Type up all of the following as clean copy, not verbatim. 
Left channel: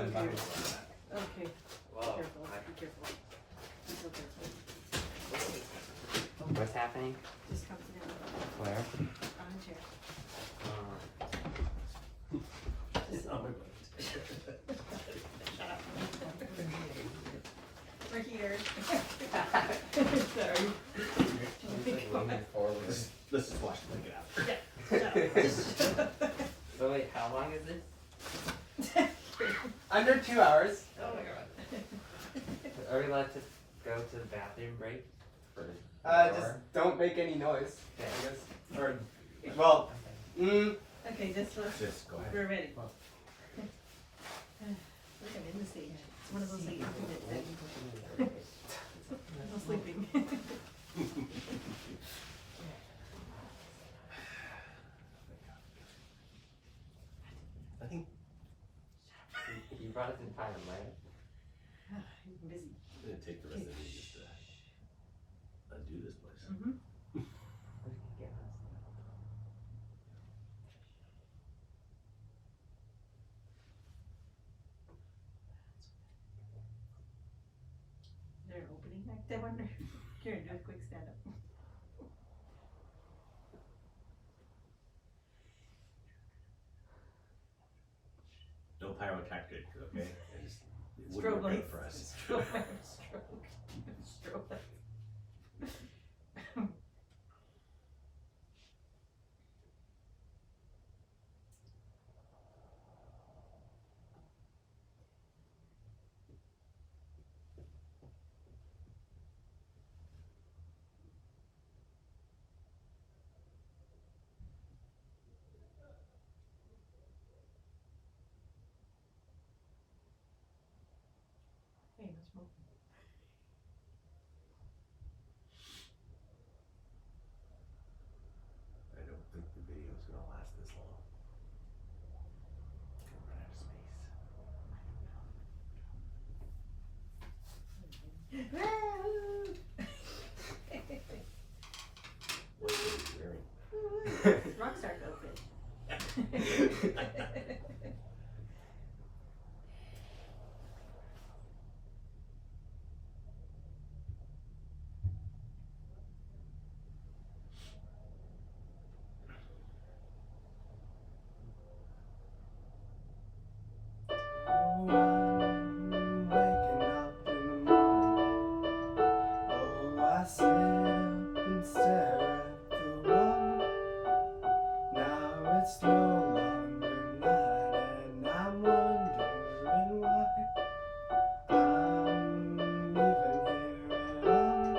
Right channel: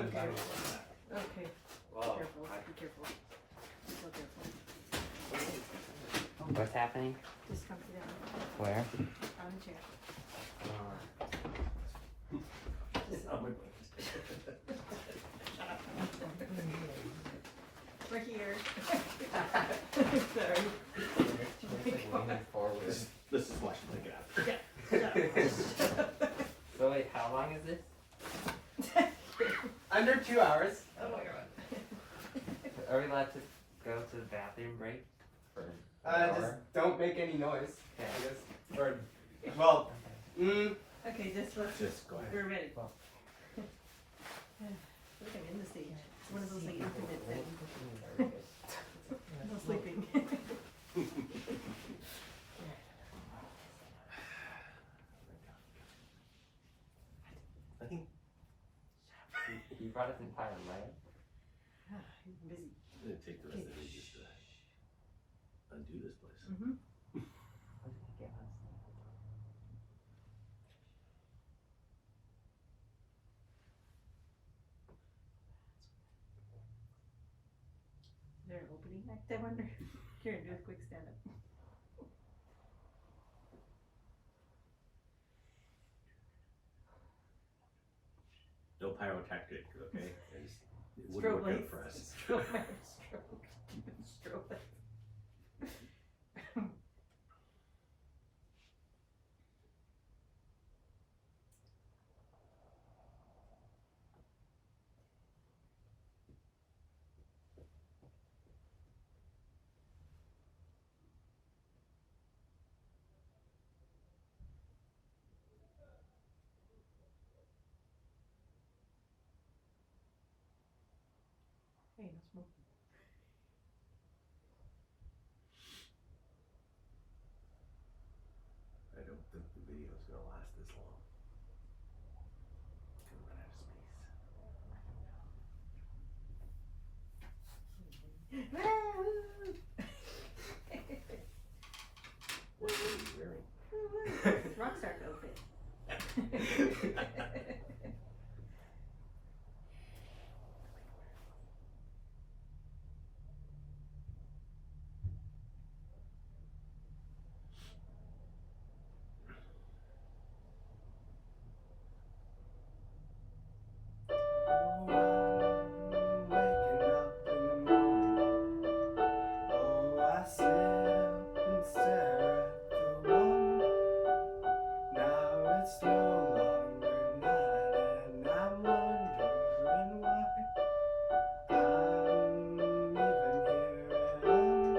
Okay. Wow. Be careful. Be careful. Be so careful. What's happening? Just come to the Where? on the chair. Just Oh my God. shut up. We're here. Sorry. Leaning forward. This is watching the gap. Shut up. Just shut up. So wait, how long is this? Under 2 hours. Oh my god. Are we allowed to go to the bathroom break? For Just don't make any noise, I Okay. guess. Or, well, Okay, this was. Just go ahead. We're ready. Look, I'm in the stage. It's one of those that you forget that I'm sleeping. I think You brought us in time, right? I'm busy. I'm gonna take the rest of the day just to undo this place. Mm-hmm. Is there an opening act, I wonder? Karen, do a quick stand up. No pyrotechnic, okay? It wouldn't Strobe work out lights. for us. Strobe. Strobe lights. Hey, no smoking. I don't think the video is gonna last this long. Gonna run out of space. What are you wearing? Rockstar outfit. waking up in the morning. Oh, I sit up and stare at the wall. Now it's no longer night, and I'm wondering why I'm even here at all.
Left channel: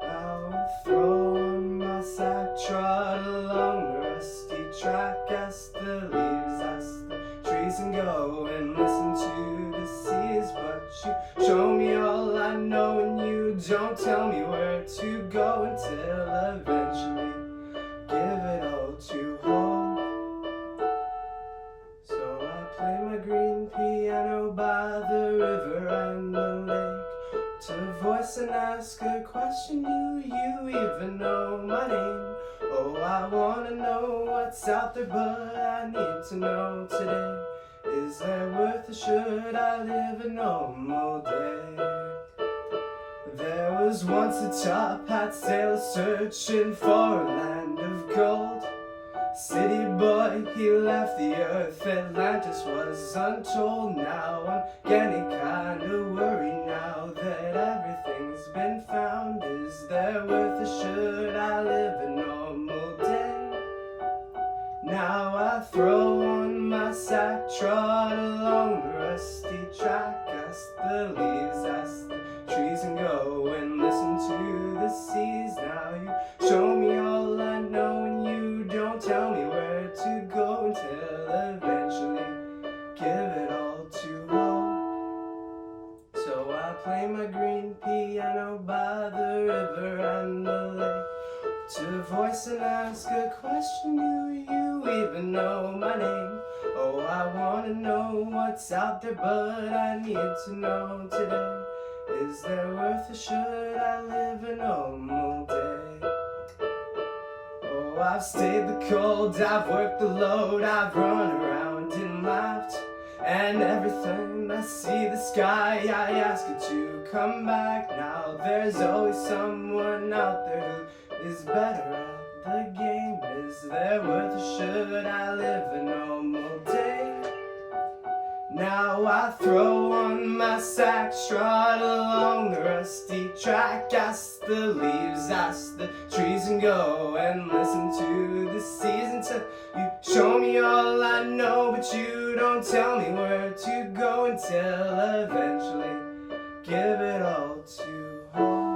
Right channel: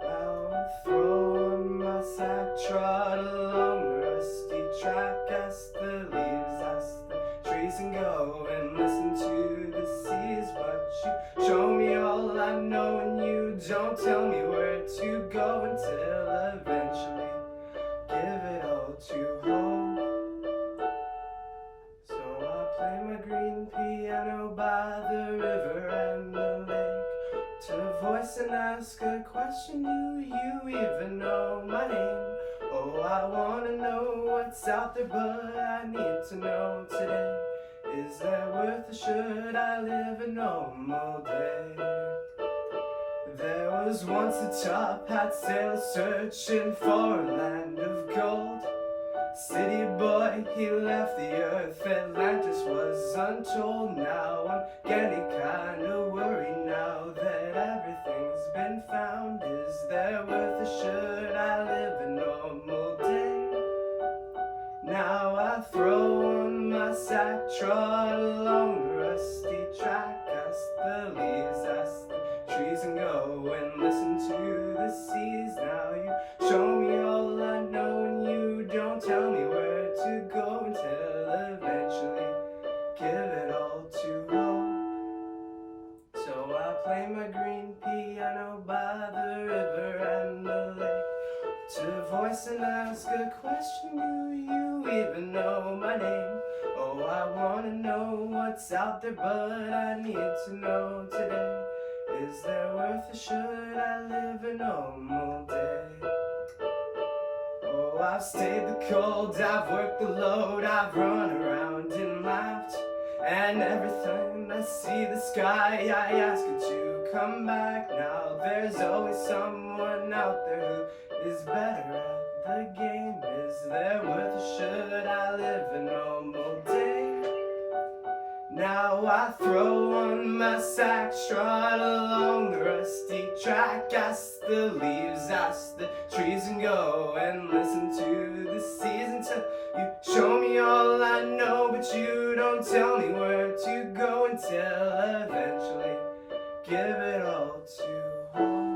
Now I'm throwing my sack, trot along the rusty track, as the leaves, as the trees, and go and listen to the seas. But you show me all I know, and you don't tell me where to go until eventually give it all to hope. So I play my green piano by the river and the lake, to voice and ask a question. Do you even know my name? Oh, I wanna know what's out there, but I need to know today. Is there worth it? Should I live a normal day? There was once a top hat sailor searching for a land of gold. City boy, he left the earth, Atlantis was untold. Now I'm getting kinda worried now that everything's been found. Is there worth it? Should I live a normal day? Now I throw on my sack, trot along the rusty track, ask the leaves, ask the trees, and go and listen to the seas. Now you show me all I know, and you don't tell me where to go until eventually give it all to hope. So I play my green piano by the river and the lake, to voice and ask a question. Do you even know my name? Oh, I wanna know what's out there, but I need to know today. Is there worth it? Should I live a normal day? Oh, I've stayed the cold, I've worked the load, I've run around and laughed And every time I see the sky, I ask it to come back now. There's always someone out there who is better at the game. Is there worth a should I live a normal day? Now I throw on my sack, strut along the rusty track, ask the leaves, ask the trees, and go and listen to the season till you show me all I know, but you don't tell me where to go until eventually give it all to hope.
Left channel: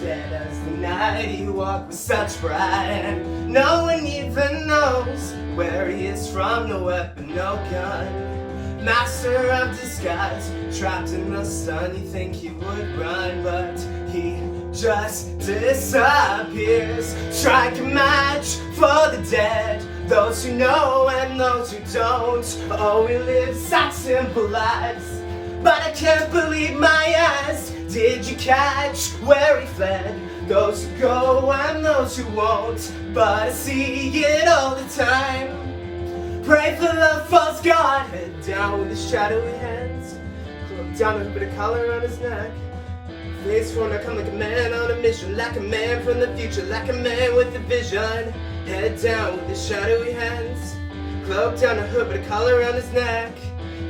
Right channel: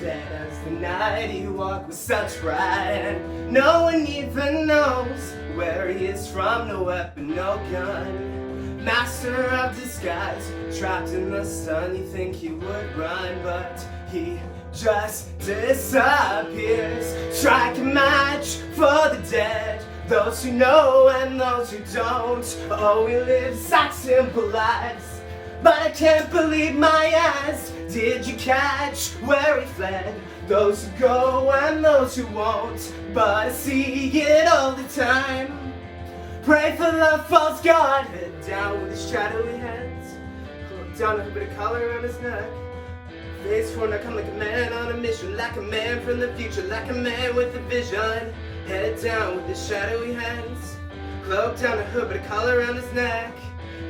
Dead as the night he walked with such pride, and no one even knows where he is from. No weapon, no gun, master of disguise, trapped in the sun. You think he would run, but he just disappears. Strike a match for the dead, those who know and those who don't. Oh, we live such simple lives, but I can't believe my eyes. Did you catch where he fled? Those who go and those who won't, but I see it all the time. Pray for the false god, head down with his shadowy hands, look down with a bit of color on his neck. Face for I come like a man on a mission, like a man from the future, like a man with a vision. Head down with his shadowy hands, cloak down a hood, bit of color on his neck.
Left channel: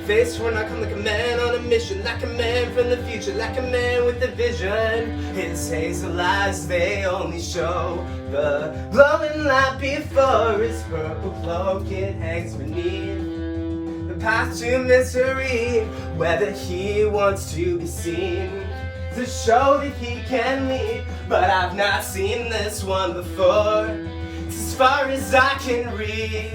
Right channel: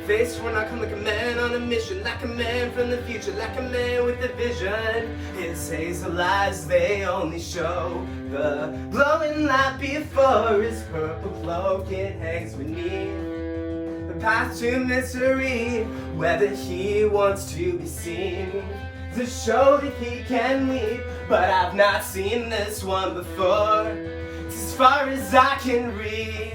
Face when I come like a man on a mission, like a man from the future, like a man with a vision. His hazel eyes, they only show the glowing light before his purple cloak. It hangs beneath the path to misery, whether he wants to be seen, to show that he can lead. But I've not seen this one before, it's as far as I can reach.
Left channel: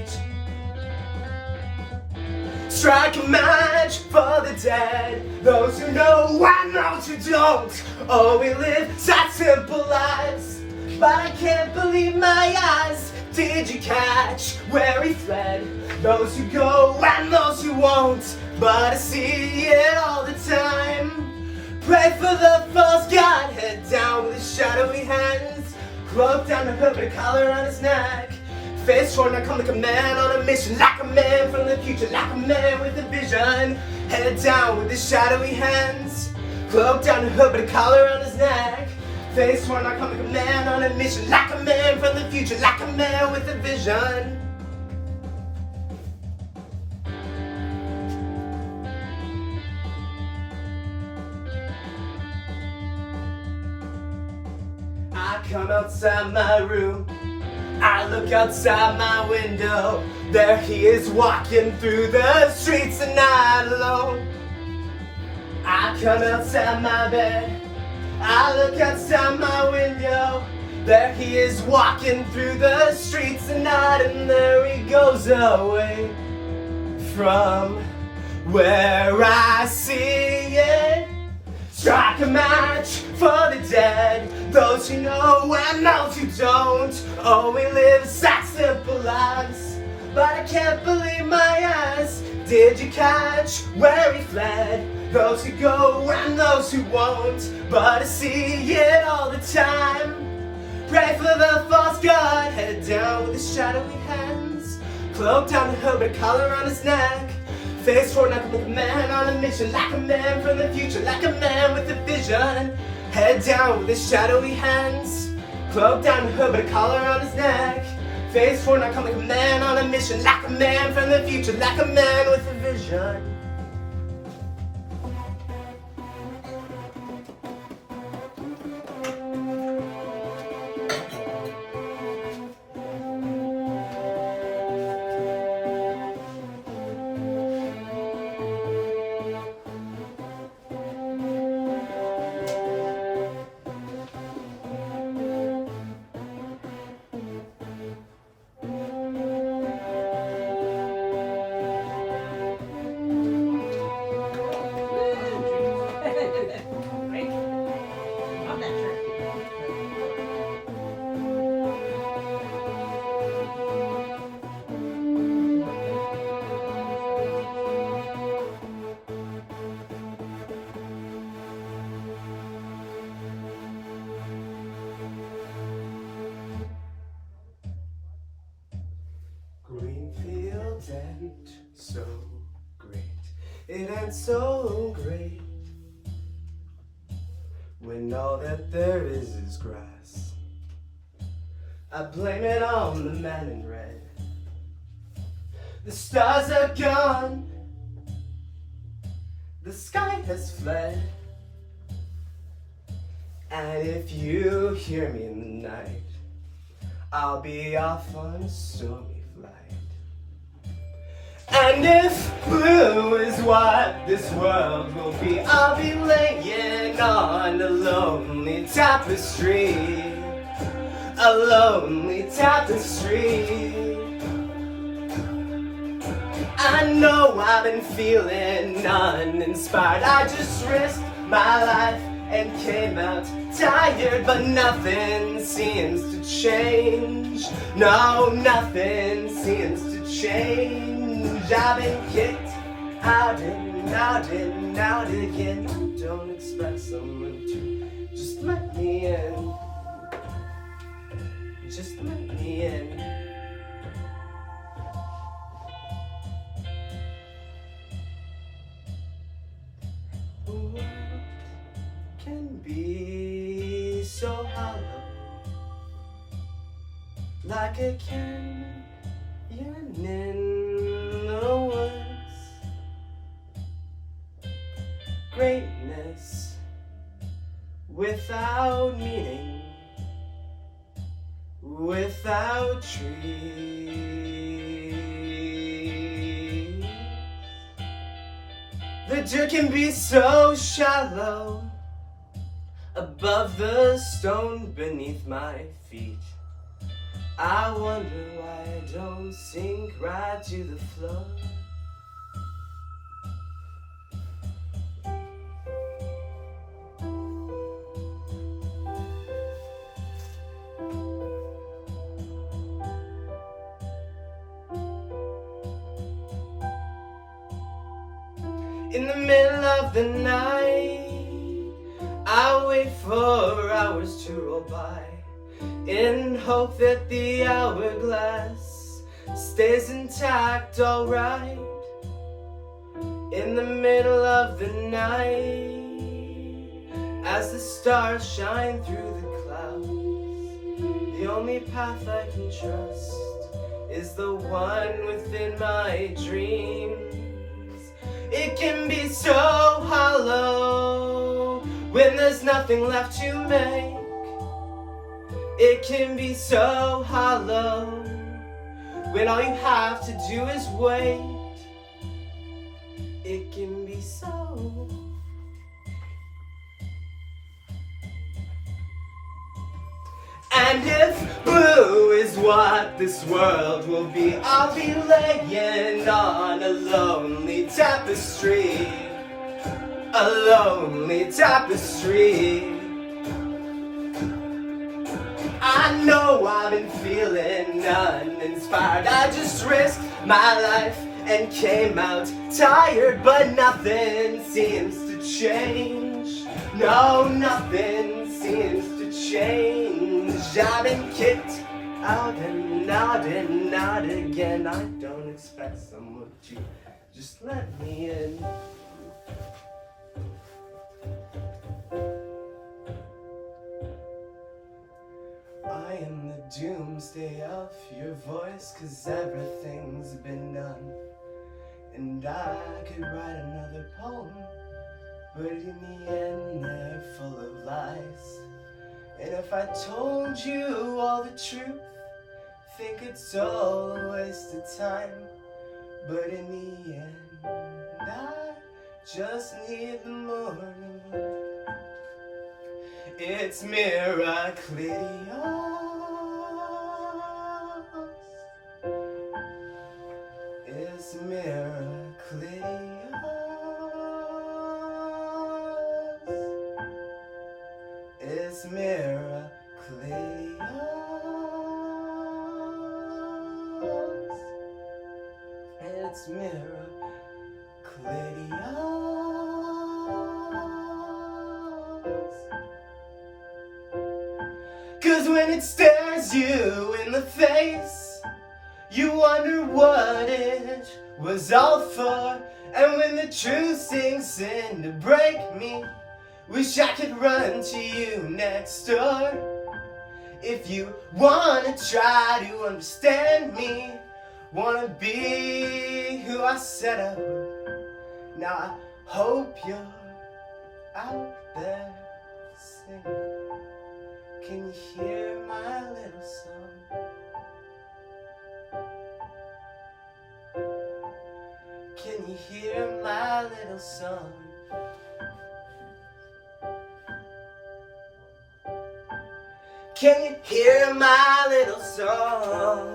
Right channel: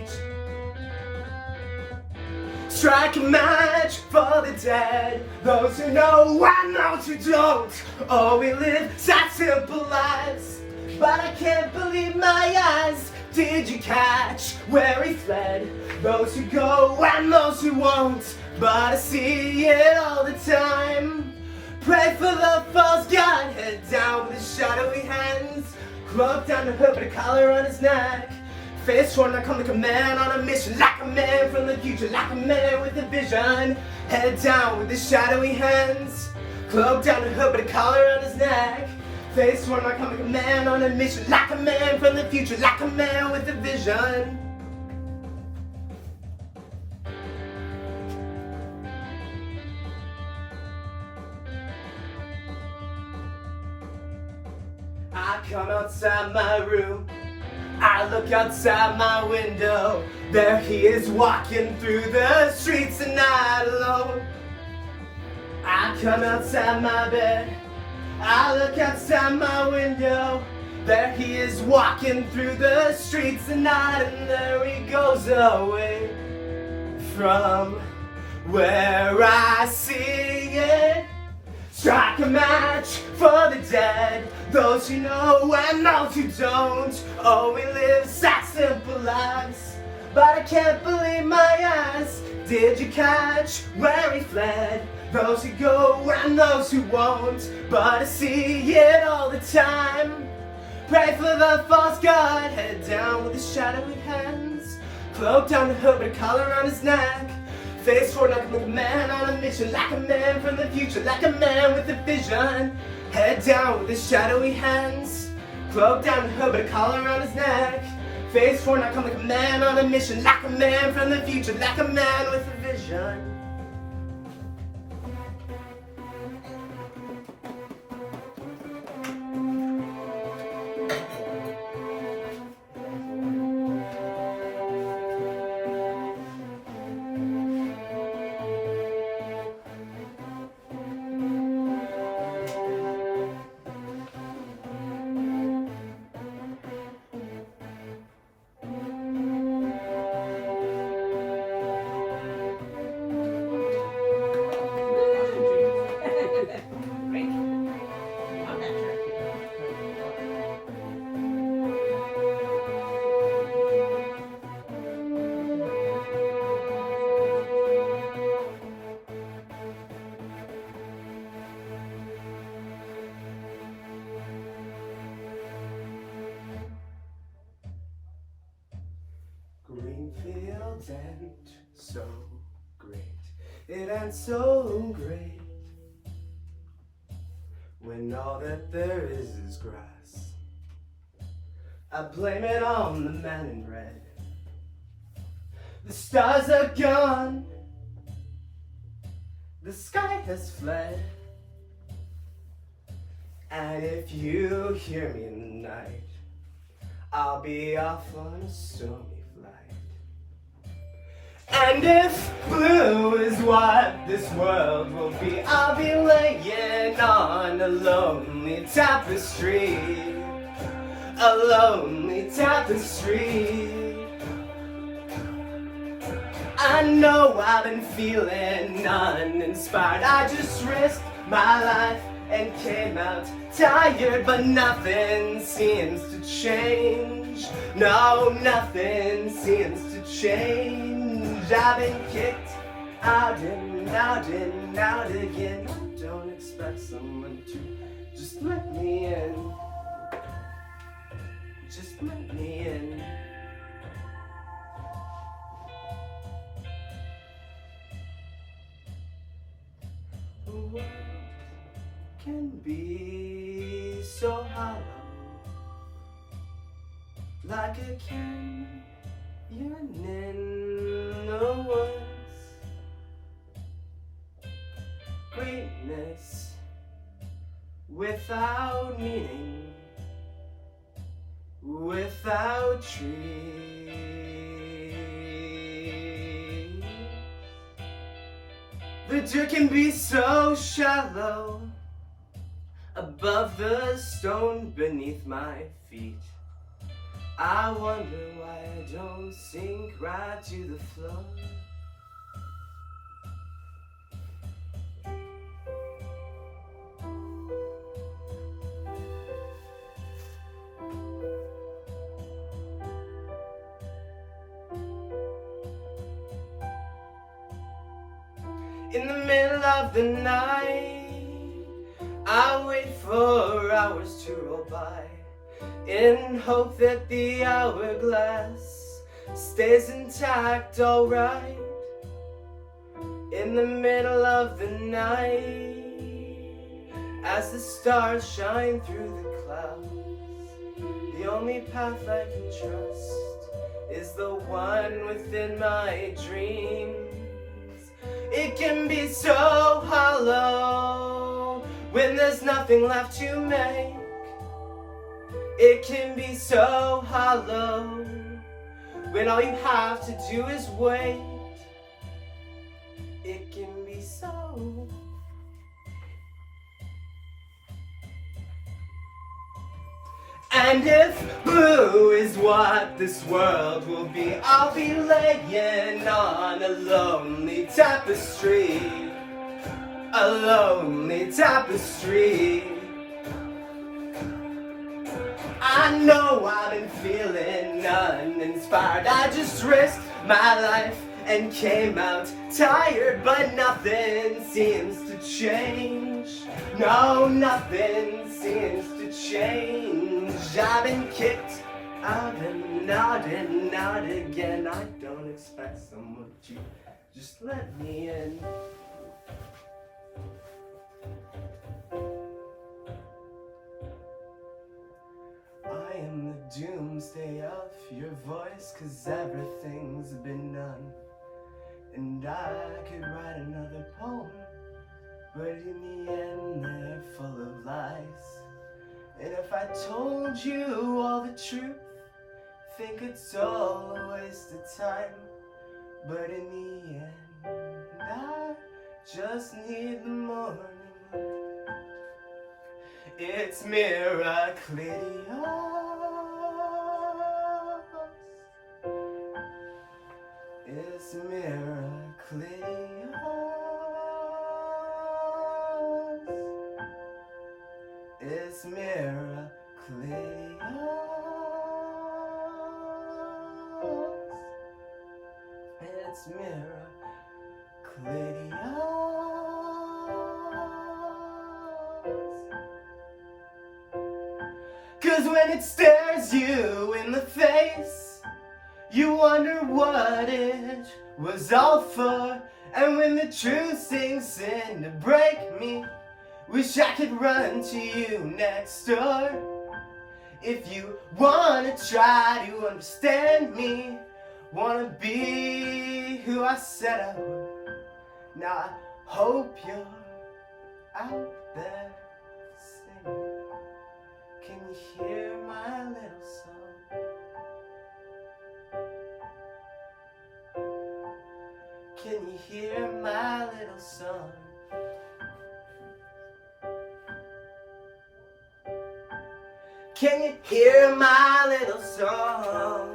Strike a match for the dead, those who know and those who don't. Oh, we live such simple lives, but I can't believe my eyes. Did you catch where he fled? Those who go and those who won't, but I see it all the time. Pray for the false god, head down with his shadowy hands, cloak down the hood, but a collar on his neck. Face torn, I come like a man on a mission, like a man from the future, like a man with a vision. Head down with his shadowy hands, cloak down the hood, but a collar on his neck. Face torn, I come like a man on a mission, like a man from the future, like a man with a vision. I come outside my room, I look outside my window, there he is walking through the streets at night alone. I come outside my bed, I look outside my window, there he is walking through the streets at night, and there he goes away from where I see it. Strike a match for the dead, those who know and those who don't. Oh, we live such simple lives, but I can't believe my eyes. Did you catch where he fled? Those who go and those who won't, but I see it all the time. Pray for the false god, head down with his shadowy hands, cloak down the hood, but a collar on his neck. Face forward like a man on a mission, like a man from the future, like a man with a vision. Head down with his shadowy hands, cloak down the hood, but a collar on his neck. Face forward, I come like a man on a mission, like a man from the future, like a man with a vision. green fields and so great. It ain't so great when all that there is grass. I blame it on the man in red. The stars are gone, the sky has fled. And if you hear me in the night, I'll be off on a stormy flight. And if blue is what this world will be, I'll be laying on a lonely tapestry. A lonely tapestry. I know I've been feeling uninspired. I just risked my life and came out tired, but nothing seems to change. No, nothing seems to change. I've been kicked out and out and out again. I don't expect someone to just let me in. Just let me in. What can be so hollow, like a canyon in the woods? Greatness without meaning, without trees. The dirt can be so shallow, above the stone beneath my feet. I wonder why I don't sink right to the floor. In the middle of the night, I wait for hours to roll by, in hope that the hourglass stays intact, alright. In the middle of the night, as the stars shine through the clouds, the only path I can trust is the one within my dreams. It can be so hollow when there's nothing left to make. It can be so hollow when all you have to do is wait. It can be so. And if blue is what this world will be, I'll be laying on a lonely tapestry. A lonely tapestry. I know I've been feeling uninspired. I just risked my life and came out tired, but nothing seems to change. No, nothing seems to change. I've been kicked out and out and out again. I don't expect someone to just let me in. I am the doomsday of your voice, 'cause everything's been done. And I could write another poem, but in the end they're full of lies. And if I told you all the truth, think it's all a waste of time. But in the end, I just need the morning. It's Miraculous. It's Miraculous. It's Miraculous. It's Miraculous. 'Cause when it stares you in the face, You wonder what it was all for. And when the truth sinks in to break me, wish I could run to you next door. If you wanna try to understand me, wanna be who I said I would. Now I hope you're out there singing. Can you hear my little song? Can you hear my little song? Can you hear my little song?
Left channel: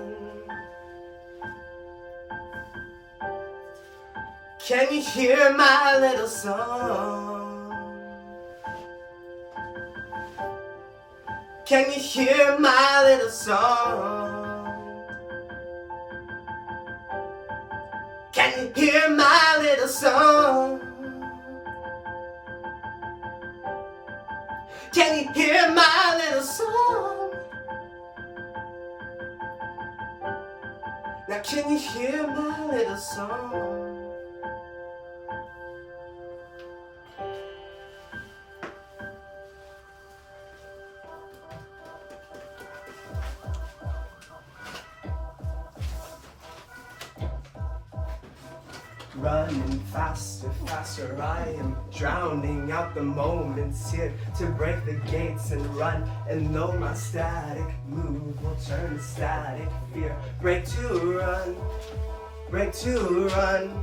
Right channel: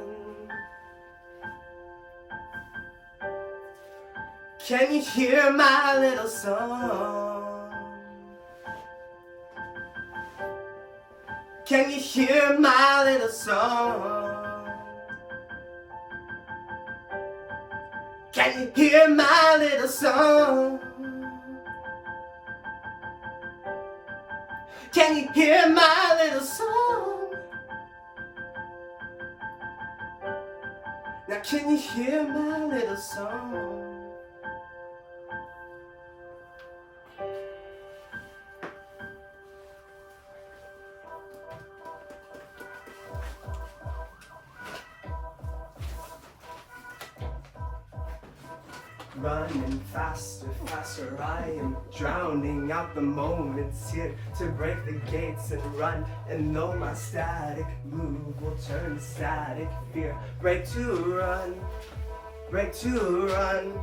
Can you hear my little song? Can you hear my little song? Can you hear my little song? Can you hear my little song? Now can you hear my little song? Running faster, faster, I am drowning out the moments here to break the gates and run. And know my static move will turn to static fear. Break to run, break to run.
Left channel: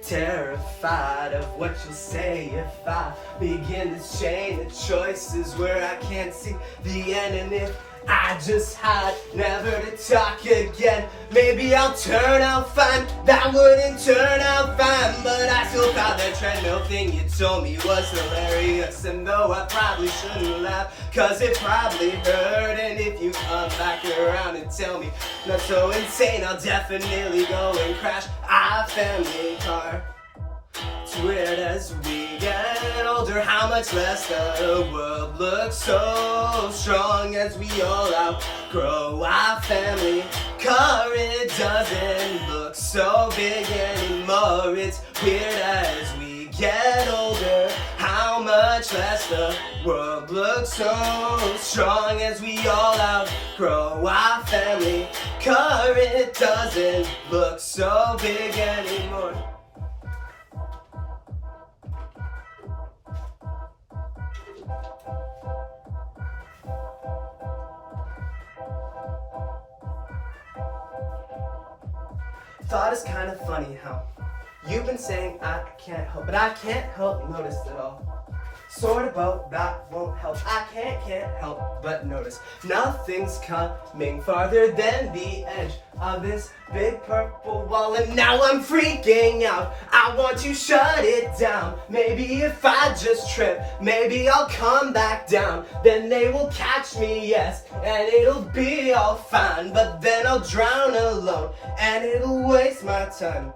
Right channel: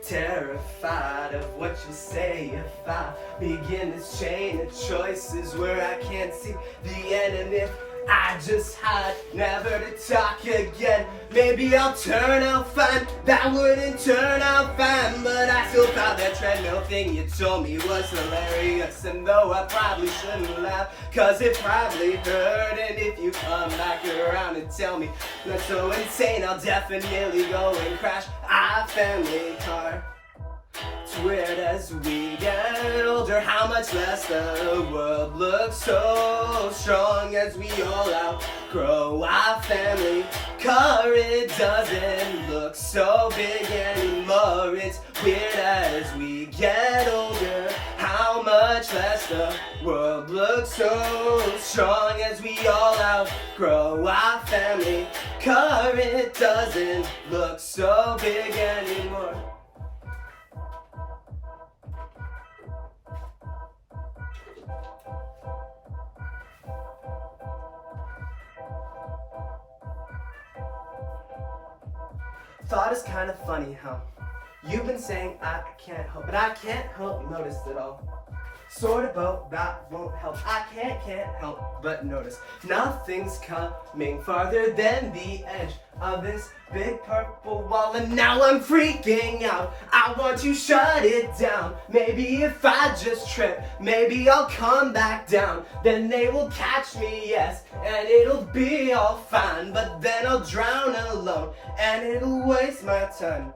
Terrified of what you'll say if I begin this chain of choices where I can't see the end. And if I just hide, never to talk again, maybe I'll turn out fine. That wouldn't turn out fine, but I still found that treadmill thing you told me was hilarious. And though I probably shouldn't laugh, cause it probably hurt. And if you come back around and tell me not so insane, I'll definitely go and crash our family car. It's weird as we get older how much less the world looks so strong as we all outgrow our family car. It doesn't look so big anymore. It's weird as we get older how much less the world looks so strong as we all outgrow our family car. It doesn't look so big anymore. Thought it's kind of funny how you've been saying I can't help, but I can't help notice it all. Sort about that won't help. I can't help but notice nothing's coming farther than the edge of this big purple wall. And now I'm freaking out. I want to shut it down. Maybe if I just trip, maybe I'll come back down. Then they will catch me, yes, and it'll be all fine. But then I'll drown alone and it'll waste my time.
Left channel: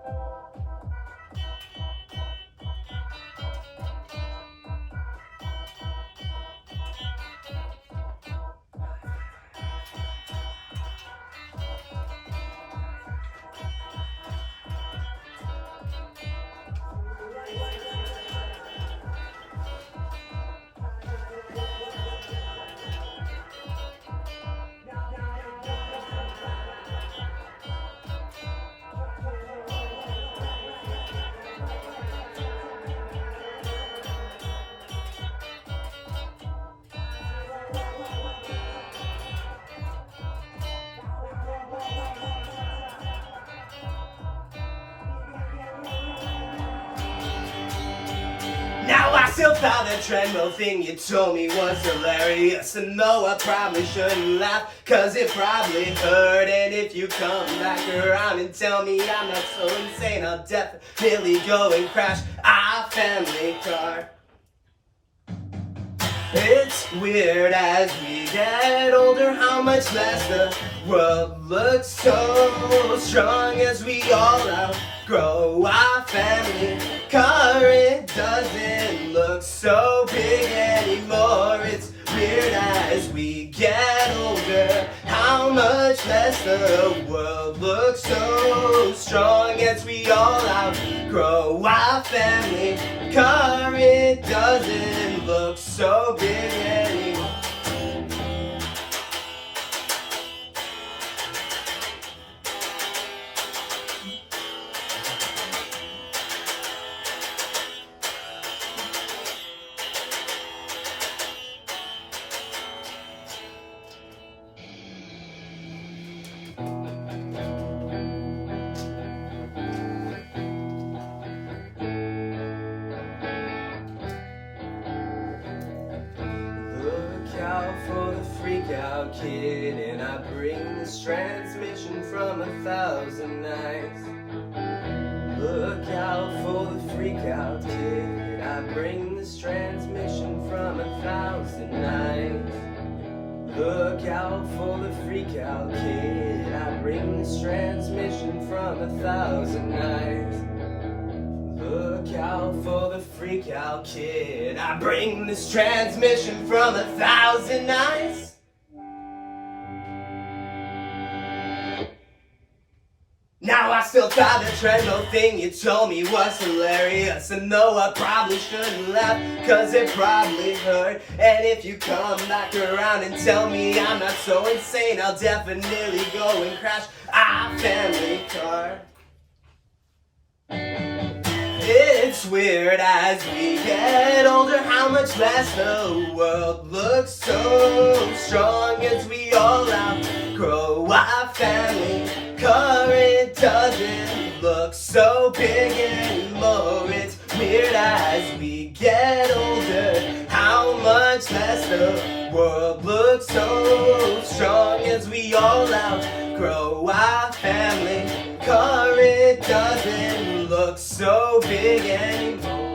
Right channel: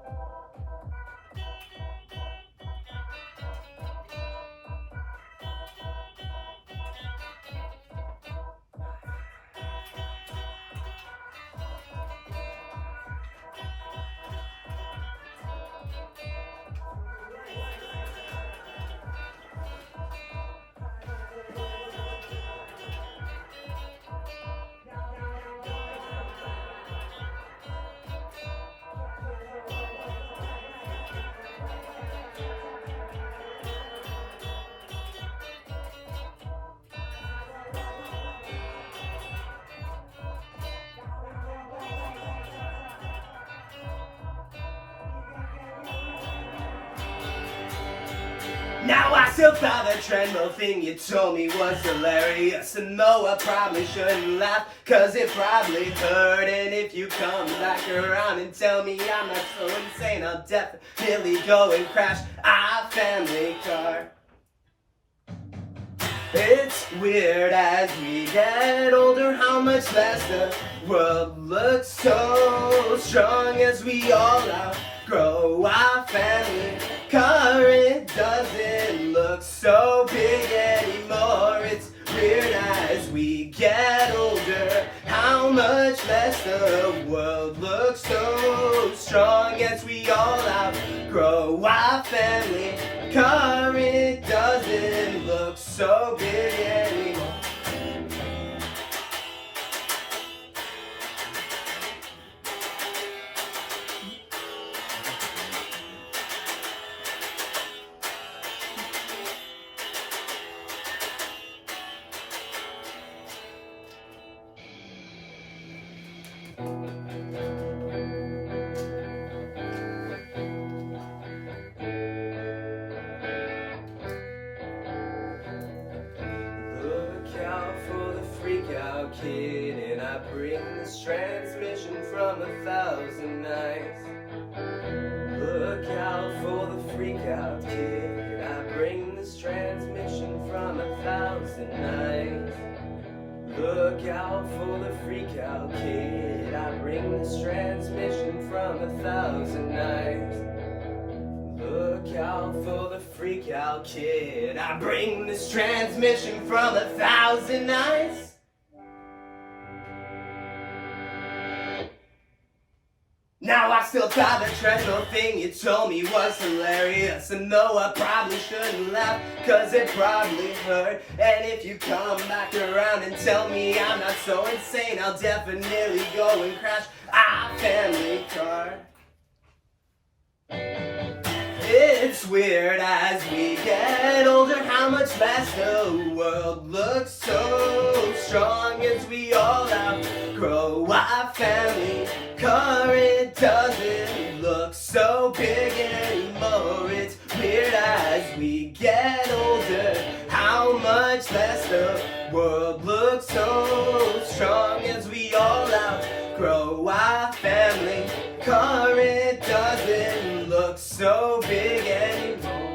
Now I still thought that treadmill thing you told me was hilarious. And though I probably shouldn't laugh, cause it probably hurt. And if you come back around and tell me I'm not so insane, I'll definitely go and crash our family car. It's weird as we get older how much less the world looks so strong as we all outgrow our family car. It doesn't look so big anymore. It's weird weird as we get older. How much less the world looks so strong as we all outgrow our family car. It doesn't look so big anymore. Look out for the freak out kid, and I bring this transmission from 1,000 nights. Look out for the freak out kid, I bring this transmission from 1,000 nights. Look out for the freak out kid, I bring this transmission from 1,000 nights. Look out for the freak out kid, I bring this transmission from 1,000 nights. Now I still thought the treadmill thing you told me was hilarious, and though I probably shouldn't laugh, cause it probably hurt. And if you come back around and tell me I'm not so insane, I'll definitely go and crash our family car. It's weird as we get older how much less the world looks so strong as we all outgrow our family car. It doesn't look so big anymore. It's weird as we get older how much less the world looks so strong as we all outgrow our family car. It doesn't look so big anymore.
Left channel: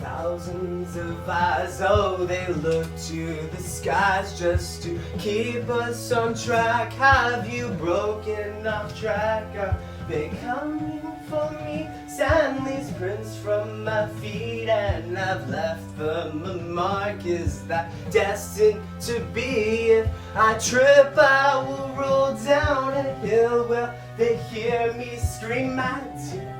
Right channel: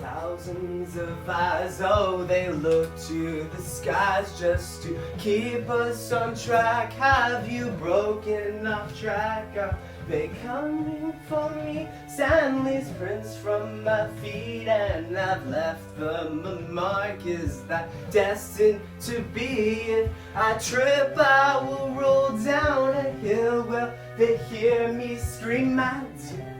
Thousands of eyes, oh, they look to the skies just to keep us on track. Have you broken off track? Are they coming for me? Stanley's prints from my feet, and I've left them a mark. Is that destined to be? If I trip, I will roll down a hill. Will they hear me scream my dear?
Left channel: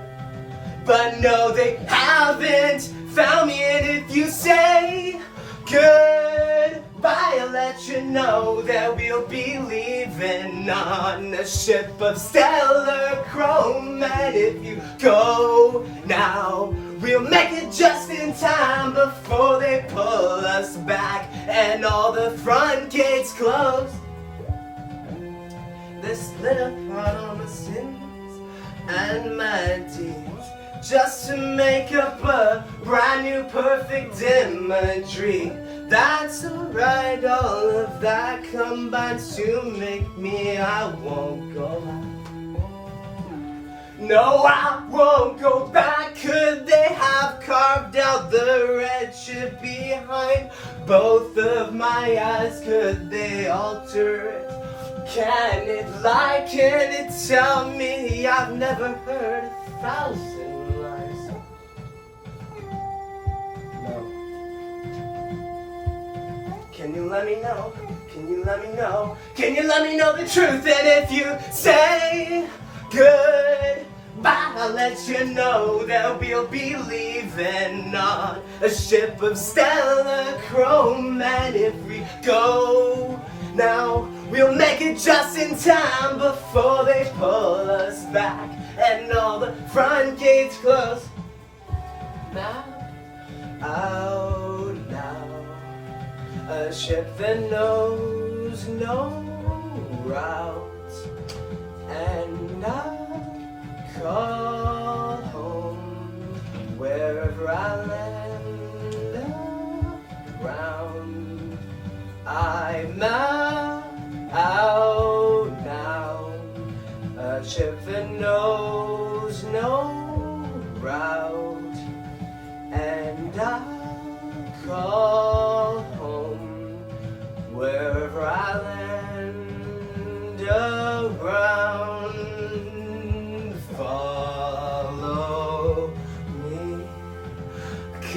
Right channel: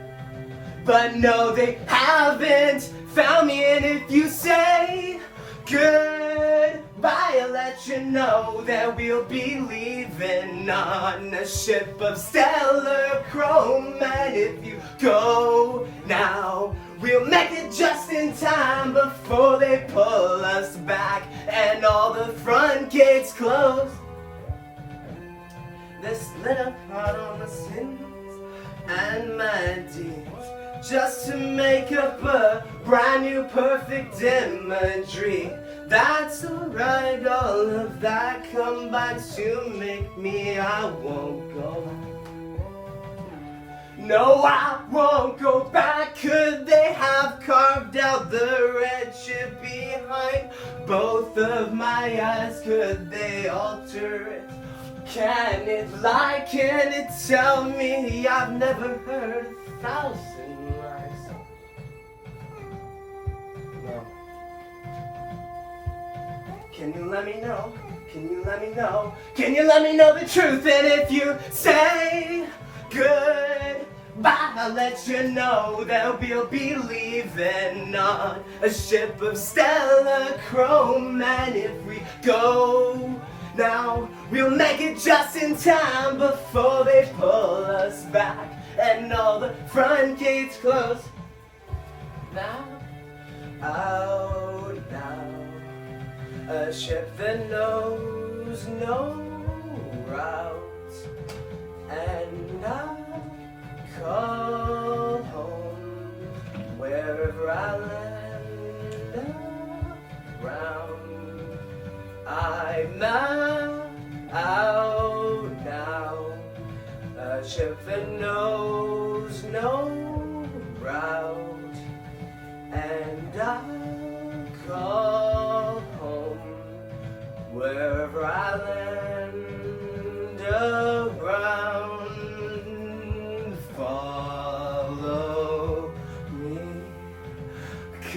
But no, they haven't found me. And if you say goodbye, I'll let you know that we'll be leaving on a ship of stellar chrome. And if you go now, we'll make it just in time before they pull us back and all the front gates close. This little part on my sins and my deeds, just to make up a brand new perfect imagery. That's alright, all of that combines to make me, I won't go back. No, I won't go back. Could they have carved out the red chip behind both of my eyes? Could they alter it? Can it lie? Can it tell me I've never heard 1,000 lies? No. Can you let me know? Can you let me know? Can you let me know the truth? And if you say goodbye, I'll let you know that we'll be leaving on a ship of stellar chrome. And if we go now, we'll make it just in time before they pull us back and all the front gates close. Now, out now, a ship that knows no route, and I'll call home wherever I land around. I'm out now, a ship that knows no route, and I'll call home wherever I land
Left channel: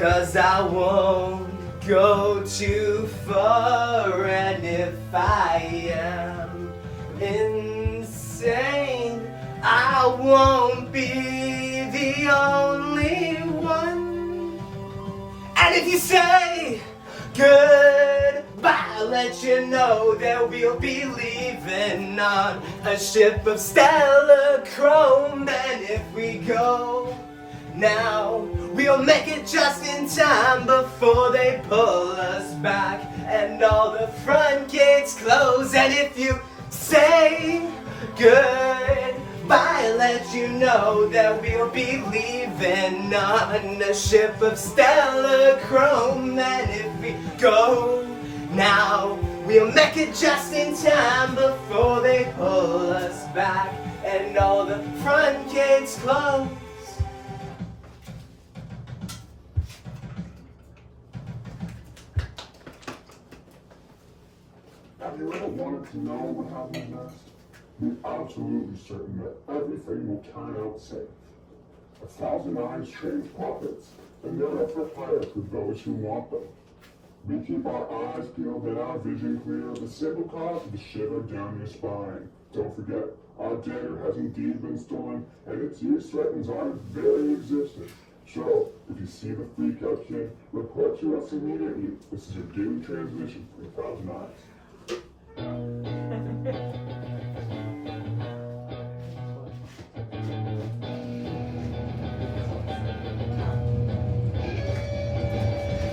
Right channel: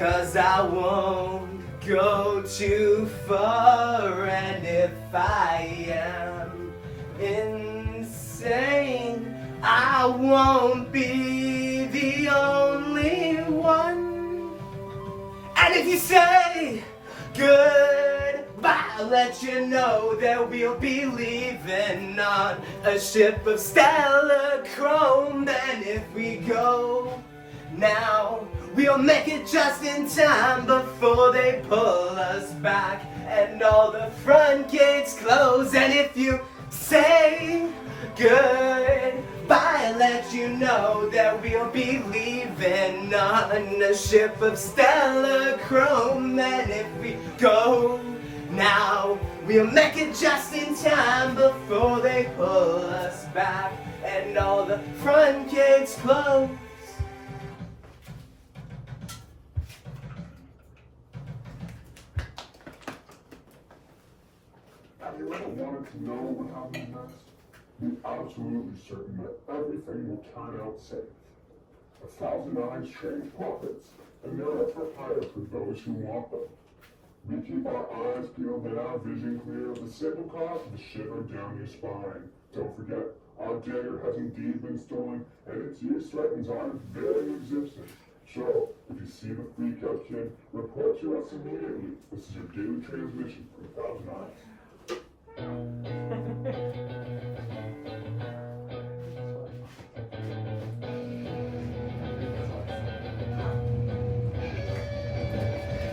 'cause I won't go too far. And if I am insane, I won't be the only one. And if you say goodbye, I'll let you know that we'll be leaving on a ship of stellar chrome. And if we go now, we'll make it just in time before they pull us back and all the front gates close. And if you say goodbye, I'll let you know that we'll be leaving on a ship of stellar chrome. And if we go now, we'll make it just in time before they pull us back and all the front gates close. Have you ever wanted to know what happens next? Be absolutely certain that everything will turn out safe. 1,000 eyes change profits, and they're up for fire for those who want them. We keep our eyes peeled and our vision clear, the simple cause of the shiver down your spine. Don't forget, our dagger has indeed been stolen, and its use threatens our very existence. So, if you see the freak out kid, report to us immediately. This is your daily transmission from 1,000 Eyes.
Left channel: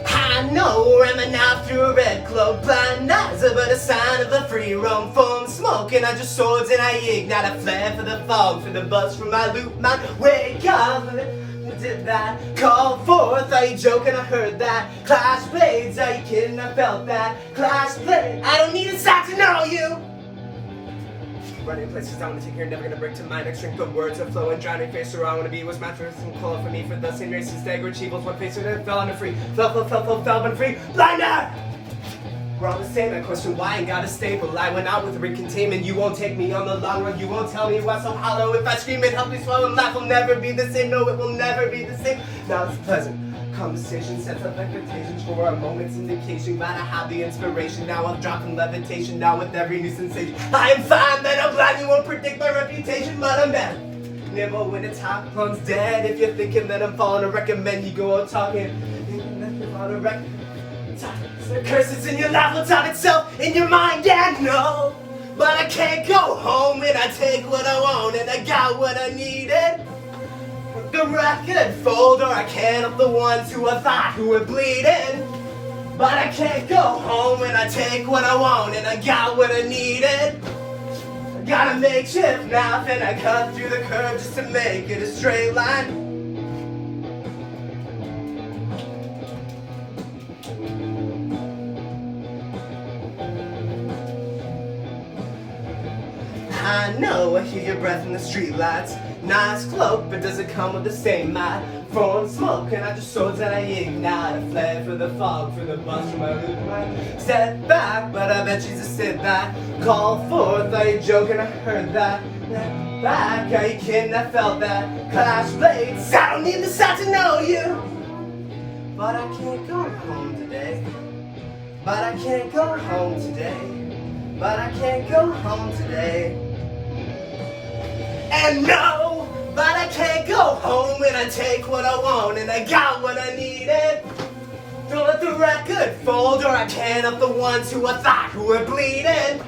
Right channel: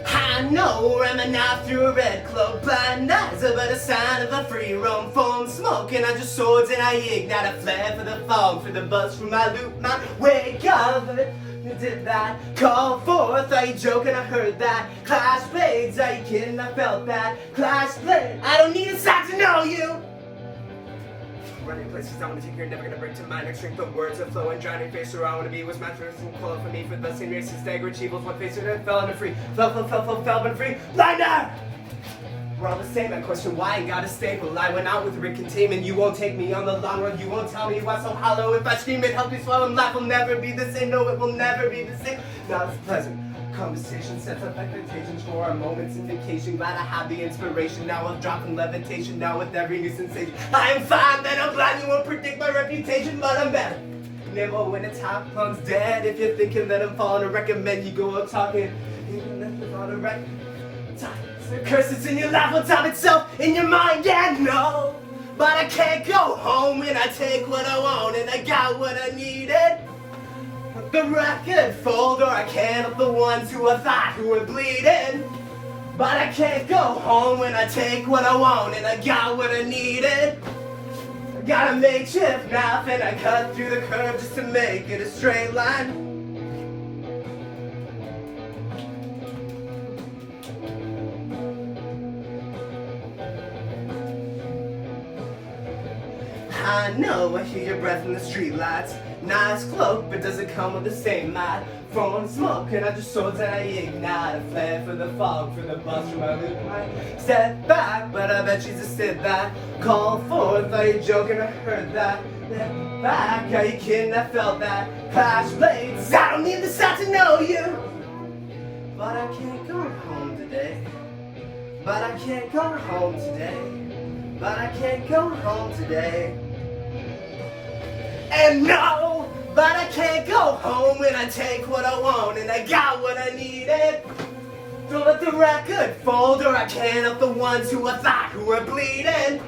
I know, ramming out through a red cloak, blind eyes are but a sign of a free roam. Foam smoking on your swords, and I ignite a flare for the fog, for the buzz from my loop, my wake up. Did that call forth? Are you joking? I heard that. Clash blades, are you kidding? I felt that. Clash blade, I don't need a sight to know you. Running places I wanna take here, never gonna break to my next drink. But words are flowing, drowning face where I wanna be. Was my first and call for me for the same races, dagger evils. One face and fell on a free. Fell, but free. Blinder! We're all the same, I question why I gotta stable. I went out with Rick containment. You won't take me on the long run. You won't tell me why so hollow. If I scream it, help me swallow and laugh. Will never be the same. No, it will never be the same. Now it's pleasant conversation, sets up expectations for a moment's indication. Glad I have the inspiration. Now I'm dropping levitation. Now with every new sensation, I am fine. That I'm blind. You won't predict my reputation, but I'm better. Nibble when it's hot, plum's dead. If you're thinking that I'm falling, I recommend you go out talking. The curses in your life will top itself in your mind, and no. But I can't go home and I take what I want and I got what I needed. The record folder, I can't help the ones who I thought who were bleeding. But I can't go home and I take what I want and I got what I needed. I got a makeshift knife and I cut through the curve just to make it a straight line. I know I hear your breath in the streetlights. Nice cloak, but does it come with the same might? Throwing smoke and I just swords and I ignite a flare for the fog, for the buzz from my loop. Step back, but I bet she's a sit back. Call forth, are you joking? I heard that. Step back, are you kidding? I felt that. Clash blades, I don't need the sight to know you. But I can't go home today. But I can't go home today. But I can't go home today. And no, but I can't go home and I take what I want and I got what I needed. Don't let the record fold or I can't help the ones who I thought who were bleeding.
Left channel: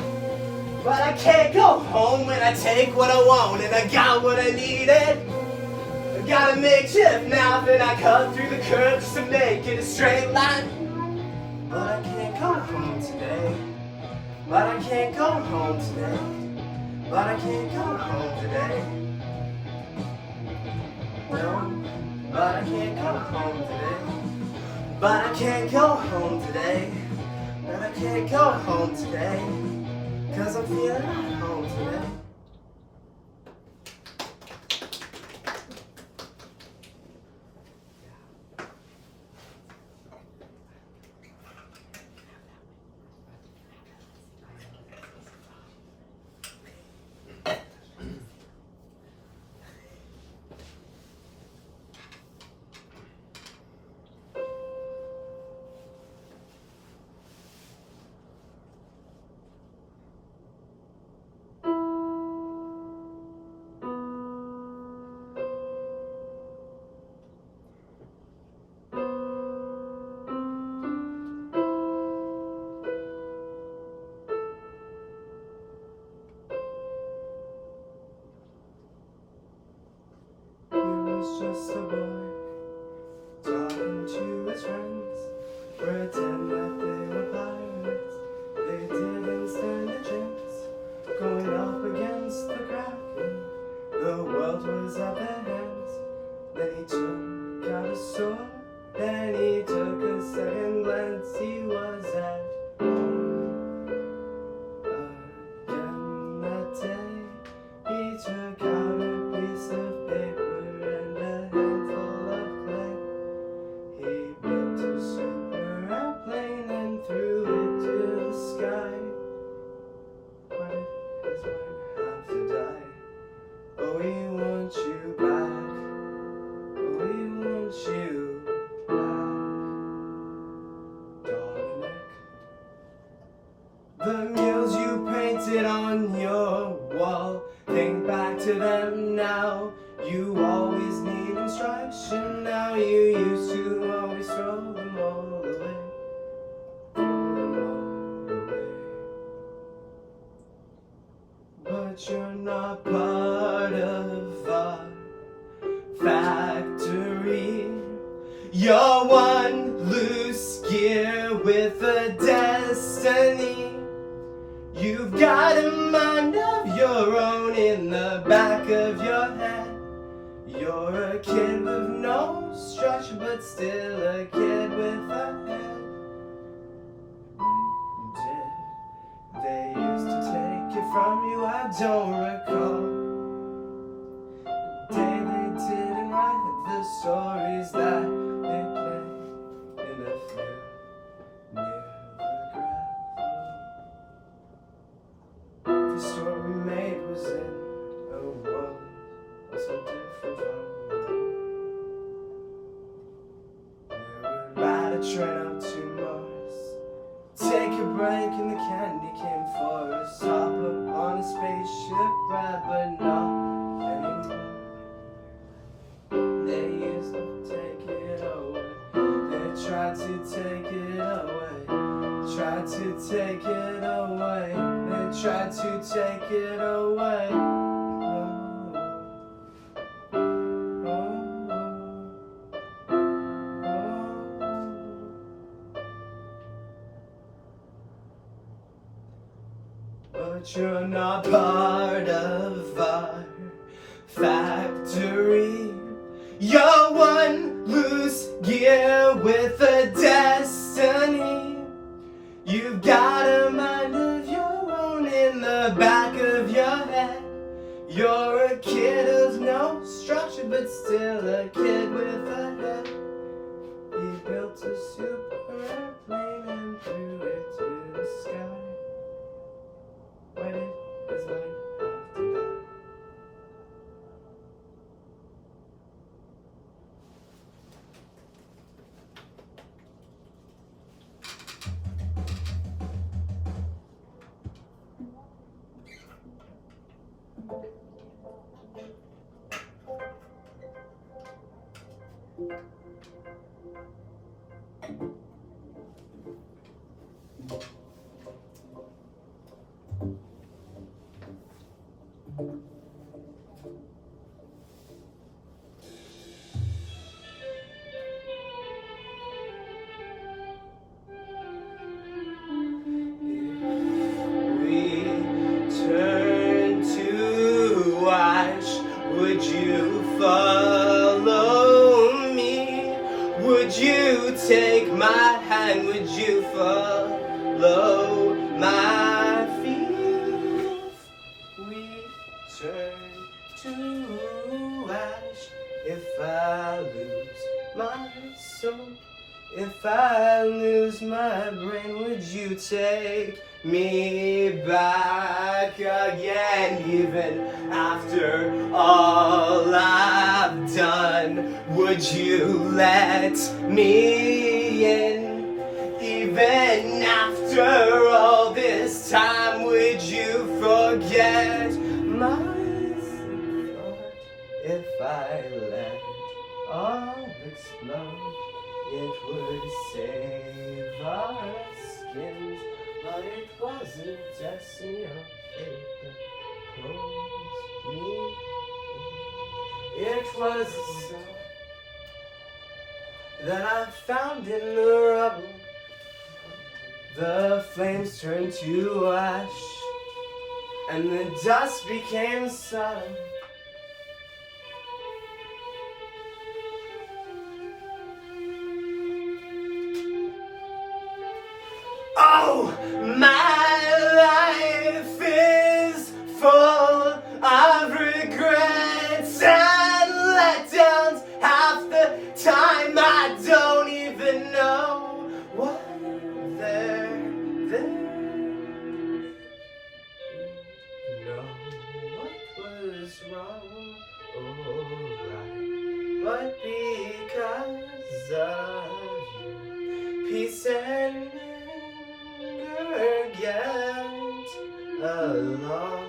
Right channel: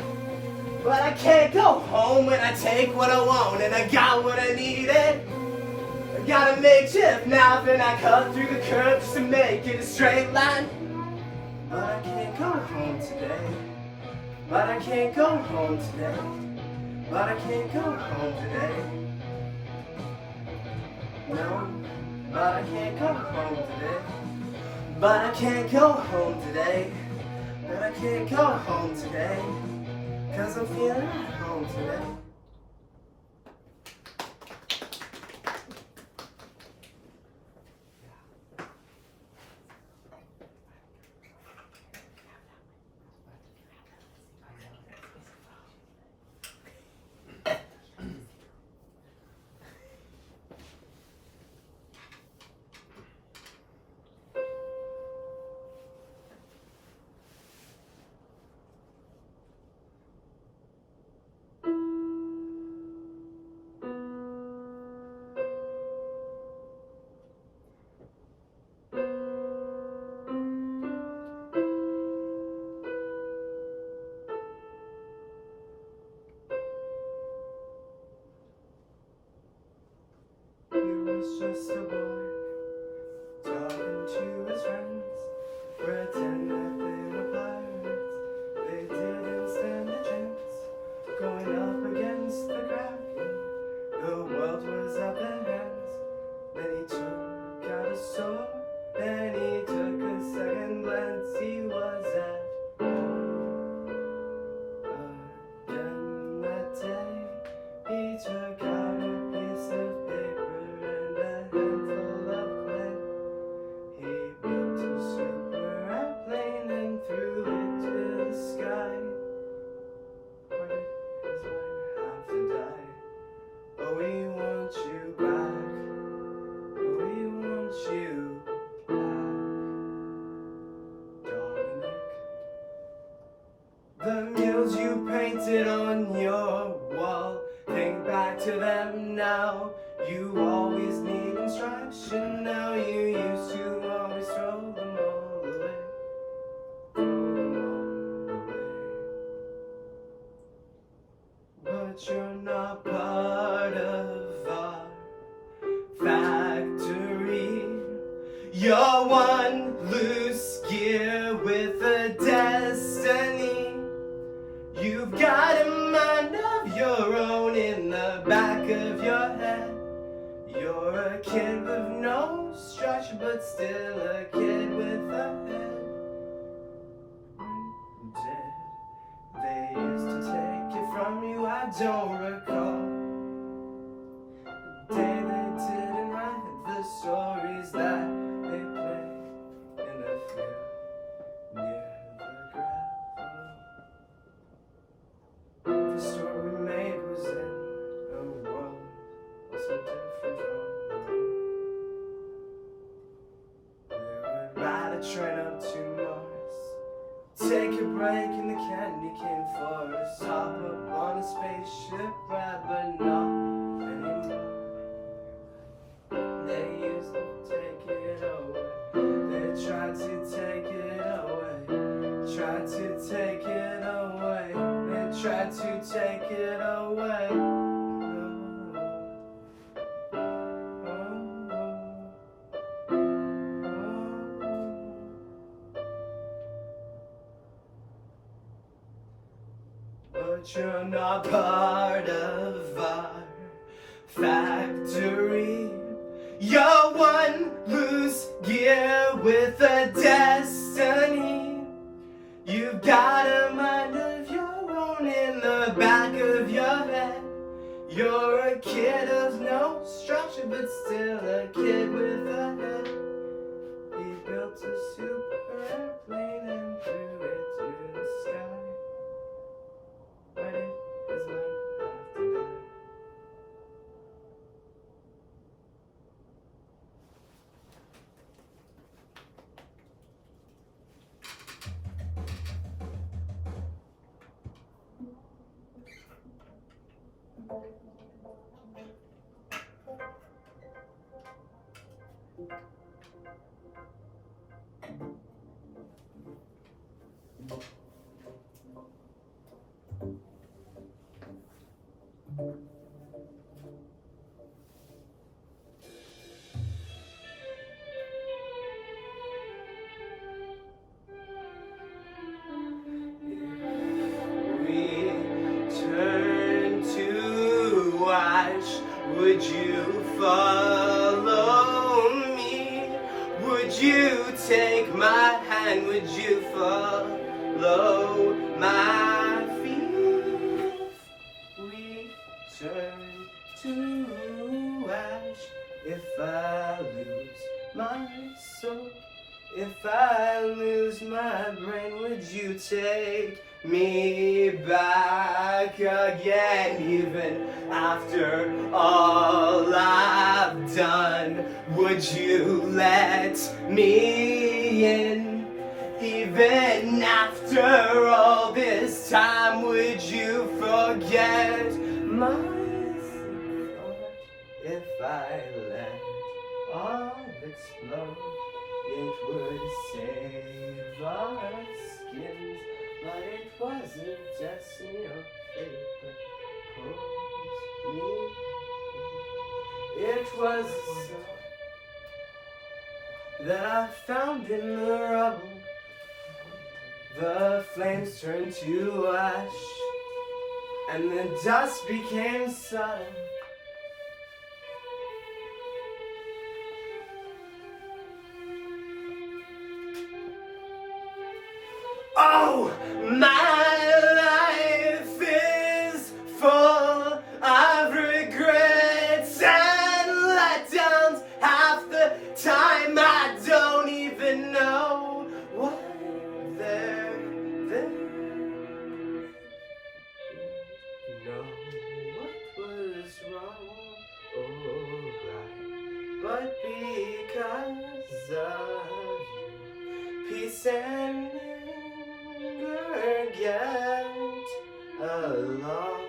But I can't go home and I take what I want and I got what I needed. I got a makeshift knife and I cut through the curve just to make it a straight line. But I can't go home today. But I can't go home today. But I can't go home today. No, but I can't go home today. But I can't go home today. But I can't go home today. 'Cause I'm feeling at home today. just a boy talking to his friends, pretend that they were pirates. They didn't stand a chance, going up against the Kraken. The world was at their hands. Then he took out a sword, then he took a second glance. He was at home again that day. He took out a piece of paper and a handful of clay. He built a super airplane and threw it to the sky. Why does one have to die? Oh, we want you back. Oh, we want you back, Dominic. The murals you painted on your wall, think back to them now. You always need instruction now. You used to always throw them all away. Throw them all away. But you're not part of our factory. You're one loose gear with a destiny. You've got a mind of your own in the back of your head. You're a kid with no structure, but still a kid with a head. Did they used to take it from you? I don't recall the day they didn't write the stories that they played in the field near the gravel. The story we made was in a world so different from our own. We would ride a train up to Mars, take a break in the candy cane forest, hop up on a spaceship ride, but not anymore. They used to take it away. They tried to take it away. Tried to take it away. They tried to take it away. But you're not part of our factory. You're one loose gear with a destiny. You've got a mind of your own in the back of your head. You're a kid of no structure, but still a kid with a head. He built a super airplane and threw it to the sky. Why did his mind have to die? Would you follow me? Would you take my hand? Would you follow my feet? We turn to ash. If I lose my soul, if I lose my brain, would you take me back again? Even after all I've done, would you let me in? Even after all this time, would you forget my thought? If I let all explode, it would save our skins. But it wasn't destiny or fate that pulled me in. It was that I found in the rubble. The flames turned to ash, and the dust became sun. Oh, my life is full of regrets and letdowns. Half the time I don't even know what they're know what was wrong or right, but because of you, peace and anger get along.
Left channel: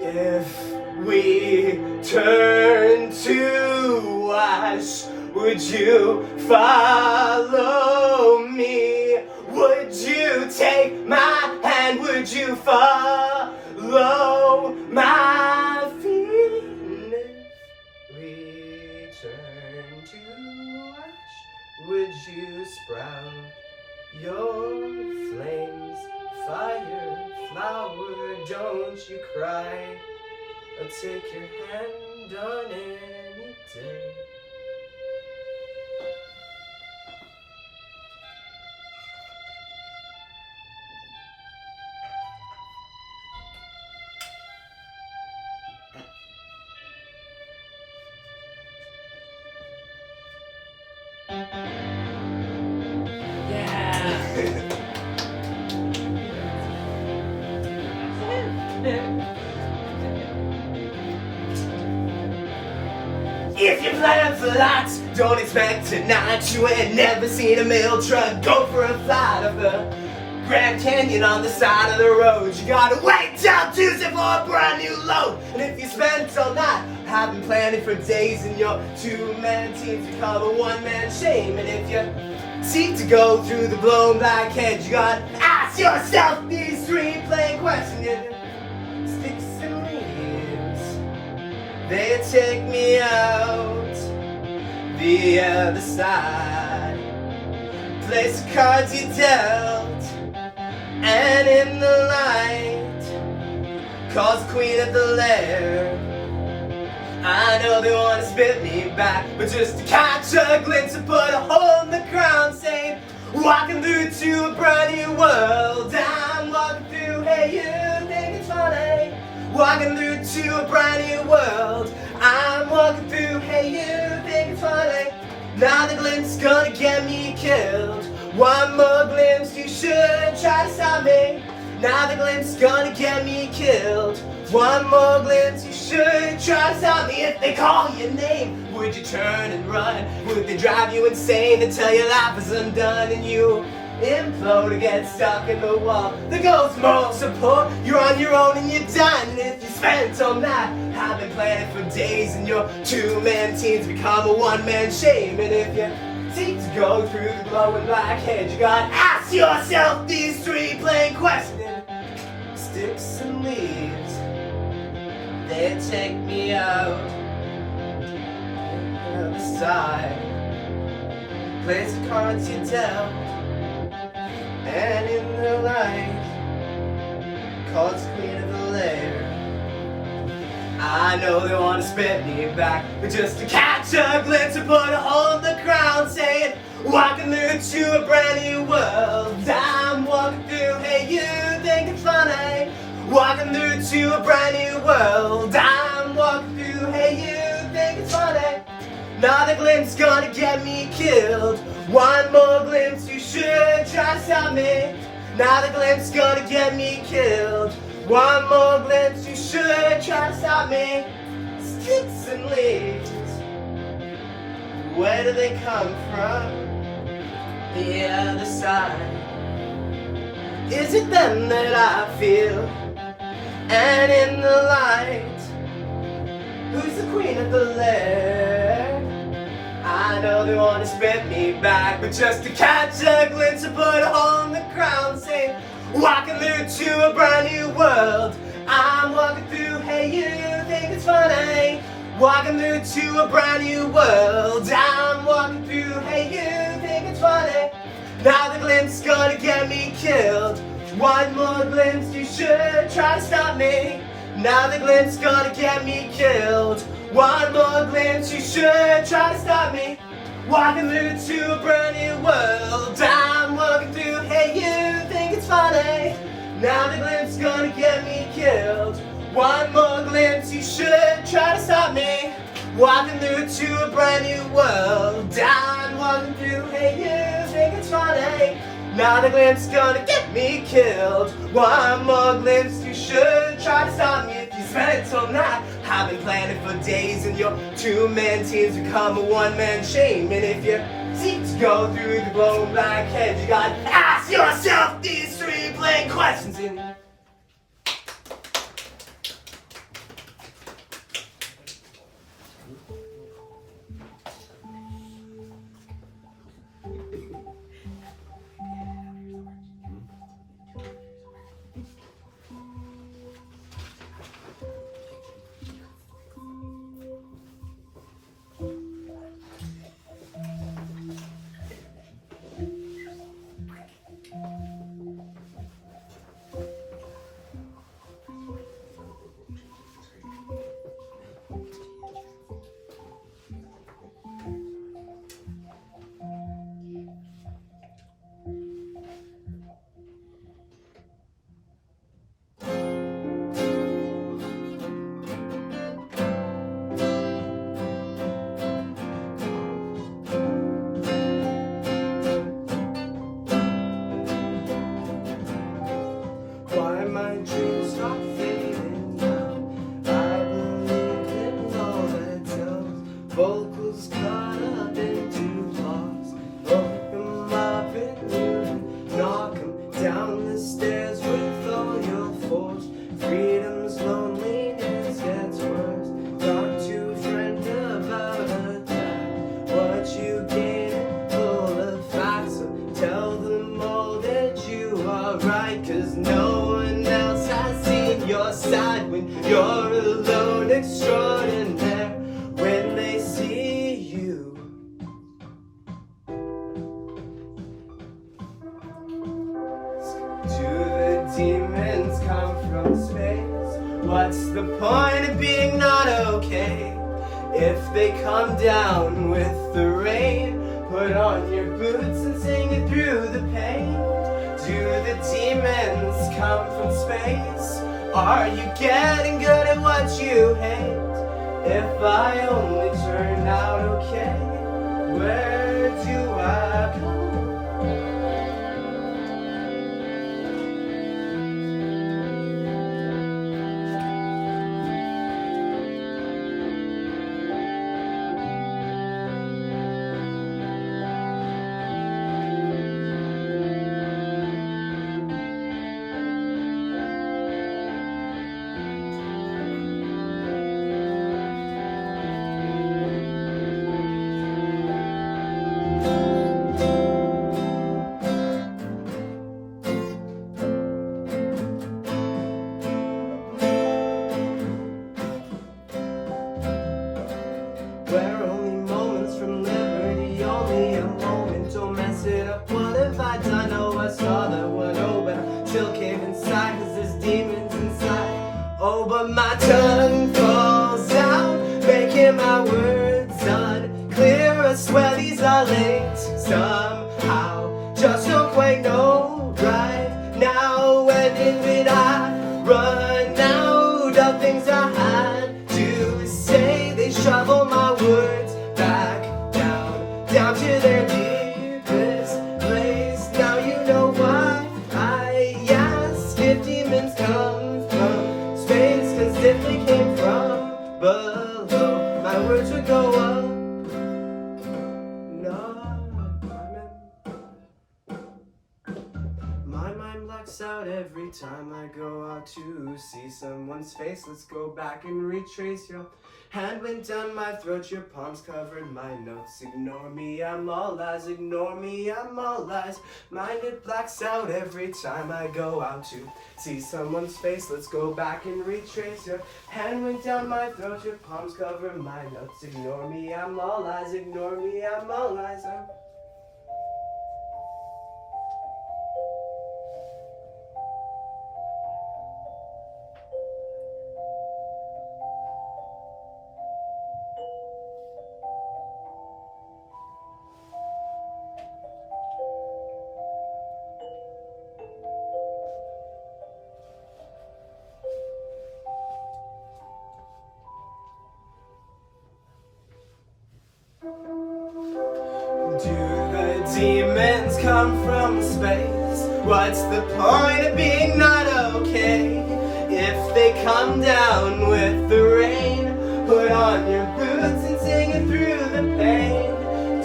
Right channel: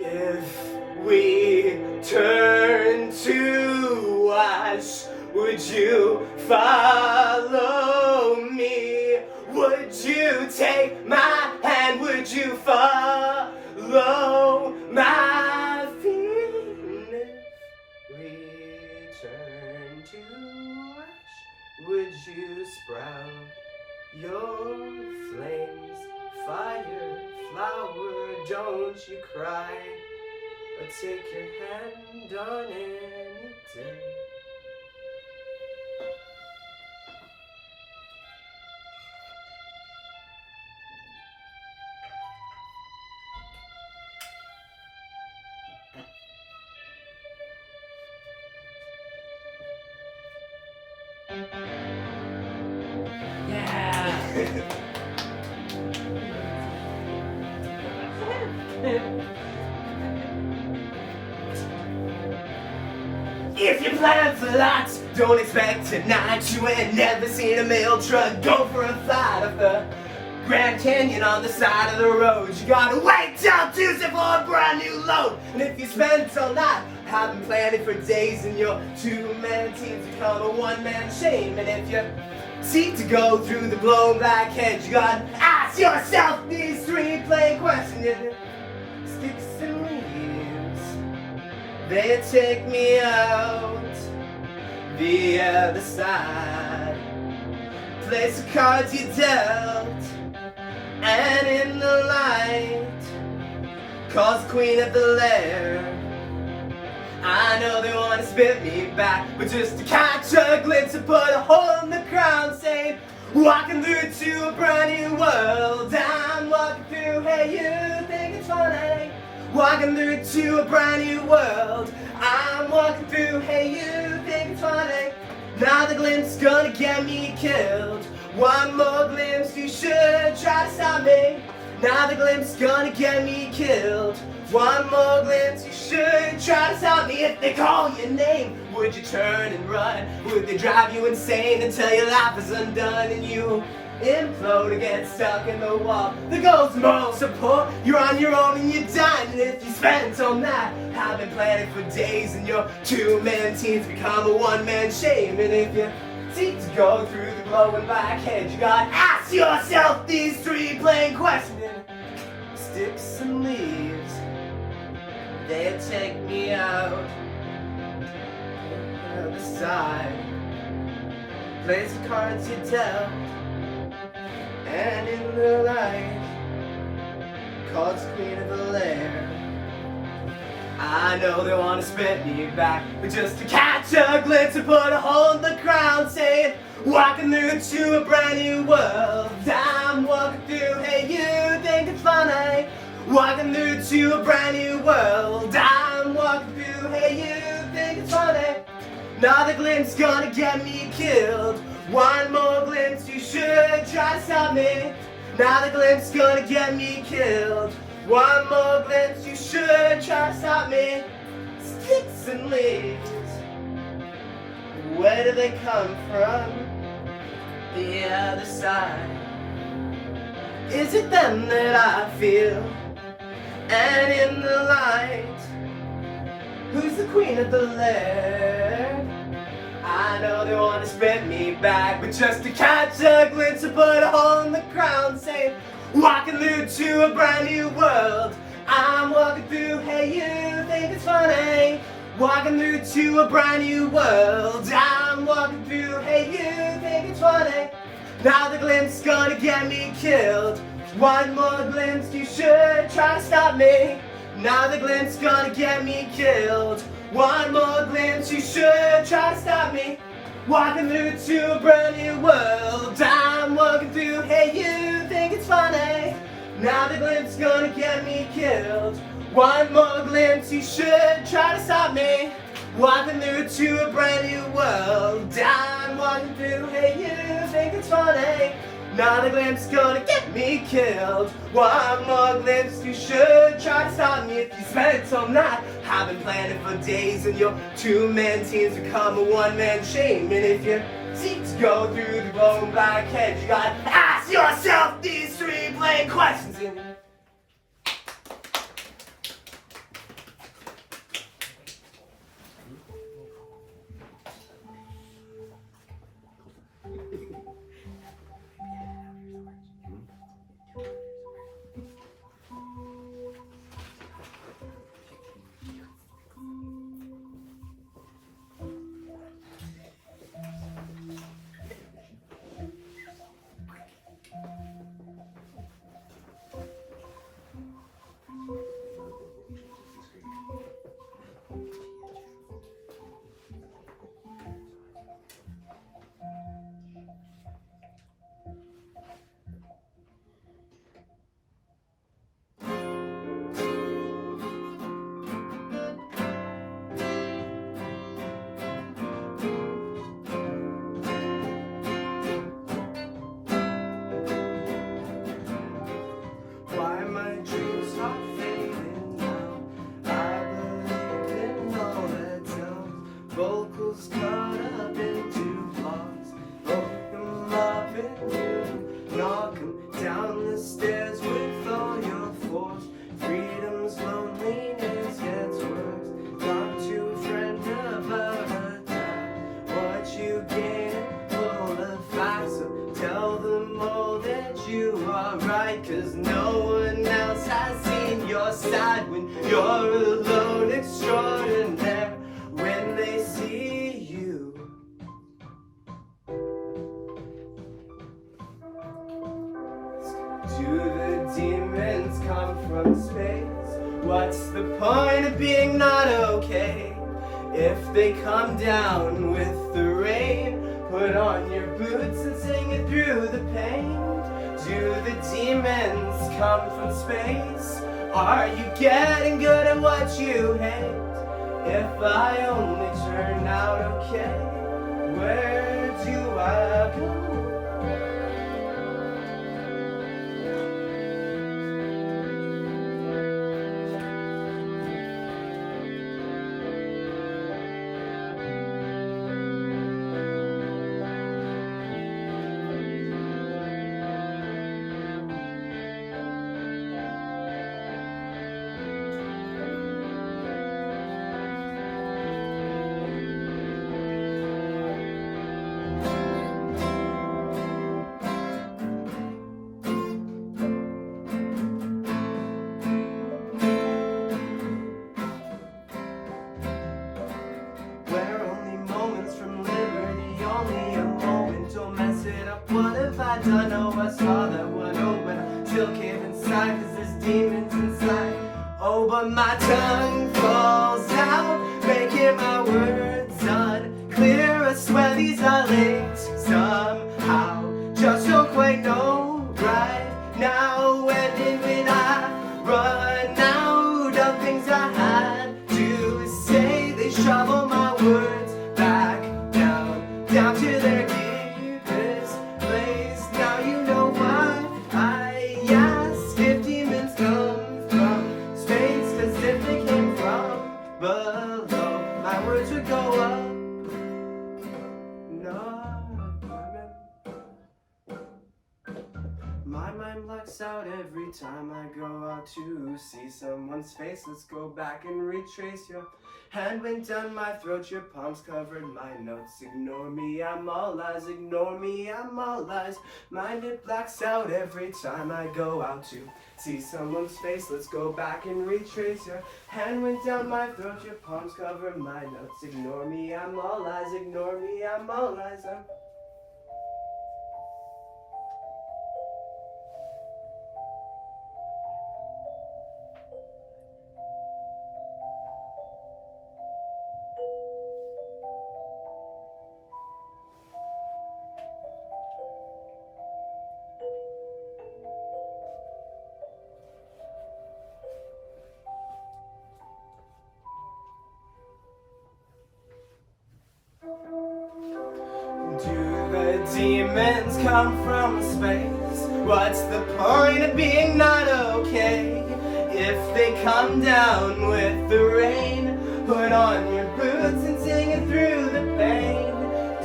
If we turn to ash, would you follow me? Would you take my hand? Would you follow my feet? If we turn to ash, would you sprout your flames? Fire, flower, don't you cry. I'll take your hand on any day. If you plan for lots, don't expect tonight. You ain't never seen a mail truck go for a flight of the Grand Canyon on the side of the road. You gotta wait till Tuesday for a brand new load. And if you spent all night having planning for days, and your two-man teams become a one-man shame. And if you seek to go through the blown black hedge, you gotta ask yourself these three plain questions. Sticks and leaves, they take me out the other side. Place the cards you dealt, and in the light, calls the queen of the lair. I know they wanna spit me back, but just to catch a glimpse and put a hole in the crown, saying, walking through to a brand new world. I'm walking through, hey, you think it's funny? Walking through to a brand new world. I'm walking through, hey, you think it's funny? Now the glimpse is gonna get me killed. One more glimpse, you should try to stop me. Now the glimpse is gonna get me killed. One more glimpse, you should try to stop me. If they call your name, would you turn and run? Would they drive you insane until your life is undone and you implode or get stuck in the wall? The goes moral support, you're on your own and you're done. And if you spent all night having planned for days, and your two-man teams become a one-man shame. And if you seek to go through the glowing black hedge, you gotta ask yourself these three plain questions. Sticks and leaves, they take me out the other side. Place the cards you dealt, and in the light, calls the queen of the lair. I know they wanna spit me back, but just to catch a glimpse and put a hole in the crown, saying, walking through to a brand new world. I'm walking through, hey, you think it's funny? Walking through to a brand new world. I'm walking through, hey, you think it's funny? Now the glimpse gonna get me killed. One more glimpse, you should try to stop me. Now the glimpse gonna get me killed. One more glimpse, you should try to stop me. Sticks and leaves, where do they come from? The other side. Is it them that I feel? And in the light, who's the queen of the lair? I I know they want to spit me back, but just to catch a glimpse and put a hole in the ground, saying, walking through to a brand new world. I'm walking through, hey, you think it's funny? Walking through to a brand new world. I'm walking through, hey, you think it's funny? Now the glimpse is gonna get me killed. One more glimpse, you should try to stop me. Now the glimpse is gonna get me killed. One more glimpse, you should try to stop me. Walking through to a brand new world. I'm walking through, hey, you think it's funny? Now the glimpse is gonna get me killed. One more glimpse, you should try to stop me. Walking through to a brand new world. I'm walking through, hey, you think it's funny? Now the glimpse is gonna get me killed. One more glimpse, you should try to stop me. If you spend it till night, I've been planning for days, and your two-man teams become a one-man shame. And if you seek to go through the glowing black head, you gotta ask yourself these three plain questions. My dreams start fading now. I believe in all that tells. Vocals cut up into parts. Open them up and you knock them down the stairs with all your force. Freedom's loneliness gets worse. Talk to a friend about a time. What you get full of facts. So tell them all that you are right, 'cause no one else has seen your side when you're alone extraordinaire. When they see you, do the demons come from space? What's the point of being not okay if they come down with the rain? Put on your boots and sing it through the pain. Do the demons come from space? Are you getting good at what you hate? If I only turned out okay, where do I go? We're only moments from liberty, only a moment, don't mess it up. What have I done? Oh, I saw that one, oh, but I still came inside, 'cause there's demons inside. Oh, but my tongue falls out, making my words unclear. I swear these are linked somehow, just don't quite know right now. When did I run out of things I had to say? They shovel my words back down to their deepest place. Now you know why I ask if demons come from space, 'cause if they came from below, my words would go up, no. blacks out every time I go out to see someone's face. Let's go back and retrace. Your hand went down my throat, your palms covered my notes. Ignore me, I'm all lies. Ignore me, I'm all lies. Mind it blacks out every time I go out to see someone's face. Let's go back and retrace. Your hand went down my throat, your palms cover my notes. Ignore me, I'm all lies. Ignore me, I'm all lies. Do the demons come from space? What's the point of being not okay? If they come down with the rain, put on your boots and sing it through the pain.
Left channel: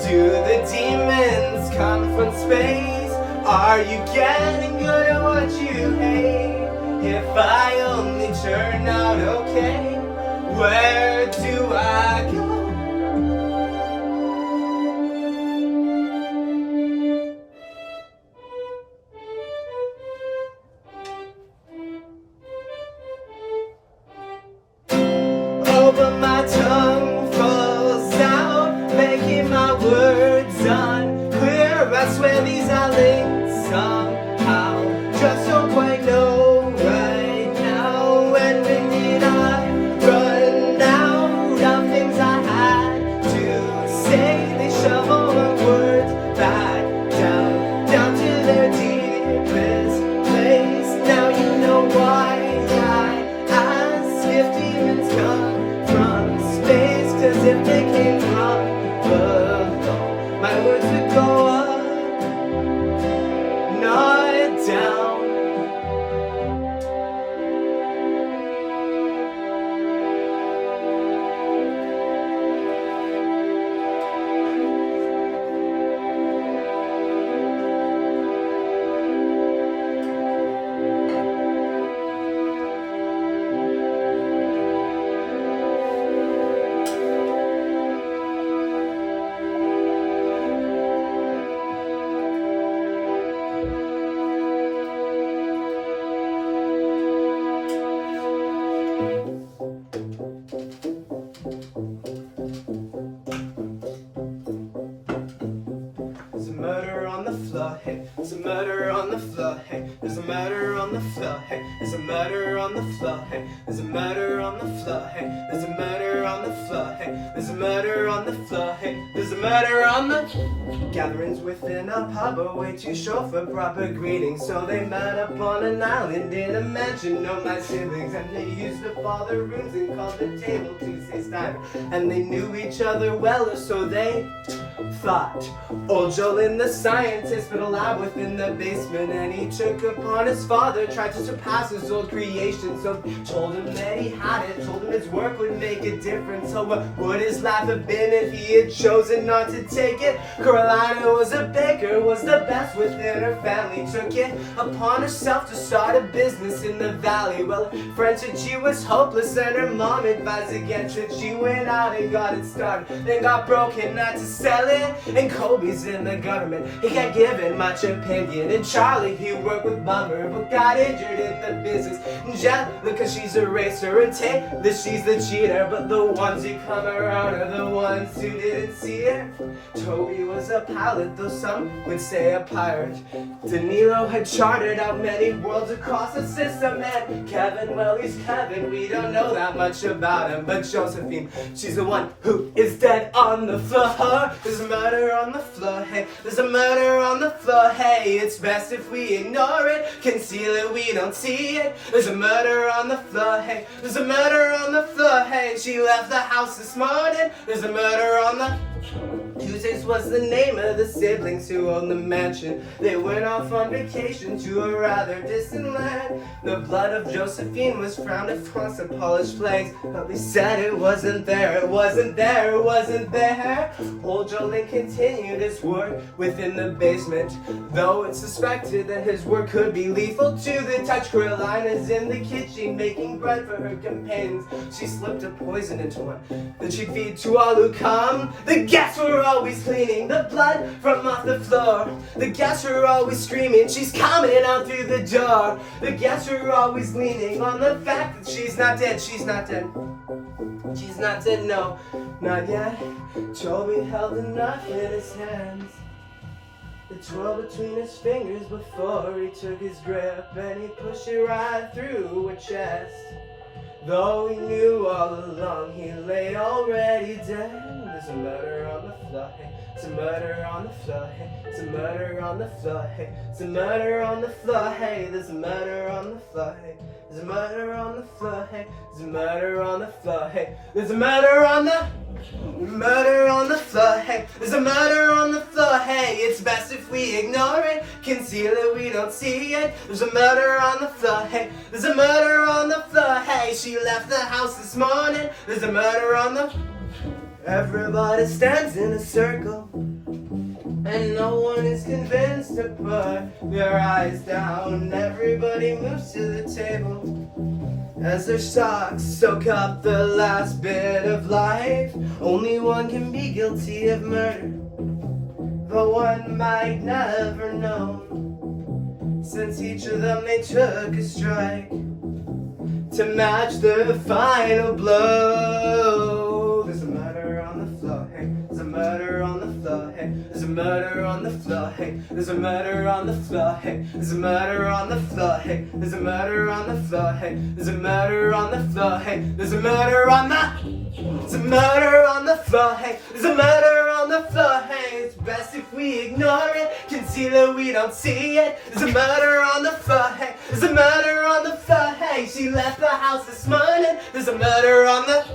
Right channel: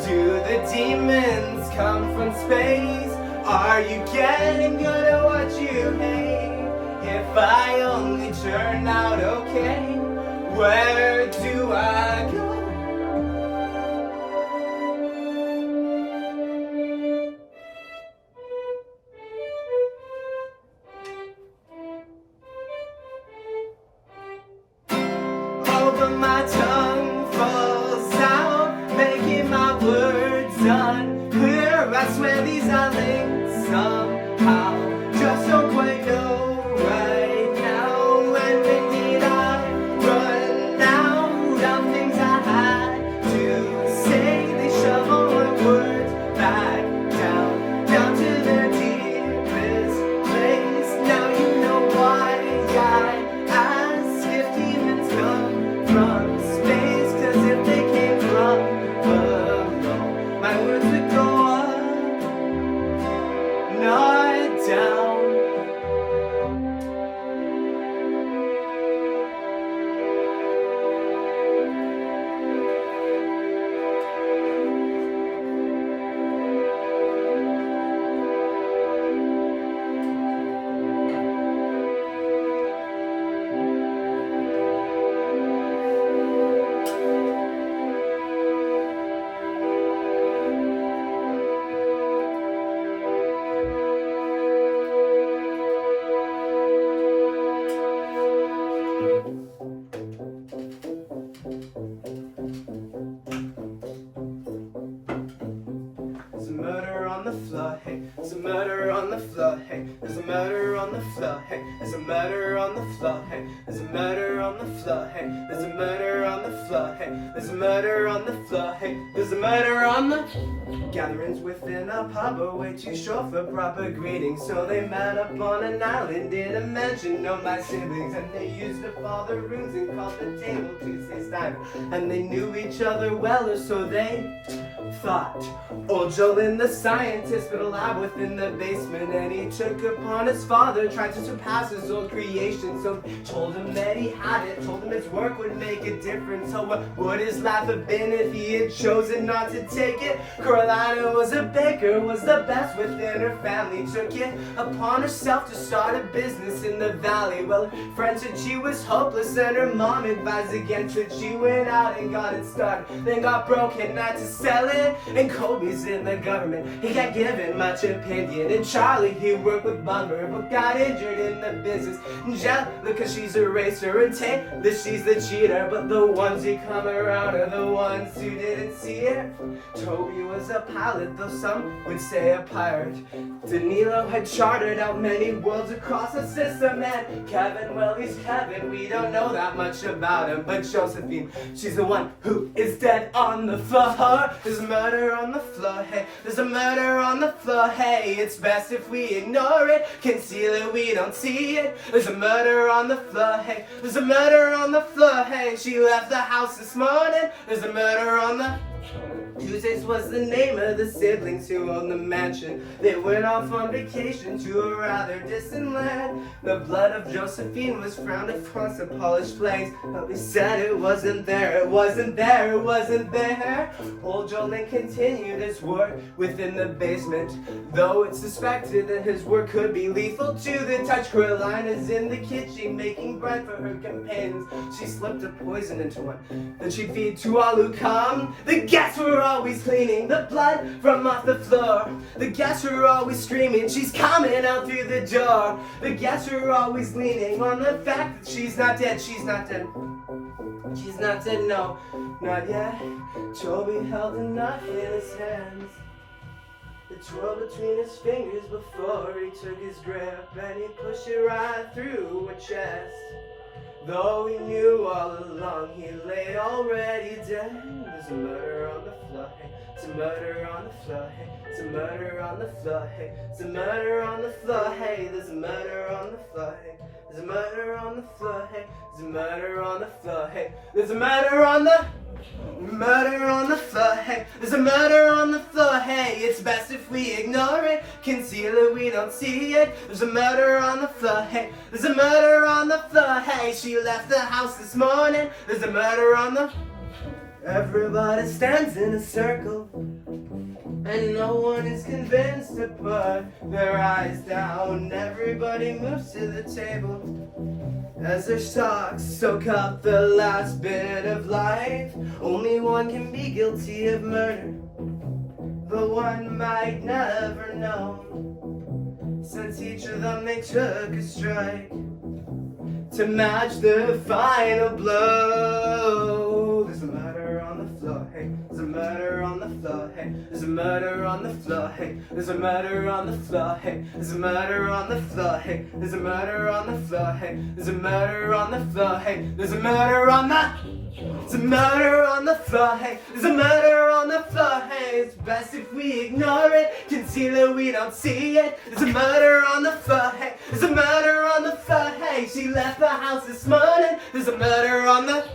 Do the demons come from space? Are you getting good at what you hate? If I only turn out okay, where do I go? But my tongue falls out, making my words unclear. I swear these are linked somehow. Just don't quite know right now. When did I run out of things I had to say? They shovel my words back down to their deepest place. Now you know why I ask if demons come from space, 'cause if they came from below, my words would go up, not down. There's a murder on the floor, hey. There's a murder on the floor, hey. There's a murder on the floor, hey. There's a murder on the floor, hey. There's a murder on the floor, hey. There's a murder on the floor, hey. There's a murder on the floor, hey. There's a murder on the gatherings within a pub are way too short for proper greetings, so they met up on an island in a mansion known by siblings, and they used up all the rooms and called the table Tuesday's diner, and they knew each other well, or so they thought. Old Jolin the scientist but alive within the basement, and he took upon his father, tried to surpass his old creation, so told him that he had it, told him his work would make a difference. So what would his life have been if he had chosen not to take it? Carolina was a baker, was the best within her family, took it upon herself to start a business in the valley. Well, friend said she was hopeless and her mom advised against it. She went out and got it started, then got broken, not to sell it. And Kobe's in the government, he can't give it much opinion. And Charlie, he worked with Bummer but got injured in the business. And Jella, cause she's a racer, and Taylor, she's the cheater. But the ones who come around are the ones who didn't see it. Toby was a pilot, though some would say a pirate. Danilo had chartered out many worlds across the system. And Kevin, well, he's Kevin, we don't know that much about him. But Josephine, she's the one who is dead on the floor. There's a murder on the floor, hey. There's a murder on the floor, hey. It's best if we ignore it, conceal it, we don't see it. There's a murder on the floor, hey. There's a murder on the floor, hey. She left the house this morning. There's a murder on the Tuesdays was the name of the siblings who owned the mansion. They went off on vacation to a rather distant land. The blood of Josephine was frowned across the polished flags, but we said it wasn't there, it wasn't there, it wasn't there. Old Jolene continued his work within the basement, though it's suspected that his work could be lethal to the touch. Caroline is in the kitchen making bread for her companions. She slipped a poison into one that she'd feed to all who come. The guests were always cleaning the blood from off the floor. The guests were always screaming, she's coming out through the door. The guests were always leaning on the fact that she's not dead, she's not dead. She's not dead, no, not yet. Toby held a knife in his hands. It tore between his fingers before he took his grip, and he pushed it right through her chest. Though he knew all along he lay already dead. There's a murder on the floor, it's a murder on the floor, it's a murder on the floor, it's a murder on the floor, hey, there's a murder on the floor, hey, there's a murder on the floor, hey, there's a murder on the floor, hey, there's a murder on the floor, hey, there's a murder on the floor, hey, it's best if we ignore it, conceal it, we don't see it. There's a murder on the floor, hey, there's a murder on the floor, hey, she left the house this morning, there's a murder on the... Everybody stands in a circle, and no one is convinced to put their eyes down. Everybody moves to the table as their socks soak up the last bit of life. Only one can be guilty of murder, but one might never know, since each of them they took a strike to match the final blow. There's a murder on the floor, hey, there's a murder on the floor, hey, there's a murder on the floor, hey, there's a murder on the floor, hey, there's a murder on the floor, hey, there's a murder on the floor, hey, there's a murder on the floor, hey, there's a murder on the... There's a murder on the floor, hey, there's a murder on the floor, hey, it's best if we ignore it, conceal it, we don't see it. There's a murder on the floor, hey, there's a murder on the floor, hey, she left the house this morning, there's a murder on the...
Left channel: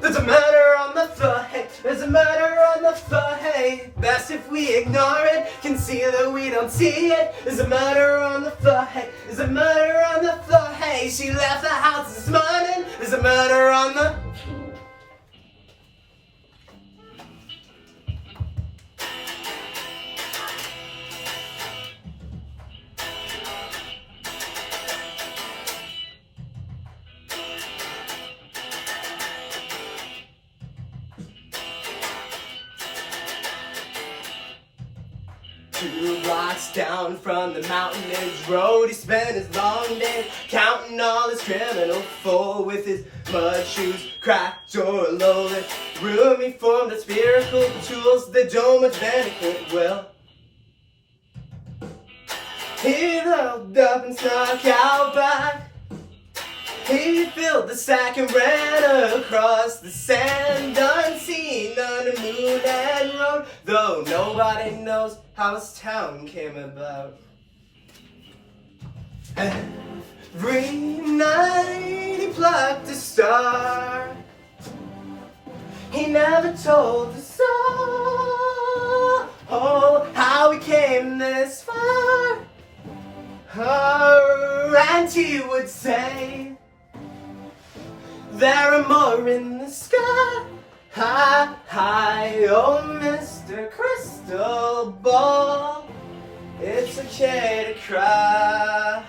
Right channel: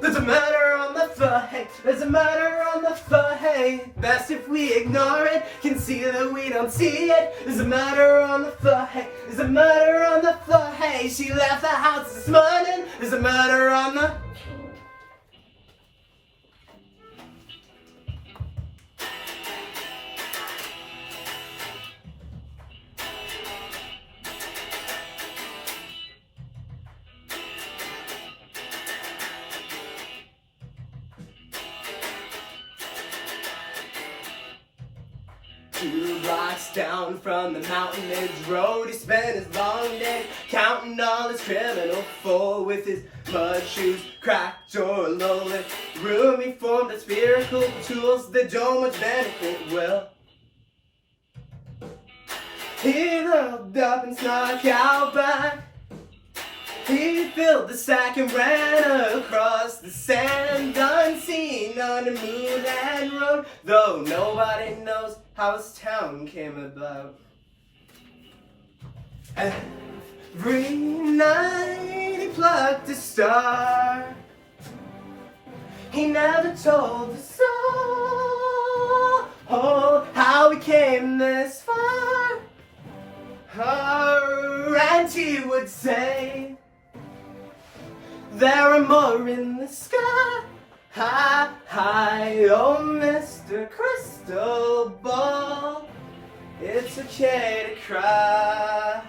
There's a murder on the floor, hey, there's a murder on the floor, hey, best if we ignore it, conceal it, we don't see it. There's a murder on the floor, hey, there's a murder on the floor, hey, she left the house this morning, there's a murder on the... Two blocks down from the Mountain Edge Road, he spent his long day counting all his criminal foe. With his mud shoes cracked or loaded, room he formed of spherical tools that don't much benefit well. He looked up and snuck out back. He filled the sack and ran across the sand, unseen under moon and road, though nobody knows how his town came about. Every night he plucked a star. He never told the soul how he came this far. And he would say, there are more in the sky, high, high, oh Mr. Crystal Ball, it's okay to cry.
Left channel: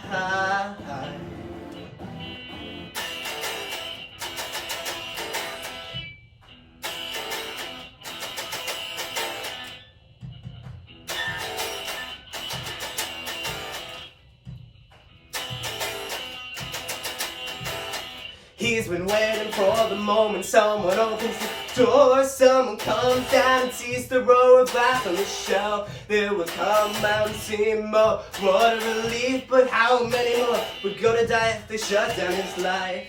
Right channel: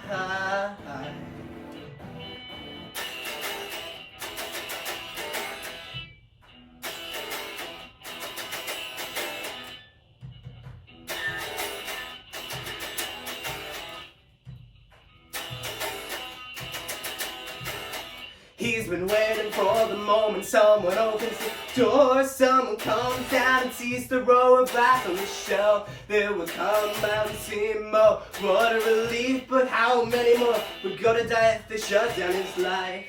He's been waiting for the moment someone opens the door, someone comes down and sees the rower back on the shelf. They will come out and see more. What a relief, but how many more would go to die if they shut down his life?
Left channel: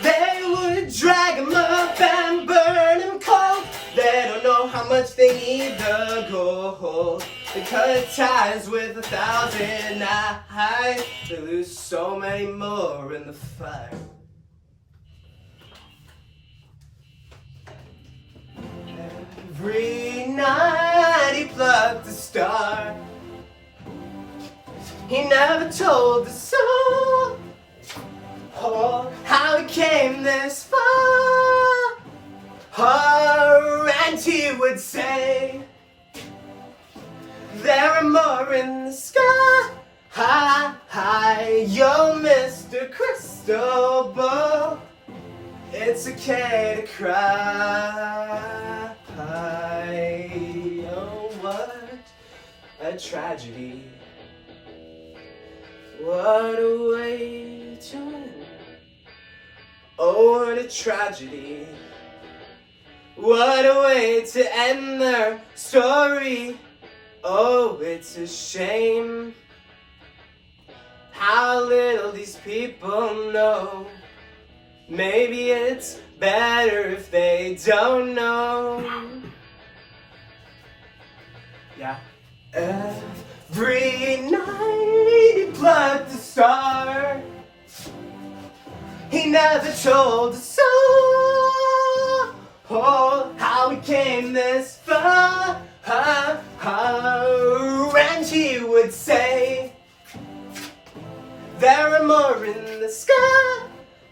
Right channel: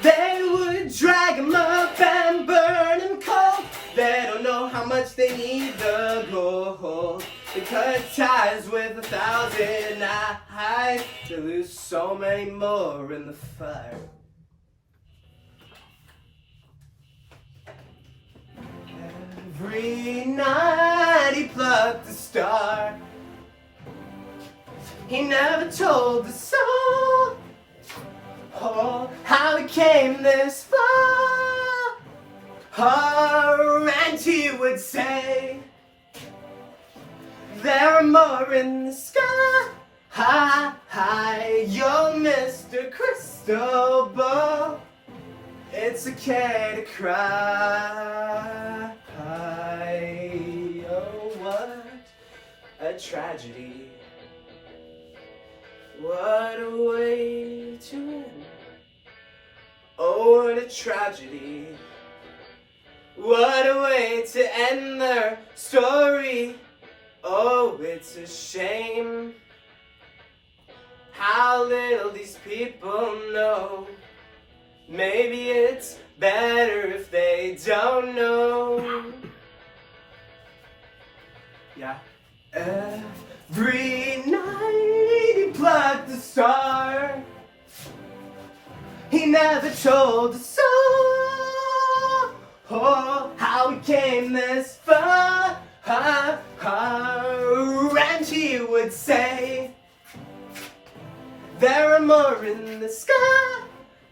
They would drag him up and burn him cold. They don't know how much they need the gold. They cut ties with 1,000 eyes. They lose so many more in the fire. night he plucked the star. He never told the soul how he came this far. And he would say, there are more in the sky. Hi, young Mr. Crystal Ball. It's okay to cry. Oh, what a tragedy. What a way to end. Oh, what a tragedy. What a way to end their story. Oh, it's a shame how little these people know. Maybe it's better if they don't know. Yeah. Every night he plucked a star. He never told a soul how he came this far. And he would say, there are more in the sky.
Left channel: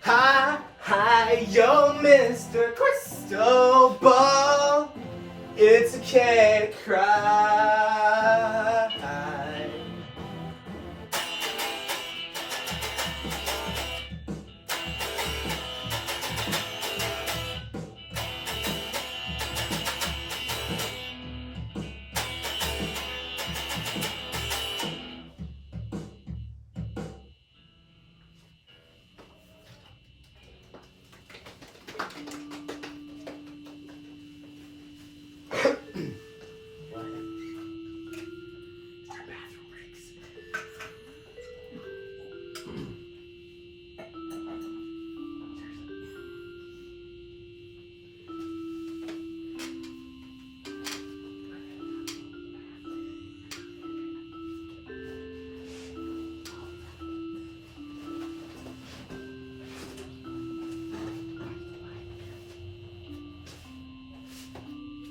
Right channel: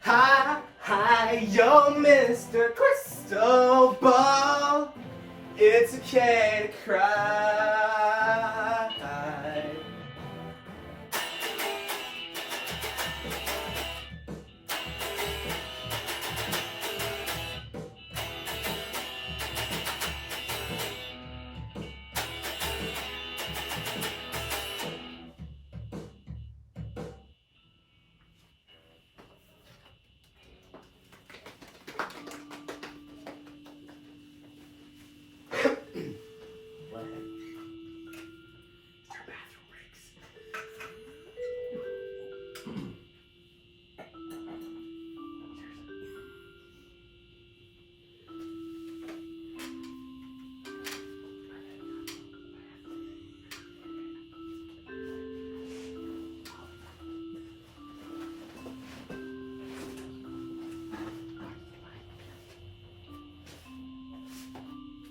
Hi, yo, Mr. Crystal Ball. It's okay to cry.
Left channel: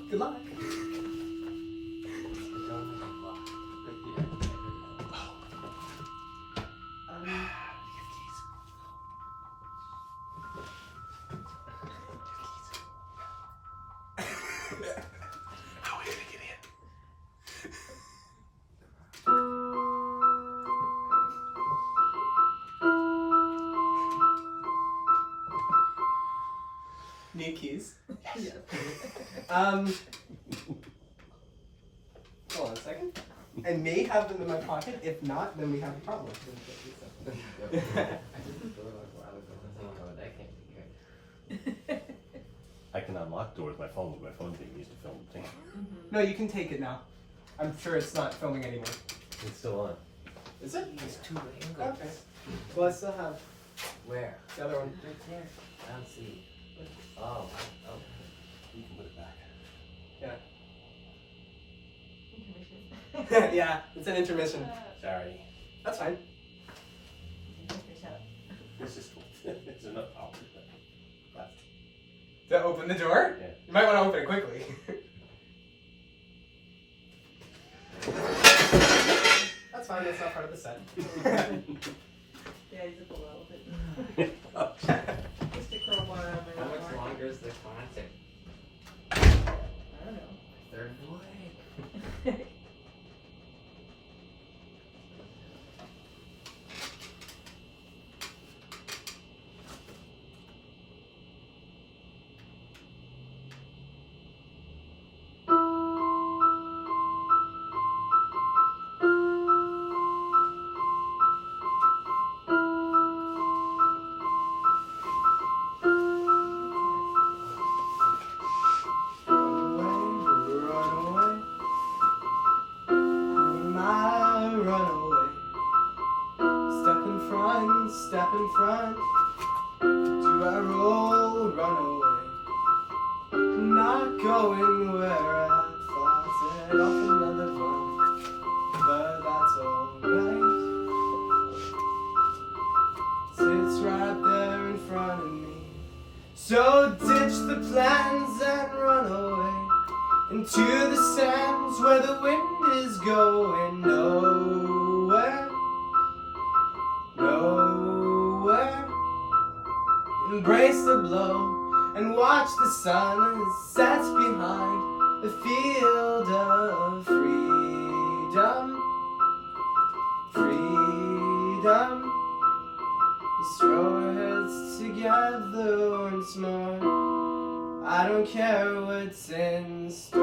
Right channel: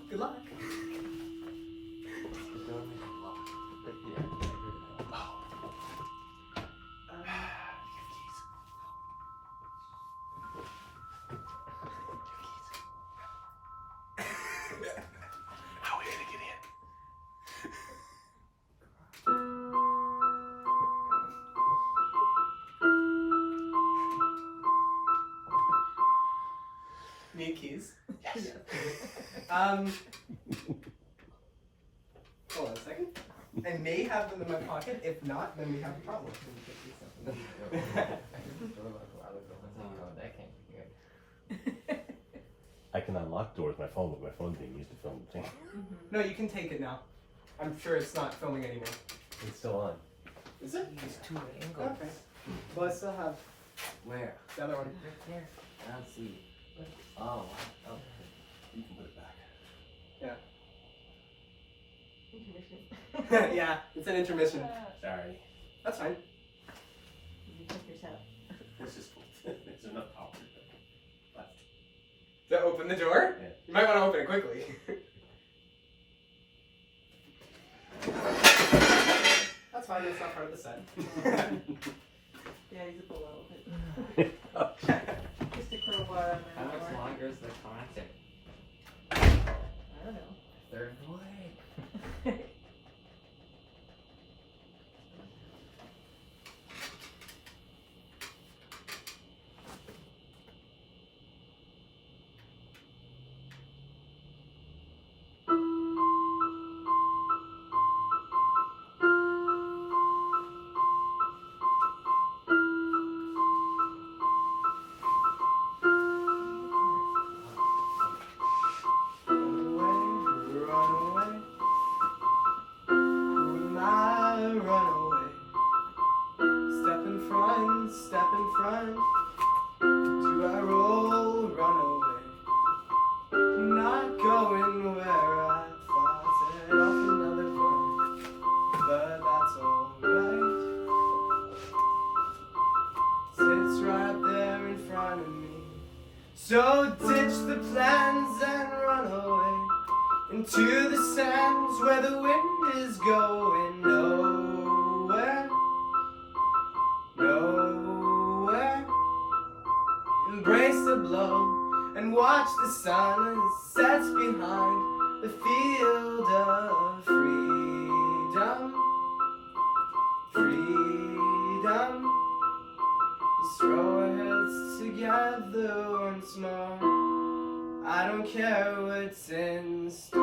Good luck. How are we gonna get in? Need keys? Yes. Hold on a second. I may have them in my pocket. If not, then we have a problem. I can unlock doors with my phone, but my phone's being used to film the thing. No, you can take it now. I'm sure it's not filming anymore. It's still on. Is it? There's two angles. Okay. Well, I still have Where? the other one. Right there. I don't see. Oh, okay. You can put it back. Yeah, it's an intermission. Sorry. That's fine. This is cool. There's enough power. Left. To open the door? Yeah. You might want to open it quickly. That's fine, it's not part of the set. Yeah, he's a cool elephant. Just a crowbar on there. How much longer is the concert? I don't know. Third way. Step in front, do I roll, run away? Not going where I thought, set off another bomb, but that's alright. Sits right there in front of me. So ditch the plans and run away, and into the sands where the wind is going nowhere, nowhere. Embrace the blow and watch the sun set behind the field of freedom, freedom. Let's throw our heads together once more. I don't care what's in store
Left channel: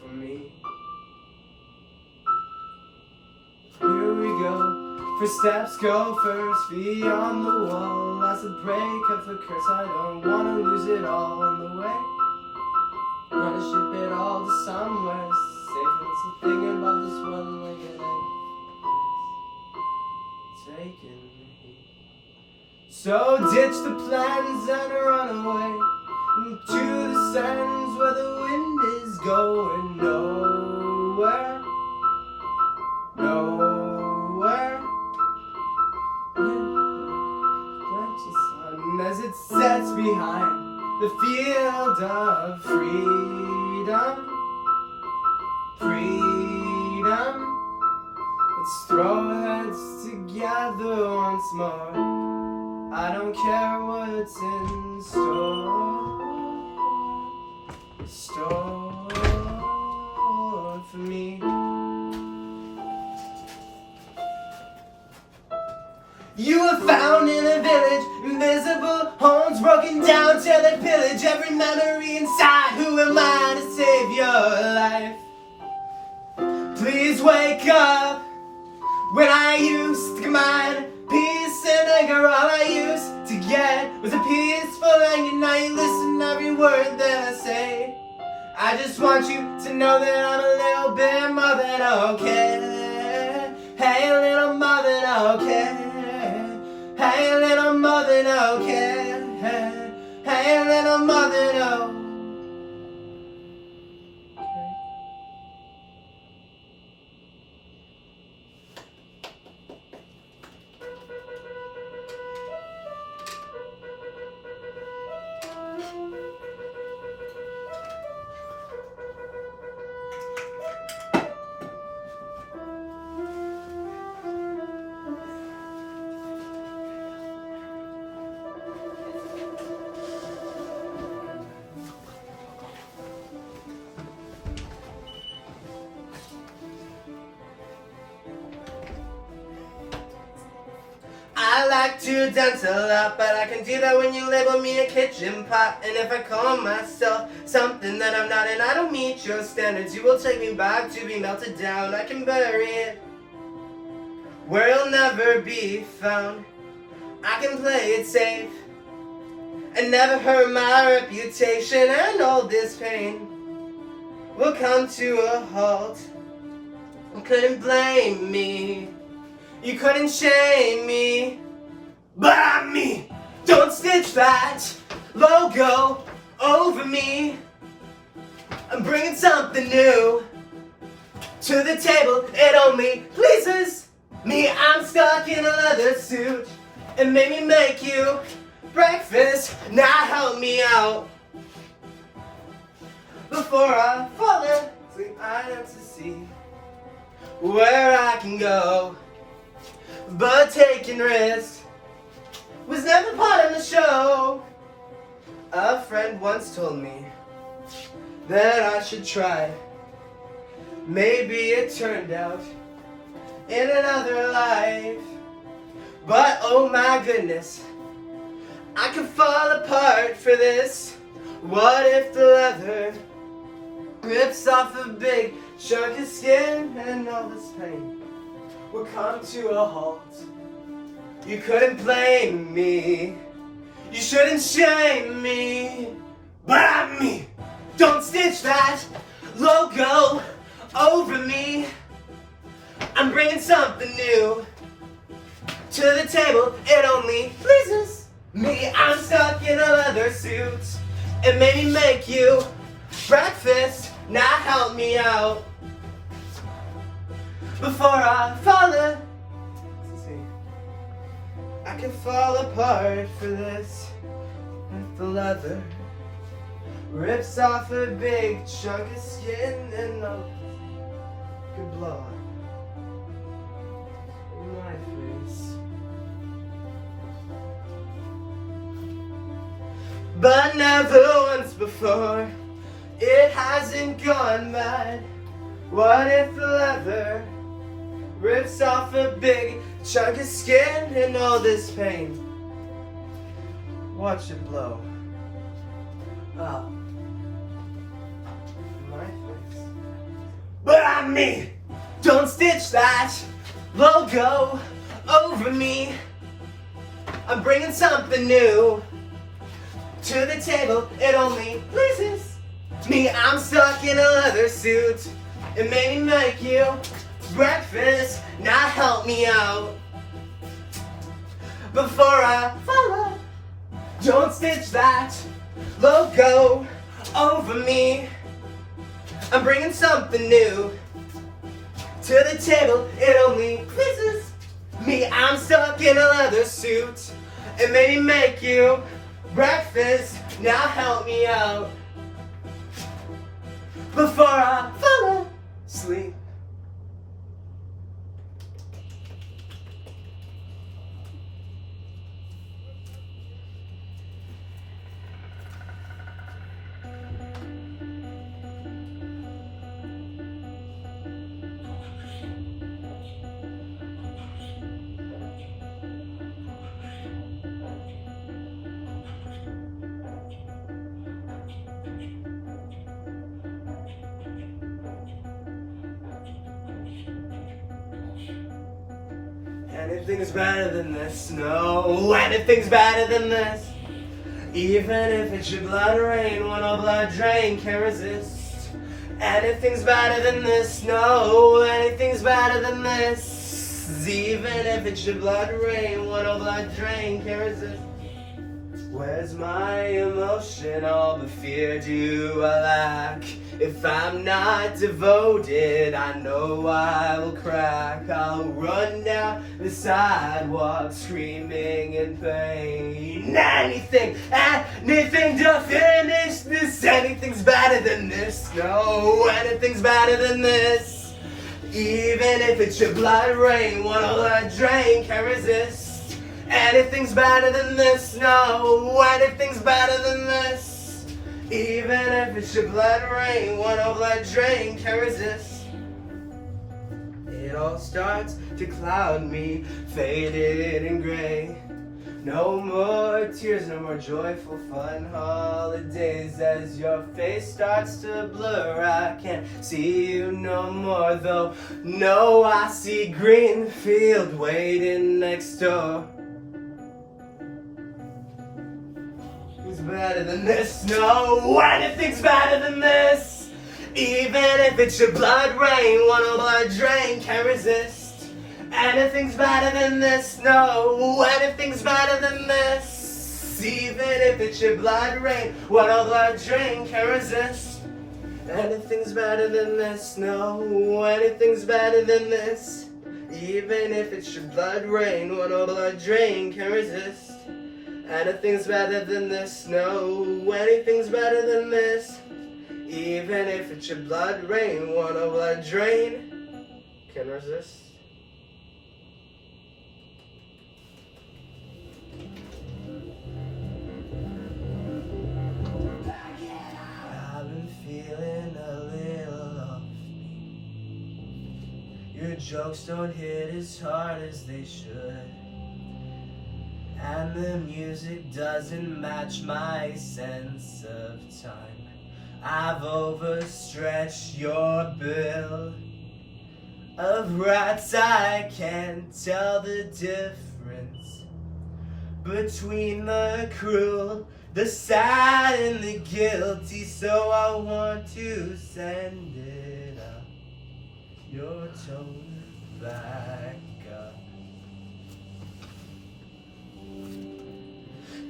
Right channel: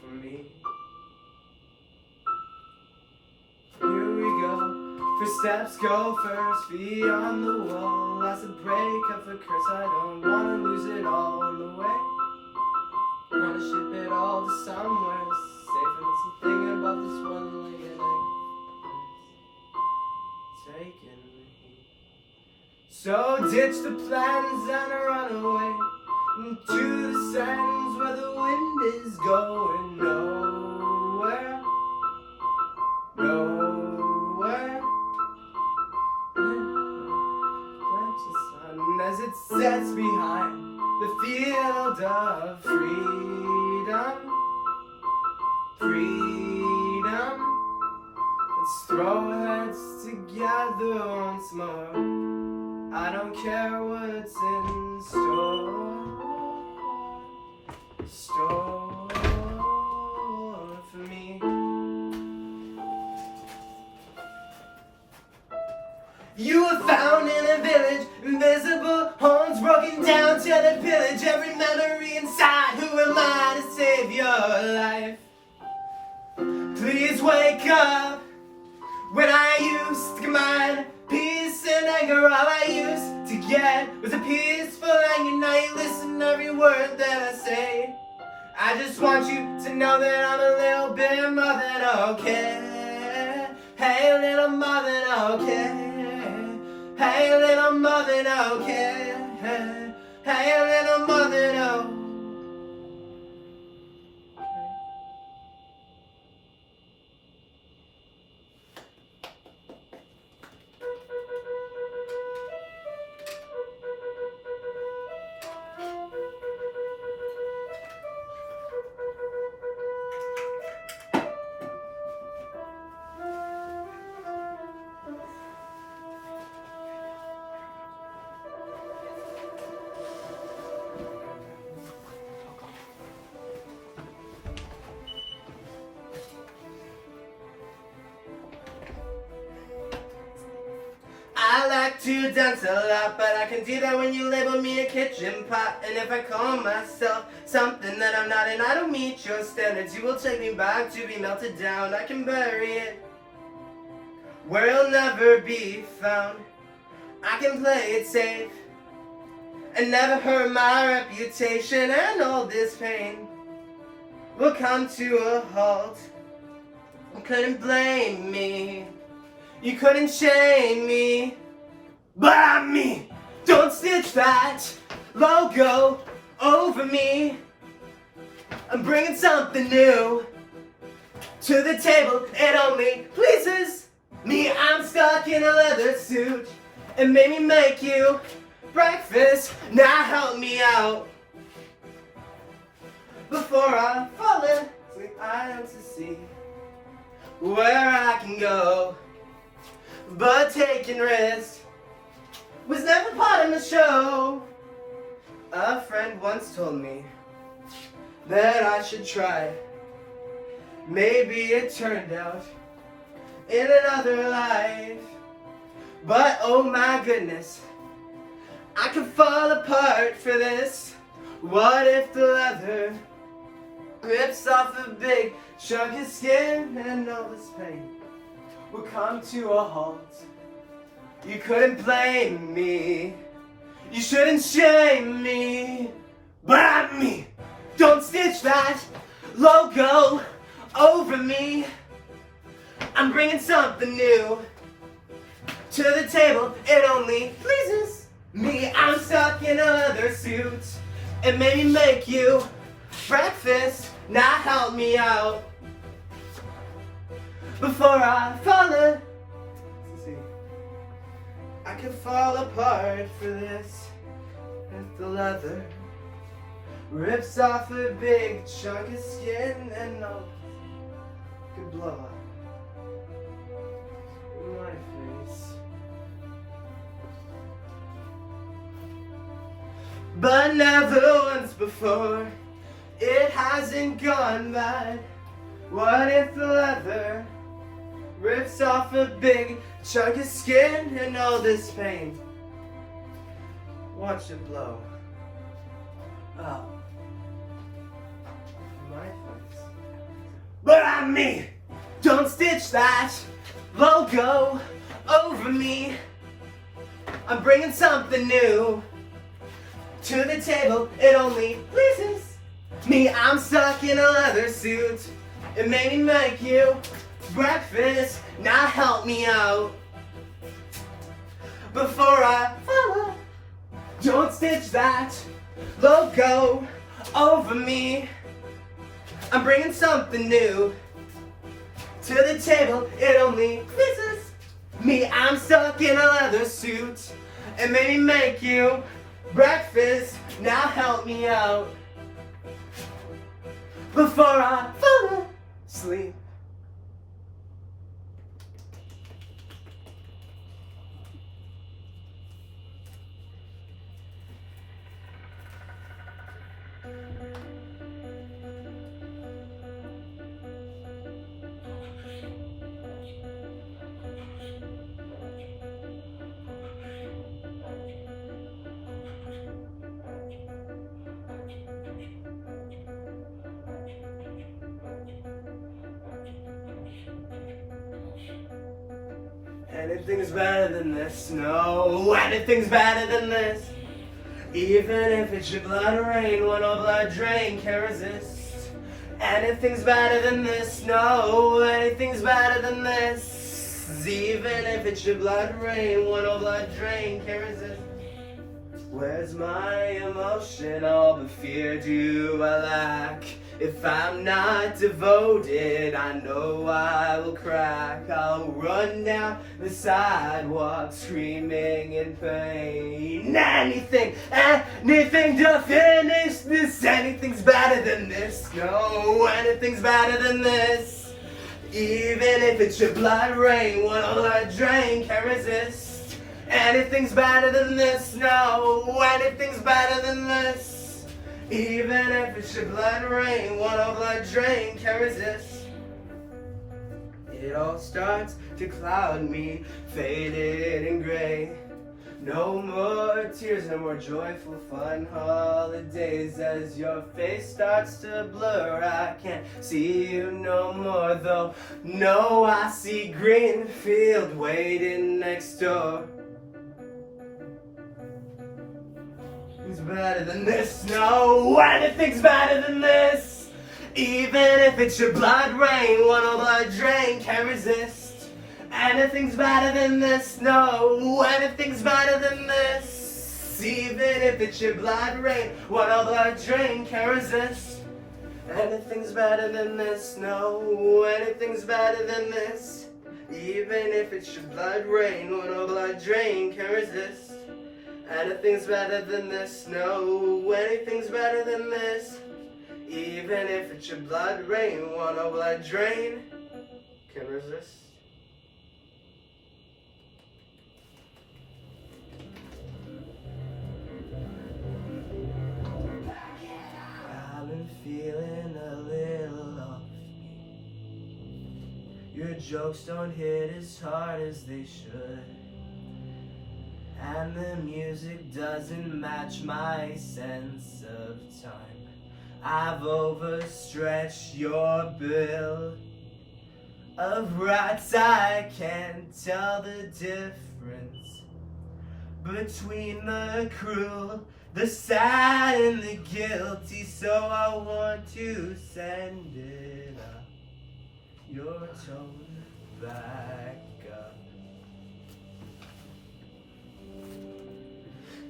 for me. Here we go. First steps go first, beyond the wall. Last a break of the curse. I don't wanna lose it all on the way. Wanna ship it all to somewhere safe. And something about this one-legged egg taking me. So ditch the plans and run away into the sands where the wind is going nowhere, nowhere. As it sets behind the field of freedom, freedom. Let's throw heads together once more. I don't care what's in store for me. You were found in a village, invisible homes broken down, till they pillage every memory inside. Who am I to save your life? Please wake up. When I used to combine peace and anger, all I used to get was a peaceful anger. Now you listen to every word that I say. I just want you to know that I'm a little bit more than okay. Hey, a little more than okay. Hey, a little more than okay. Hey, a little more than okay. I like to dance a lot, but I can do that when you label me a kitchen pot. And if I call myself something that I'm not, and I don't meet your standards, you will take me back to be melted down. I can bury it where it'll never be found. I can play it safe and never hurt my reputation, and all this pain will come to a halt. You couldn't blame me, you couldn't shame me, but I'm me. Don't stitch that logo over me. I'm bringing something new to the table. It only pleases me. I'm stuck in a leather suit. It made me make you breakfast. Now help me out before I fall asleep. I need to see where I can go, but taking risks was never part of the show. A friend once told me that I should try. Maybe it turned out in another life, but oh my goodness, I could fall apart for this. What if the leather rips off a big chunk of skin, and all this pain will come to a halt? You couldn't blame me, you shouldn't shame me, but I'm me. Don't stitch that logo over me. I'm bringing something new to the table. It only pleases me. I'm stuck in a leather suit. It made me make you breakfast. Now help me out before I fall in. I could fall apart for this. leather rips off a big chunk of skin and no could blow up my face. But never once before, it hasn't gone mad. What if the leather rips off a big chunk of skin and all this pain? Watch it blow up my face. But I'm me. Don't stitch that logo over me. I'm bringing something new to the table. It only pleases me. I'm stuck in a leather suit. It made me make you breakfast. Now help me out before I follow. Don't stitch that logo over me. I'm bringing something new to the table. It only pleases me. I'm stuck in a leather suit. It made me make you breakfast. Now help me out before I fall asleep. Anything's better than this, no, anything's better than this. Even if it should blood rain when all blood drain can resist. Anything's better than this, no, anything's better than this. Even if it should blood rain when all blood drain can resist. Where's my emotion? All the fear do I lack? If I'm not devoted, I know I will crack. I'll run down the sidewalk screaming in pain. Anything to finish this. Anything's better than this. No, anything's better than this. Even if it should blood rain when all blood drain can resist. Anything's better than this, no, anything's better than this. Even if it should blood rain, when all blood drain can resist. It all starts to cloud me, faded and gray. No more tears, no more joyful fun holidays. As your face starts to blur, I can't see you no more, though. No, I see green field waiting next door. Who's better than this? No, anything's better than this. Even if it should blood rain, one all blood drain can resist. Anything's better than this. No, anything's better than this. Even if it should blood rain, one all blood drain can resist. Anything's better than this. No, anything's better than this. Even if it should blood rain, one all blood drain can resist. Anything's better than this, no, anything's better than this. Even if it should blood rain, one or blood drain can resist. I've been feeling a little off. Your jokes don't hit as hard as they should. And the music doesn't match my sense of time. I've overstretched your bill of rats. I can't tell the difference between the cruel, the sad, and the guilty. So I want to send it up, your tone back up.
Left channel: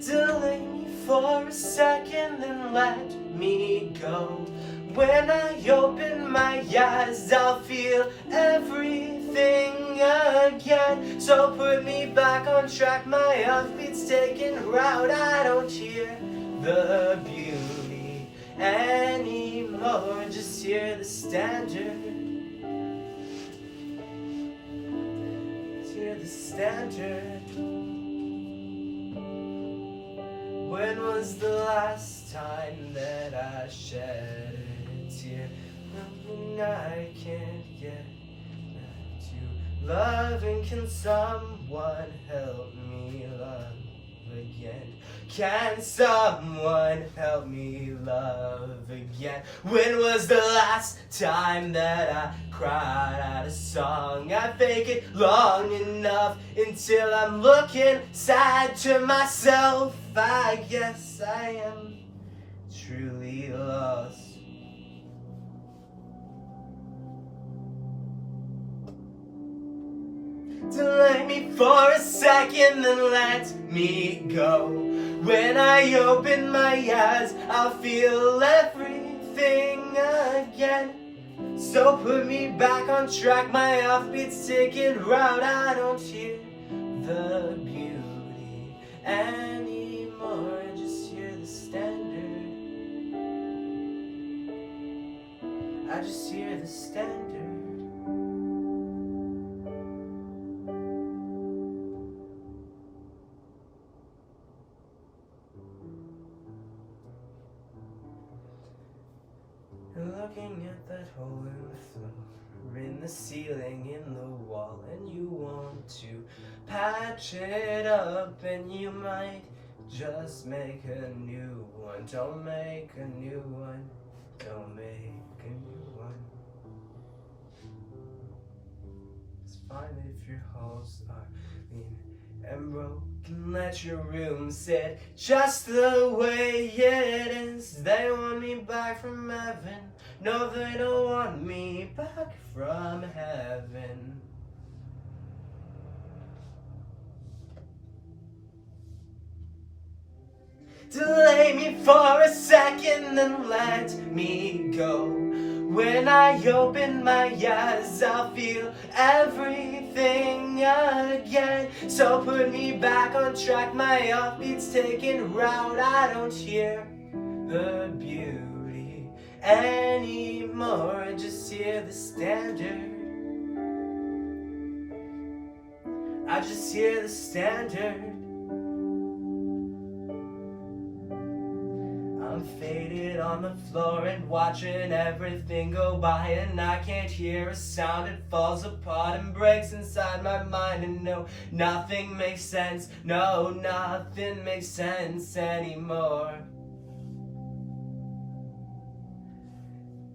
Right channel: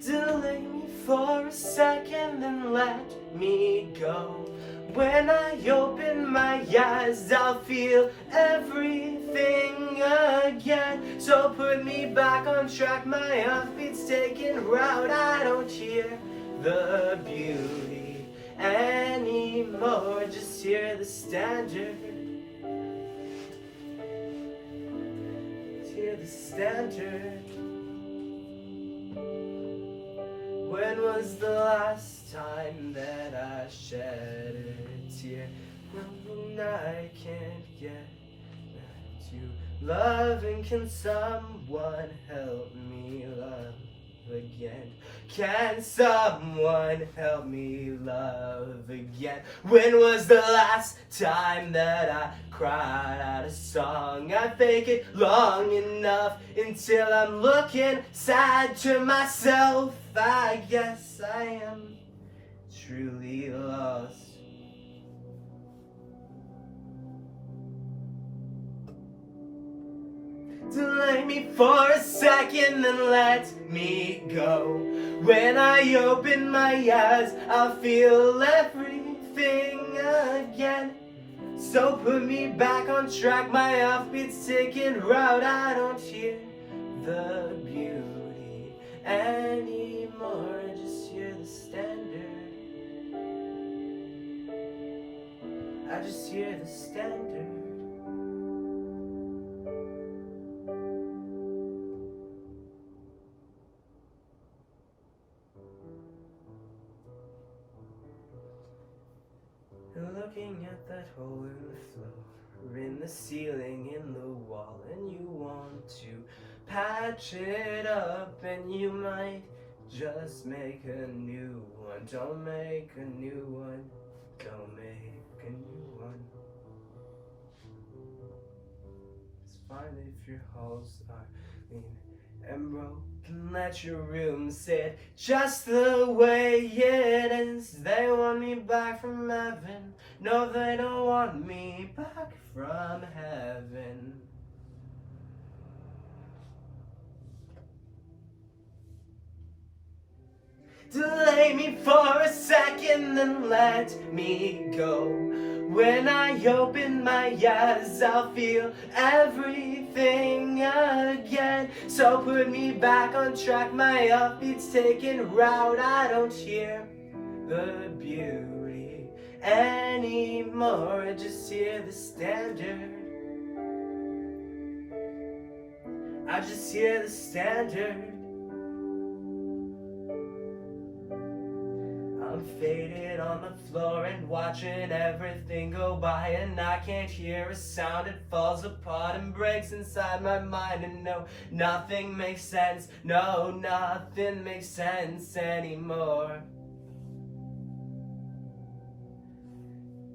Delay me for a second and let me go. When I open my eyes, I'll feel everything again. So put me back on track, my offbeat's taking route. I don't hear the beauty anymore. Just hear the standard. Just hear the standard. When was the last time that I shed a tear? And I can't get back to loving. Can someone help me love again? Can someone help me love again? When was the last time that I cried out a song? I fake it long enough until I'm looking sad to myself. I guess I am truly lost. Delay me for a second and let me go. When I open my eyes, I'll feel everything again. So put me back on track, my offbeat's taking route. I don't hear the beauty anymore. Just hear the standard. I just hear the standard. Looking at that hole in the floor, in the ceiling, in the wall, and you want to patch it up, and you might just make a new one. Don't make a new one. Don't make a new one. It's fine if your holes are mean and broken. Let your room sit just the way it is. They want me back from heaven. No, they don't want me back from heaven. Delay me for a second and let me go. When I open my eyes, I'll feel everything again. So put me back on track, my offbeat's taking route. I don't hear the beauty anymore. Just hear the standard. I just hear the standard. I'm faded on the floor and watching everything go by, and I can't hear a sound. It falls apart and breaks inside my mind, and no, nothing makes sense. No, nothing makes sense anymore.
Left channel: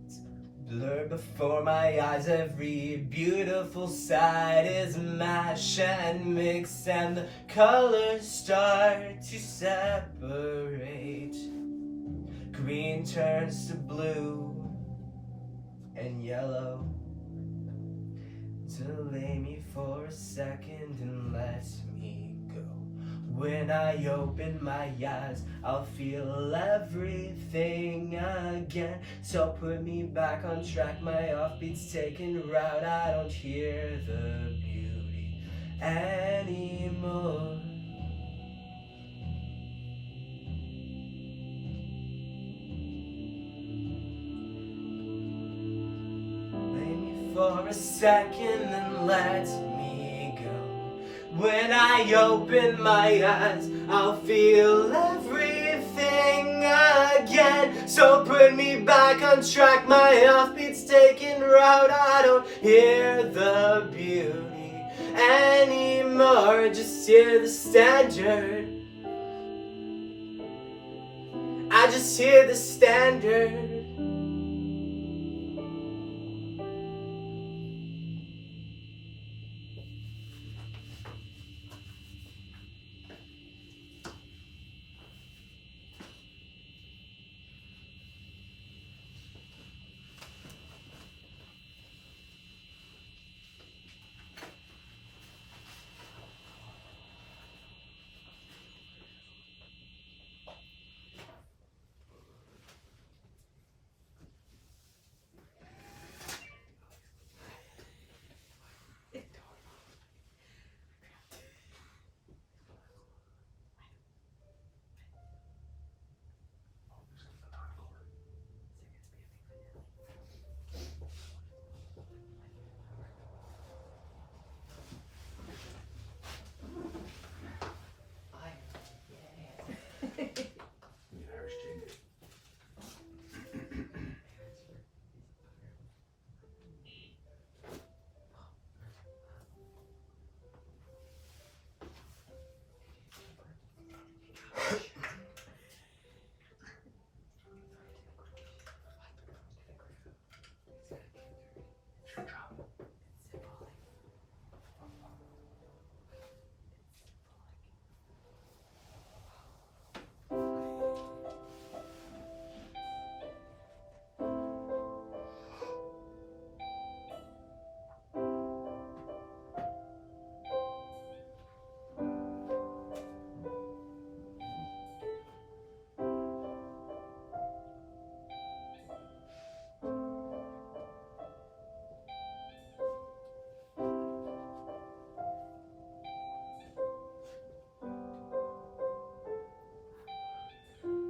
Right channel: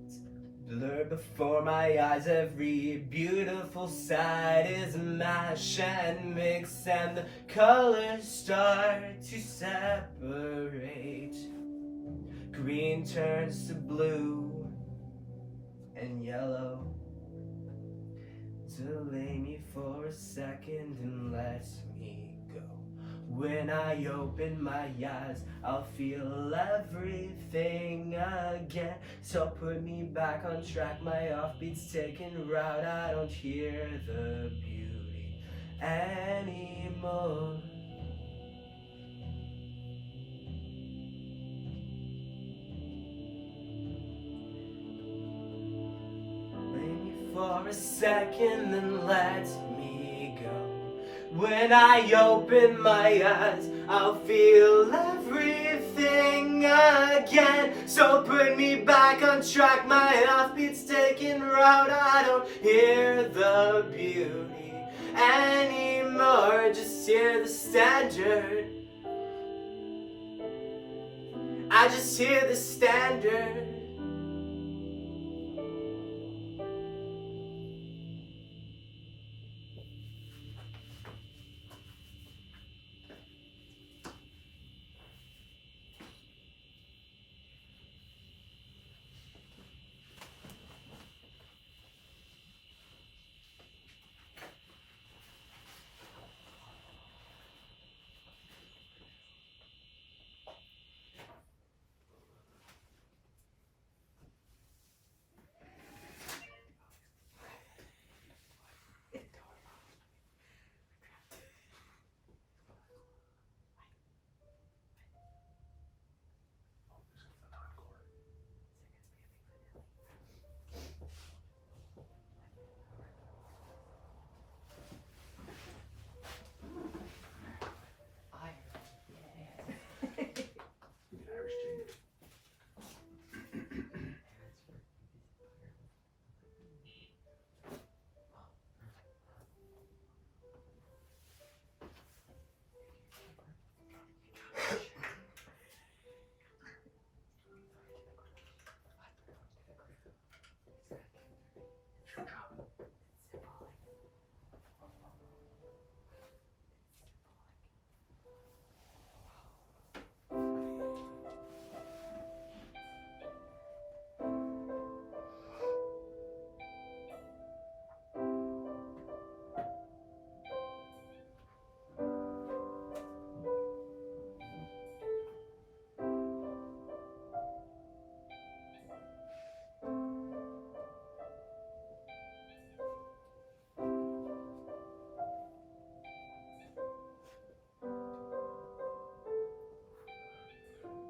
It's blurred before my eyes. Every beautiful sight is mashed and mixed, and the colors start to separate. Green turns to blue and yellow. Delay me for a second and let me go. When I open my eyes, I'll feel everything again. So put me back on track, my offbeat's taking route. I don't hear the beauty anymore. For a second and let me go. When I open my eyes, I'll feel everything again. So put me back on track, my offbeat's taking route. I don't hear the beauty anymore. Just hear the standard. I just hear the standard.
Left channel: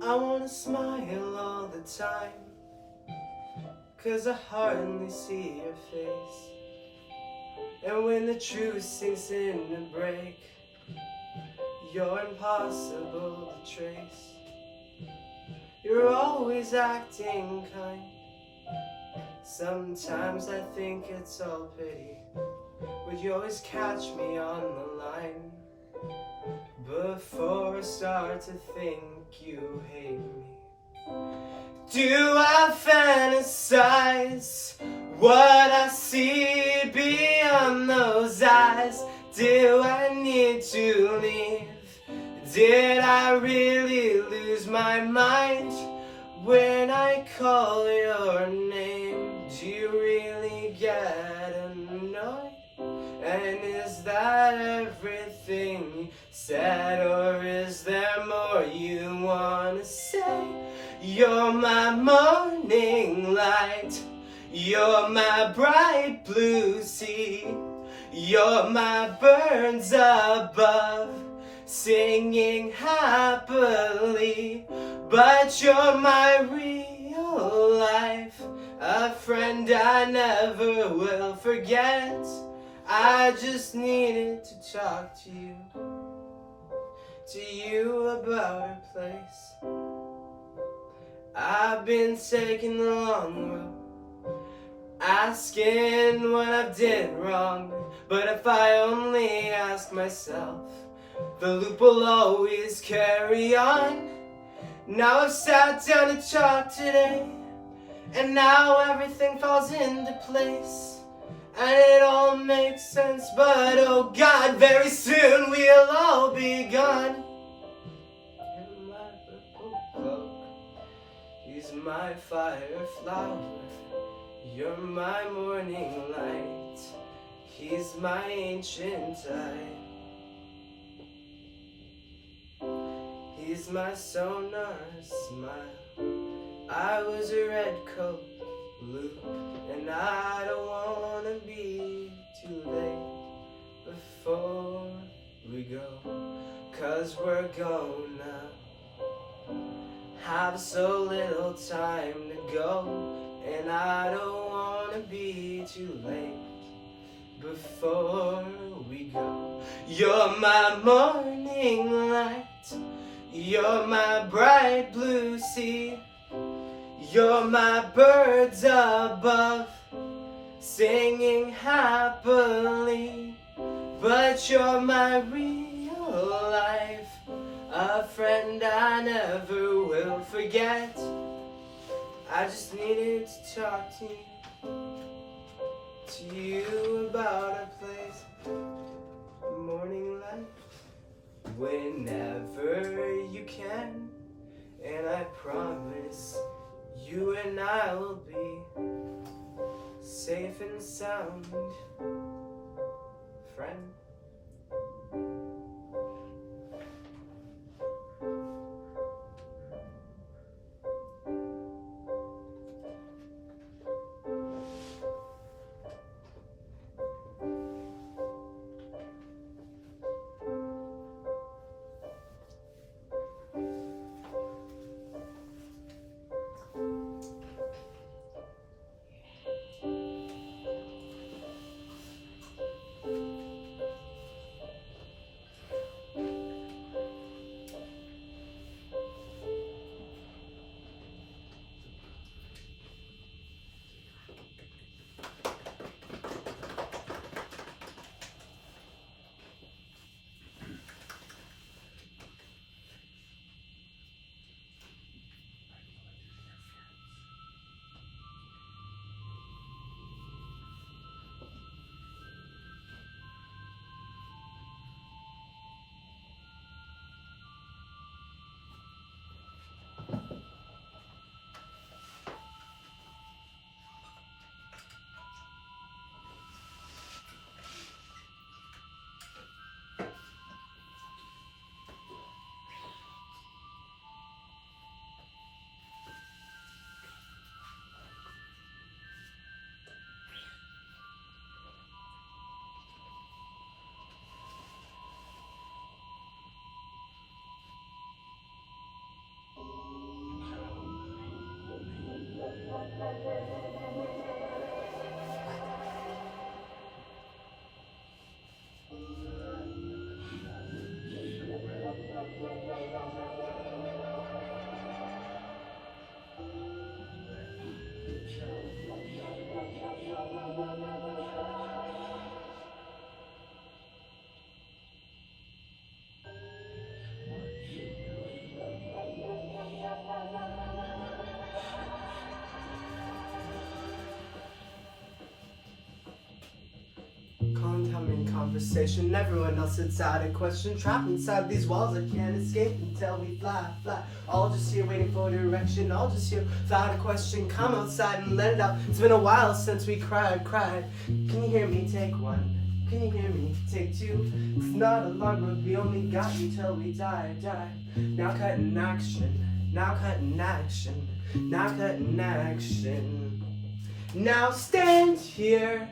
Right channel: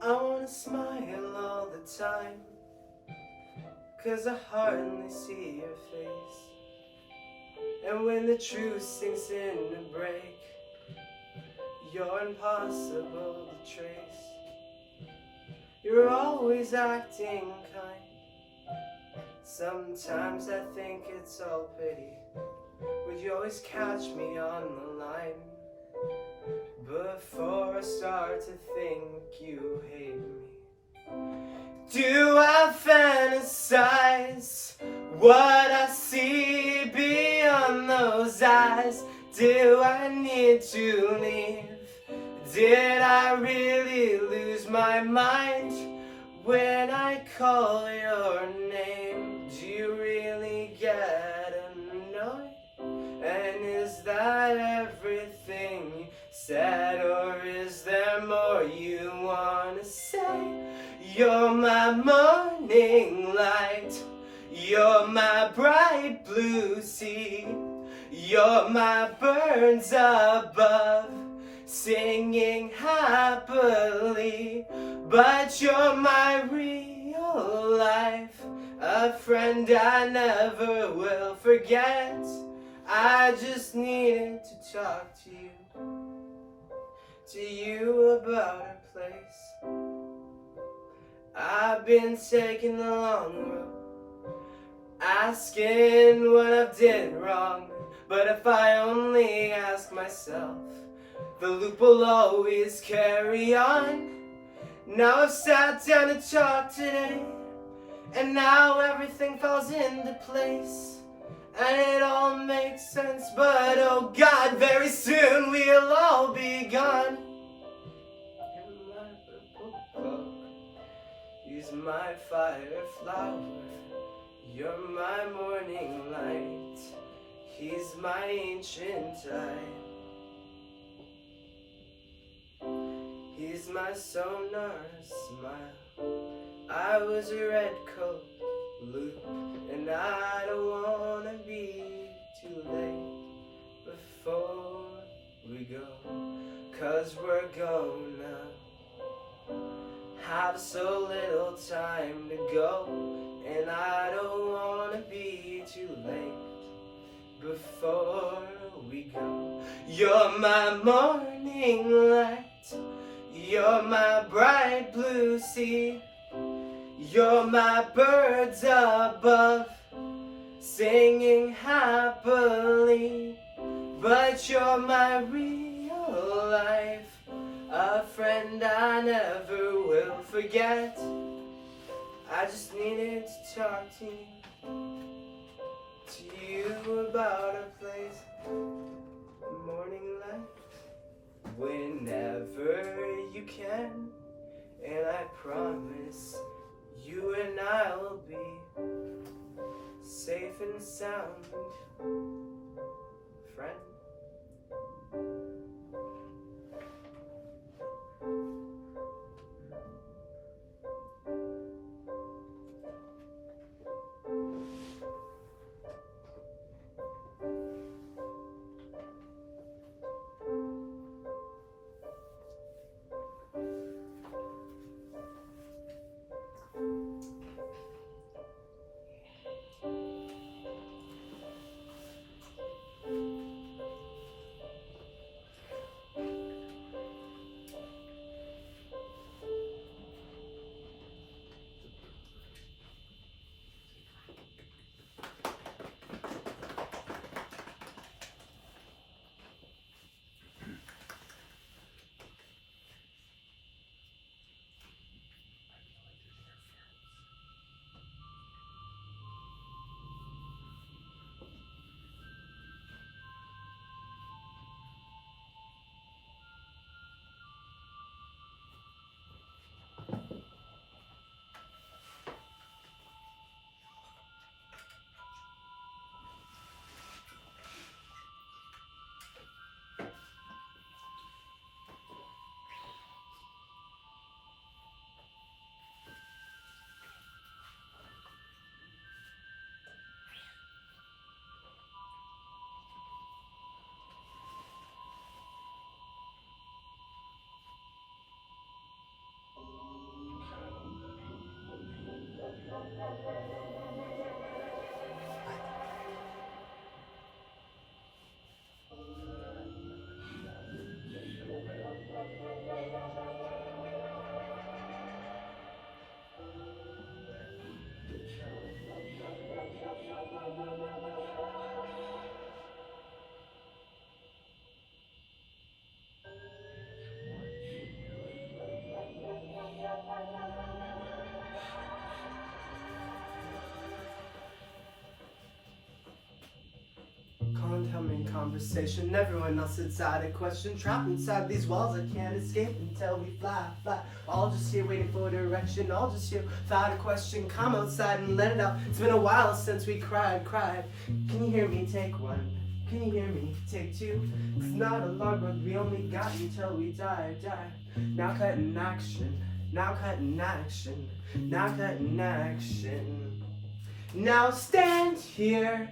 I wanna smile all the time, 'cause I hardly see your face. And when the truth sinks in to break, you're impossible to trace. You're always acting kind. Sometimes I think it's all pity, but you always catch me on the line before I start to think you hate me. Do I fantasize what I see beyond those eyes? Do I need to leave? Did I really lose my mind when I call your name? Do you really get annoyed? And is that everything you said, or is there more you wanna say? You're my morning light, you're my bright blue sea, you're my birds above, singing happily. But you're my real life, a friend I never will forget. I just needed to talk to you about a place. I've been taking the long road, asking what I did wrong. But if I only ask myself, the loop will always carry on. Now I've sat down to talk today, and now everything falls into place, and it all makes sense. But oh God, very soon we'll all be gone. In my purple cloak, he's my fire flower, you're my morning light, he's my ancient tide, he's my sonar smile. I was a red coat loop, and I don't wanna be too late before we go, 'cause we're gonna have so little time to go, and I don't wanna be too late before we go. You're my morning light, you're my bright blue sea, you're my birds above, singing happily. But you're my real life, a friend I never will forget. I just needed to talk to you about a place, morning light, whenever you can. And I promise you and I will be safe and sound, friend. Contemplating conversation, everyone else inside a question. Trapped inside these walls, I can't escape until we fly, fly. All just here waiting for direction, all just here without a question. Come outside and let it out. It's been a while since we cried. Can you hear me? Take one. Can you hear me? Take two. It's not a long road, we only got until we die. Now cutting action, now cutting action, now cutting action. Now stand here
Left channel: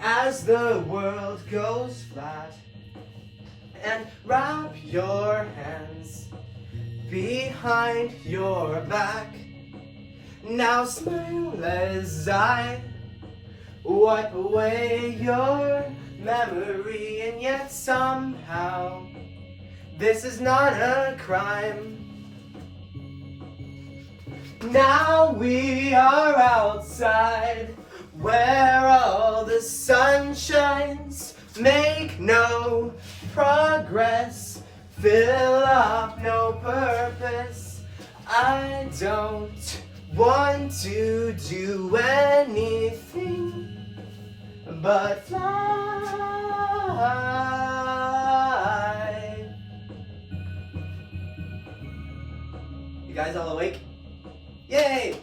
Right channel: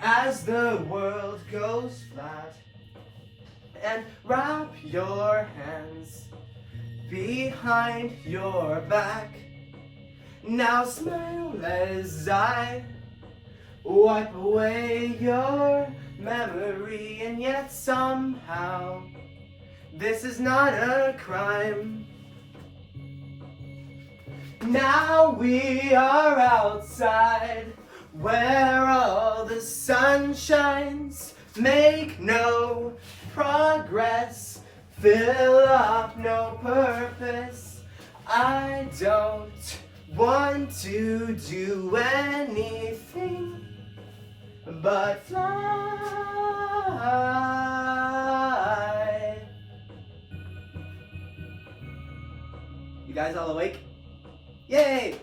as the world goes flat, and wrap your hands behind your back. Now smile as I wipe away your memory, and yet somehow this is not a crime. Now we are outside where all the sun shines, make no progress, fill up no purpose. I don't want to do anything but fly. You guys all awake? Yay!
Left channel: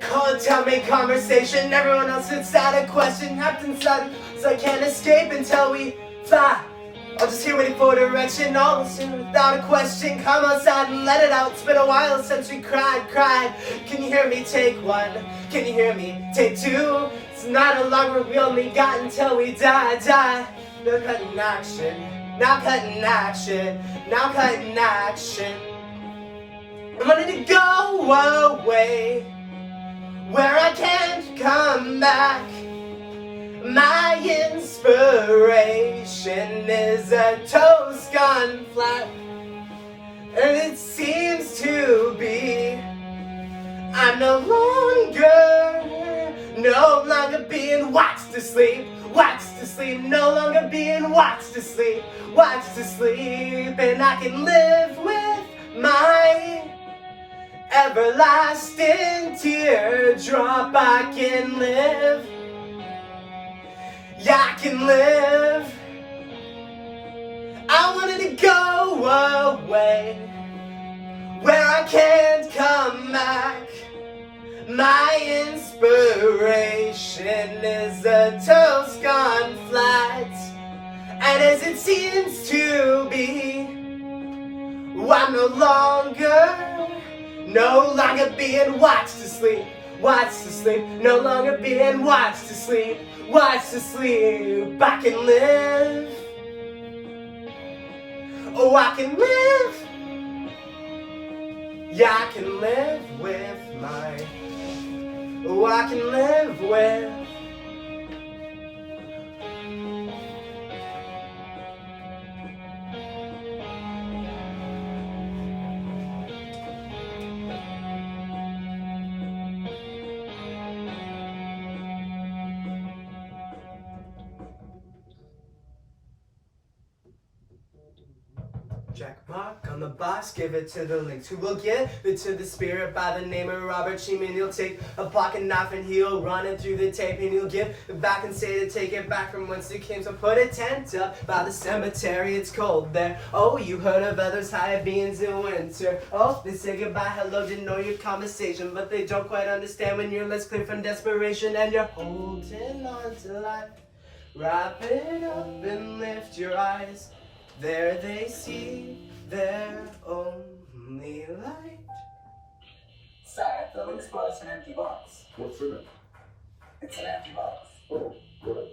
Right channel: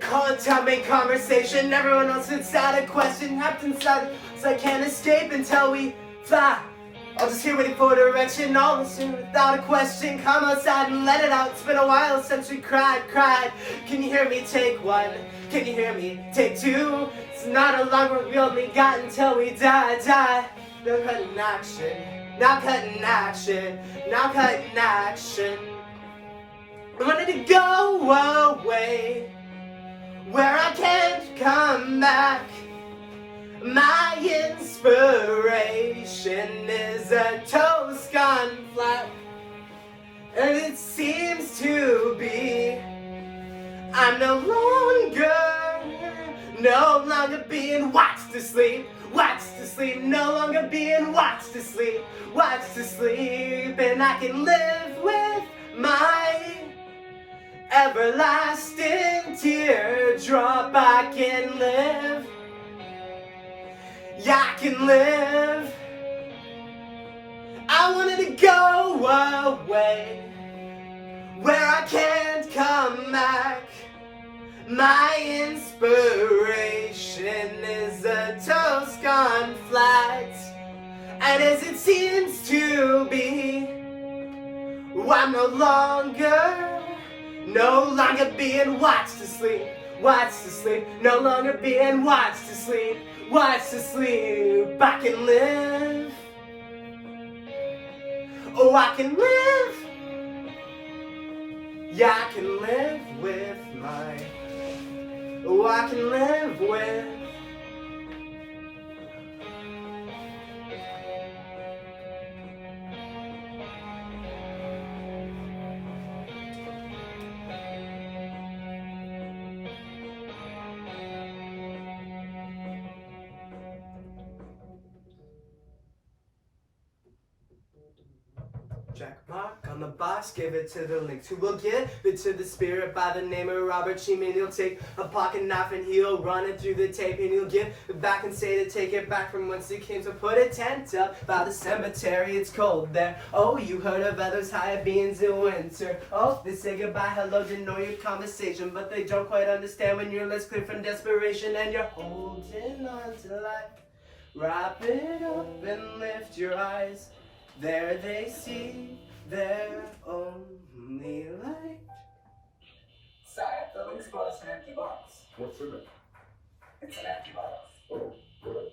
Contemplate conversation, everyone else inside a question, trapped inside, so I can't escape until we fly. I'll just here waiting for direction, all listen without a question. Come outside and let it out, it's been a while since we cried. Can you hear me? Take one. Can you hear me? Take two. It's not a long road, we only got until we die. Now cutting action, now cutting action, now cutting action. I wanted to go away where I can't come back. My inspiration is a toast gone flat, and it seems to be I'm no longer being watched to sleep, no longer being watched to sleep, and I can live with my everlasting teardrop. I can live, yeah, I can live. I wanted to go away where I can't come back. My inspiration is a toast gone flat, and as it seems to be, I'm no longer being watched to sleep, no longer being watched to sleep, I can live, oh I can live, yeah I can live with my, oh I can live with. Check mark on the box, give it to the lynx, who will give it to the spirit by the name of Robert Sheeman. He'll take a pocket knife and he'll run it through the tape, and he'll give it back and say to take it back from whence it came. So put a tent up by the cemetery, it's cold there. Oh, you heard of others higher beings in winter. Oh, they say goodbye, hello, didn't know your conversation, but they don't quite understand when you're less clear from desperation and you're holding on to life. Wrap it up and lift your eyes. There they see their only light. Sire, the lynx was an empty box. What's in it? It's an empty box. Oh, good.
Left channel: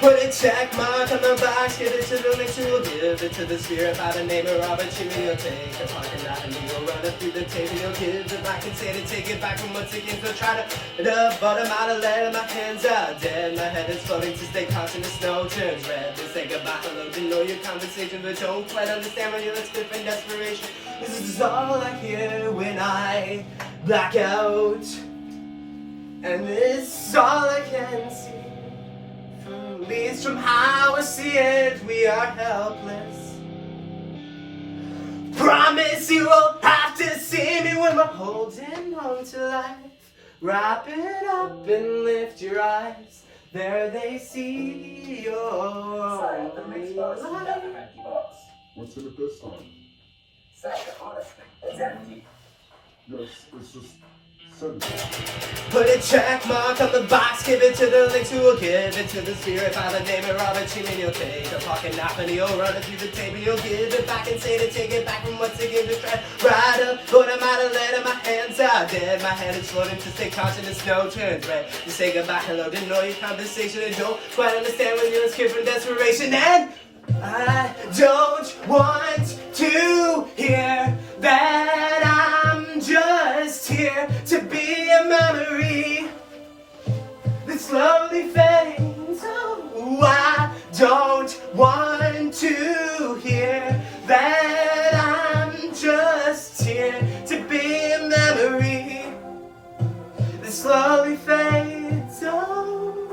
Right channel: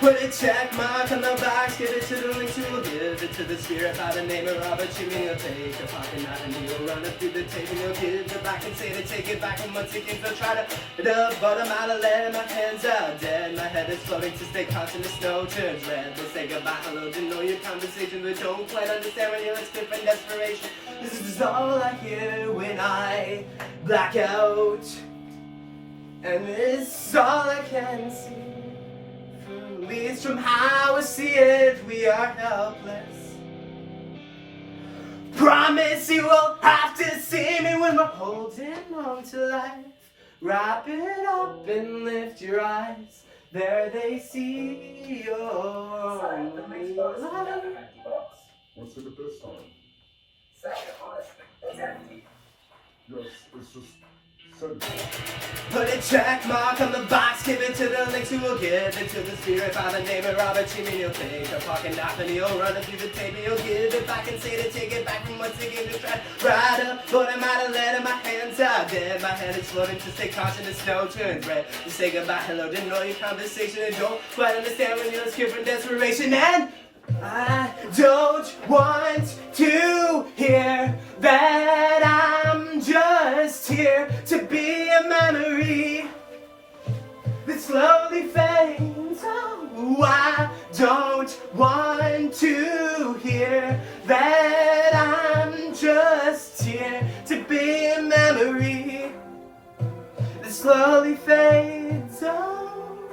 Put a check mark on the box, give it to the lynx, who will give it to the spirit by the name of Robert Sheeman. He'll take a pocket knife and he'll run it through the tape, and he'll give it back and say to take it back from once again. So try to bottom out and let my hands out dead. My head is floating to stay conscious, the snow turns red. They say goodbye, hello, to know your conversation, but don't quite understand when you're split from desperation. This is all I hear when I black out, and this is all I can see. At least from how I see it, we are helpless. Promise you won't have to see me when we're holding on to life. Wrap it up and lift your eyes. There they see your Sire, the lynx was light. an empty box. What's in it this time? Sire, honestly, it's empty. Yes, it's just send it. Put a check mark on the box, give it to the lynx, who will give it to the spirit by the name of Robert Sheeman. He'll take a pocket knife and he'll run it through the tape, and he'll give it back and say to take it back from once again. Just try right up, put him out and let him, my hands out dead. My head is floating to stay conscious, the snow turns red. To say goodbye, hello, didn't know your conversation, and don't quite understand when you're scared from desperation. And I don't want to hear that I'm just here to be a memory that slowly fades. Oh, I don't want to hear that I'm just here to be a memory that slowly fades. Oh,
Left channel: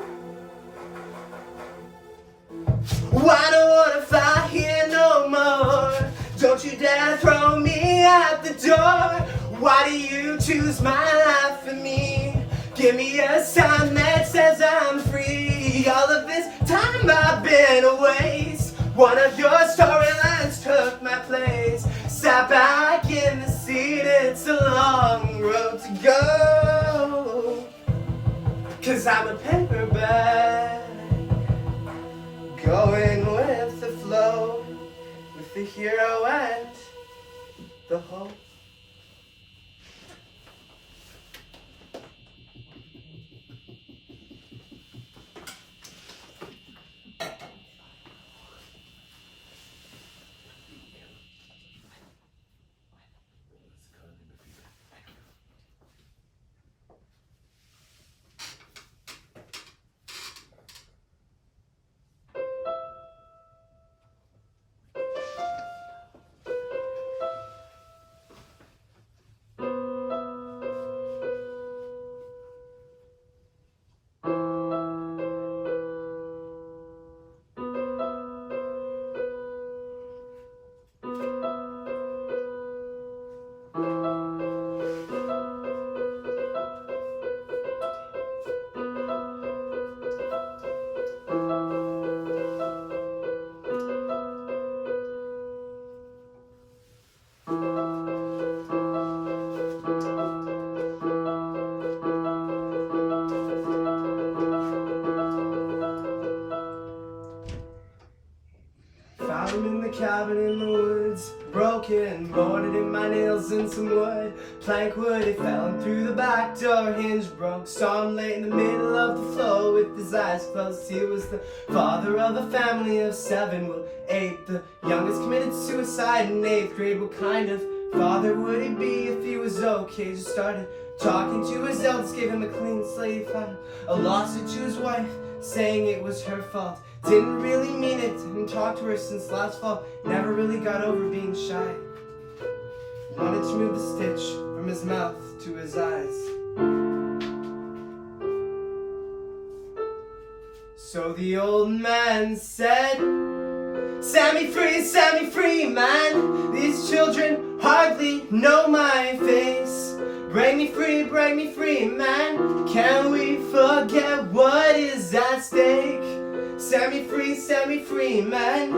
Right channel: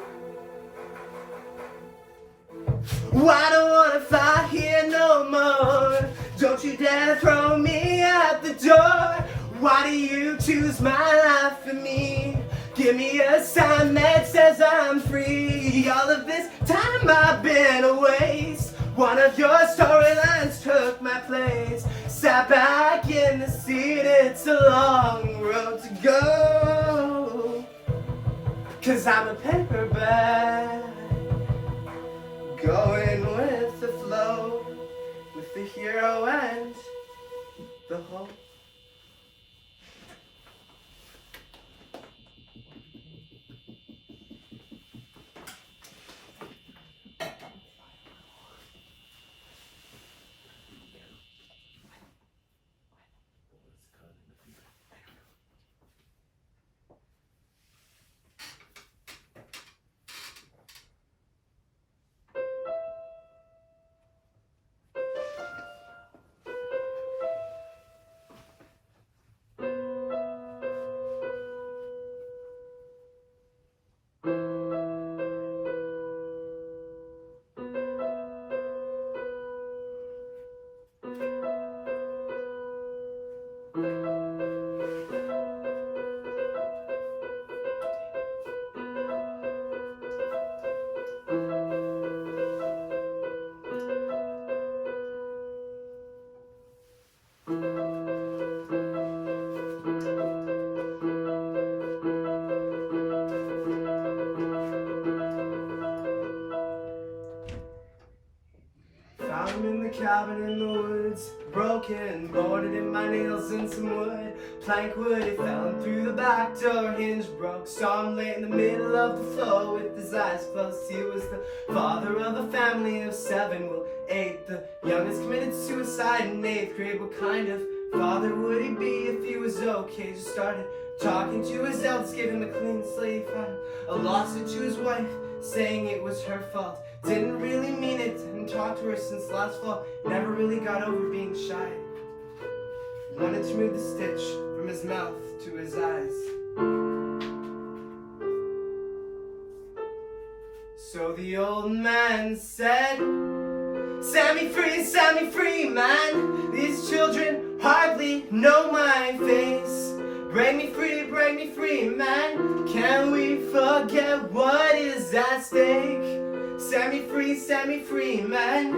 I don't wanna fight here no more. Don't you dare throw me out the door. Why do you choose my life for me? Give me a sign that says I'm free. All of this time I've been a waste. One of your storylines took my place. Sat back in the seat, it's a long road to go. 'Cause I'm a paperback, going with the flow, with the hero and the hope. Found him in the cabin in the woods, broken, boarded in my nails and some wood. Plank wood, he fell through the back door, hinge broke. Saw him lay in the middle of the floor with his eyes closed. He was the father of a family of 7, well 8. The youngest committed suicide in 8th grade. What kind of father would he be if he was okay? Just started talking to his eldest, gave him a clean slate, filed a lawsuit to his wife, saying it was her fault. Didn't really mean it, and talked to her since last fall. Never really got over being shy. Wanted to move the stitch from his mouth to his eyes. So the old man said, set me free, man. These children hardly know my face. Break me free, man. Can we forget what is at stake? Set me free, man.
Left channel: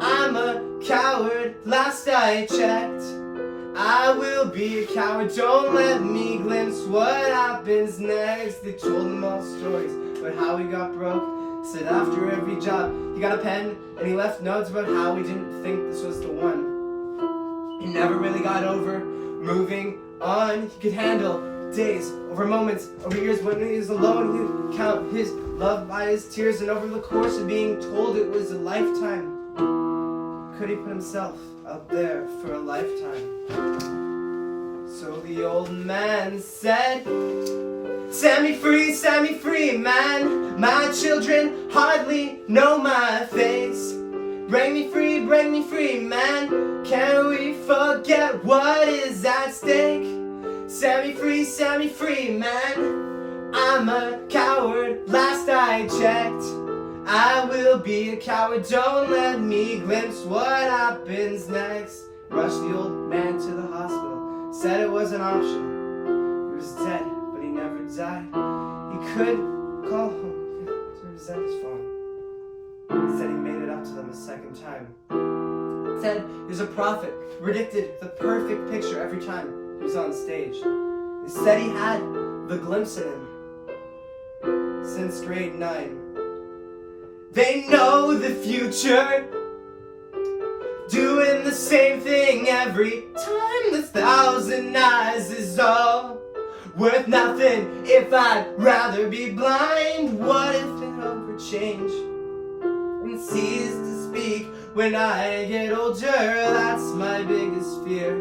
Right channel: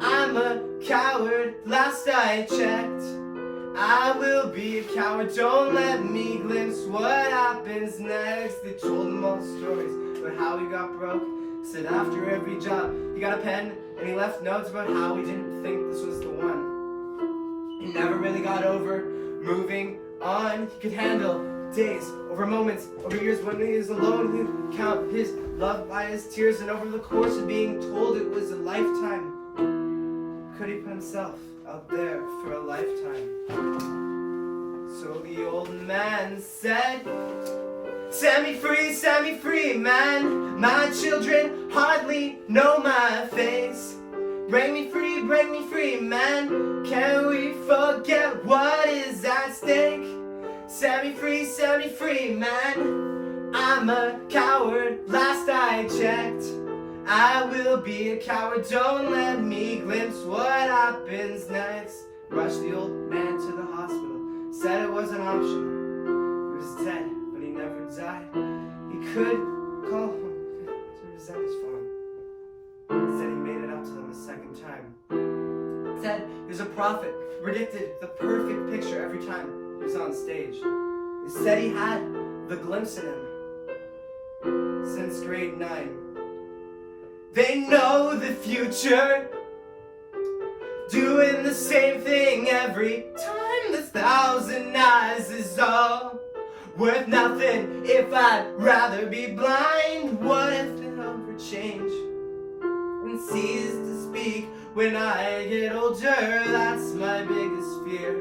I'm a coward, last I checked. I will be a coward, don't let me glimpse what happens next. They told him all stories about how he got broke. Said after every job he got a pen and he left notes about how he didn't think this was the one. He never really got over moving on. He could handle days over moments, over years. When he was alone, he'd count his love by his tears. And over the course of being told it was a lifetime, could he put himself out there for a lifetime? So the old man said, set me free, man. My children hardly know my face. Break me free, man. Can we forget what is at stake? Set me free, man. I'm a coward, last I checked. I will be a coward, don't let me glimpse what happens next. Rushed the old man to the hospital, said it wasn't optional. He was dead, but he never died. He could call home to resent his phone. Said he made it up to them a second time. Said he was a prophet, predicted the perfect picture every time he was on stage. He said he had the glimpse in him since grade 9. They know the future, doing the same thing every time. This 1,000 eyes is all worth nothing if I'd rather be blind. What if they hope for change and cease to speak when I get older? That's my biggest fear.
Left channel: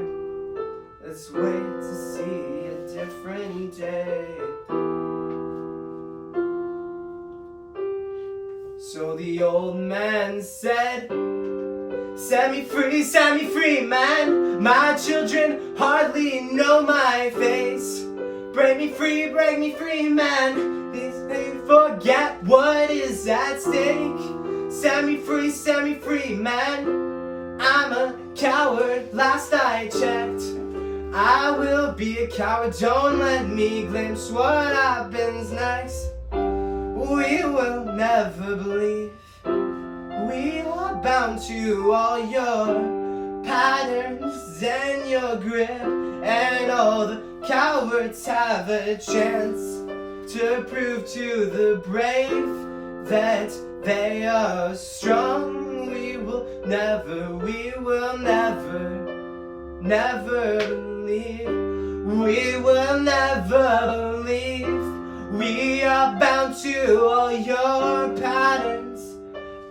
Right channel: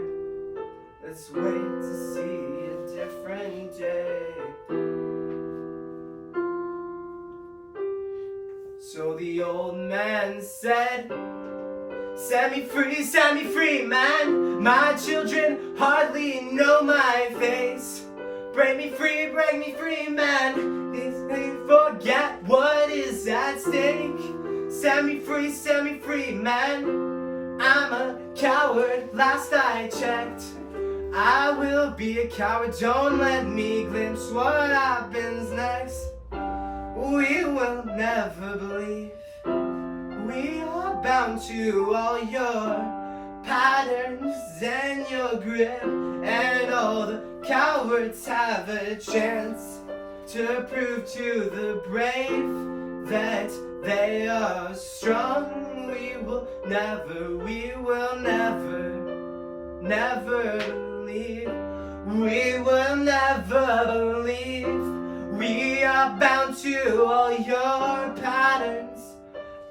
Let's wait to see a different day. So the old man said, set me free, man. My children hardly know my face. Break me free, man. Please may forget what is at stake. Set me free, man. I'm a coward, last I checked. I will be a coward, don't let me glimpse what happens next. We will never believe. We are bound to all your patterns and your grip. And all the cowards have a chance to prove to the brave that they are strong. We will never believe. We will never believe. We are bound to all your patterns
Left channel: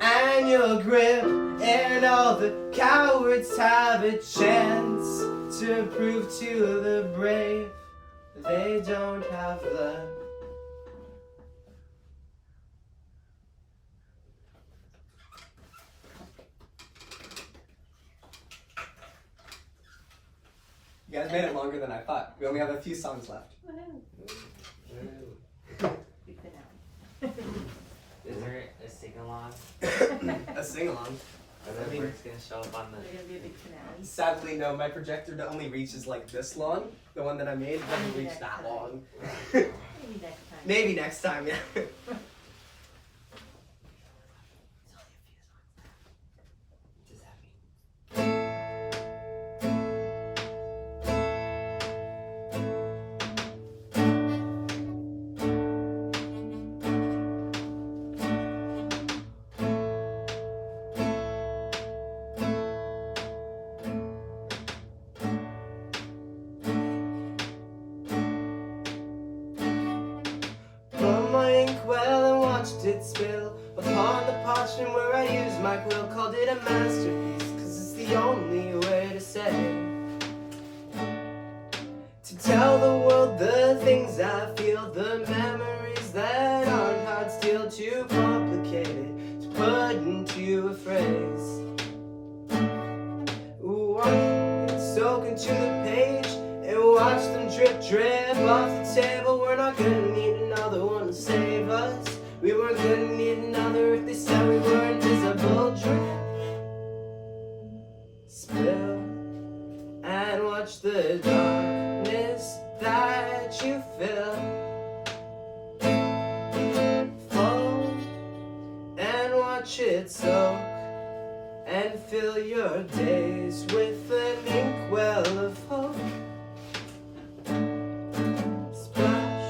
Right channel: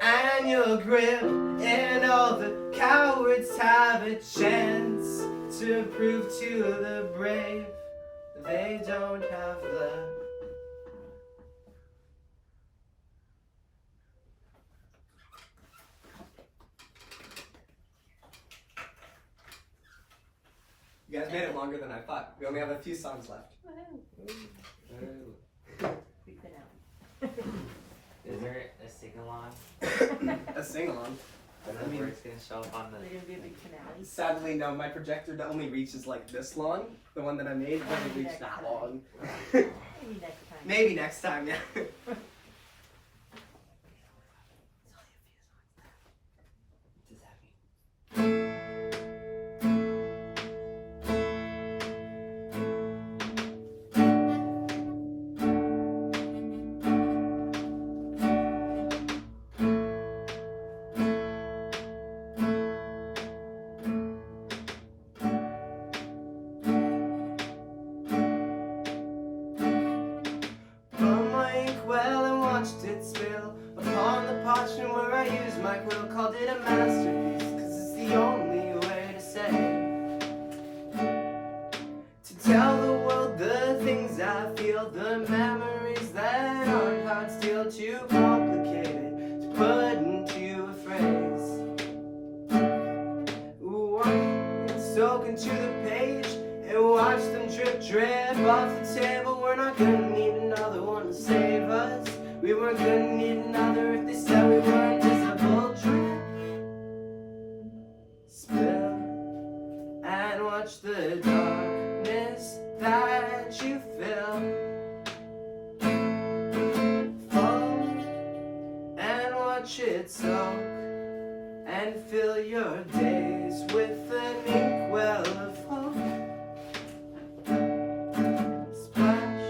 and your grip. And all the cowards have a chance to prove to the brave they don't have the. You guys made it longer than I thought. We only have a few songs left. Big finale. Is there a sing-along? A sing-along. I mean, it's gonna show up on We're the. gonna do a big finale. Sadly, no. My projector only reaches like this long. The one that I made doesn't reach that long. Maybe next time. Maybe next time, yeah. What does that mean? It spill upon the parchment where I used my quill. Called it a masterpiece, cause it's the only way to say, to tell the world the things I feel, the memories that aren't hard still, too complicated to put into a phrase. Ooh, I'm soaking to the page and watch them drip off the table. We're not gonna need another one to save us. We weren't gonna need another if they said we were invisible. Drip watch it soak and fill your days with an inkwell of hope. Splash.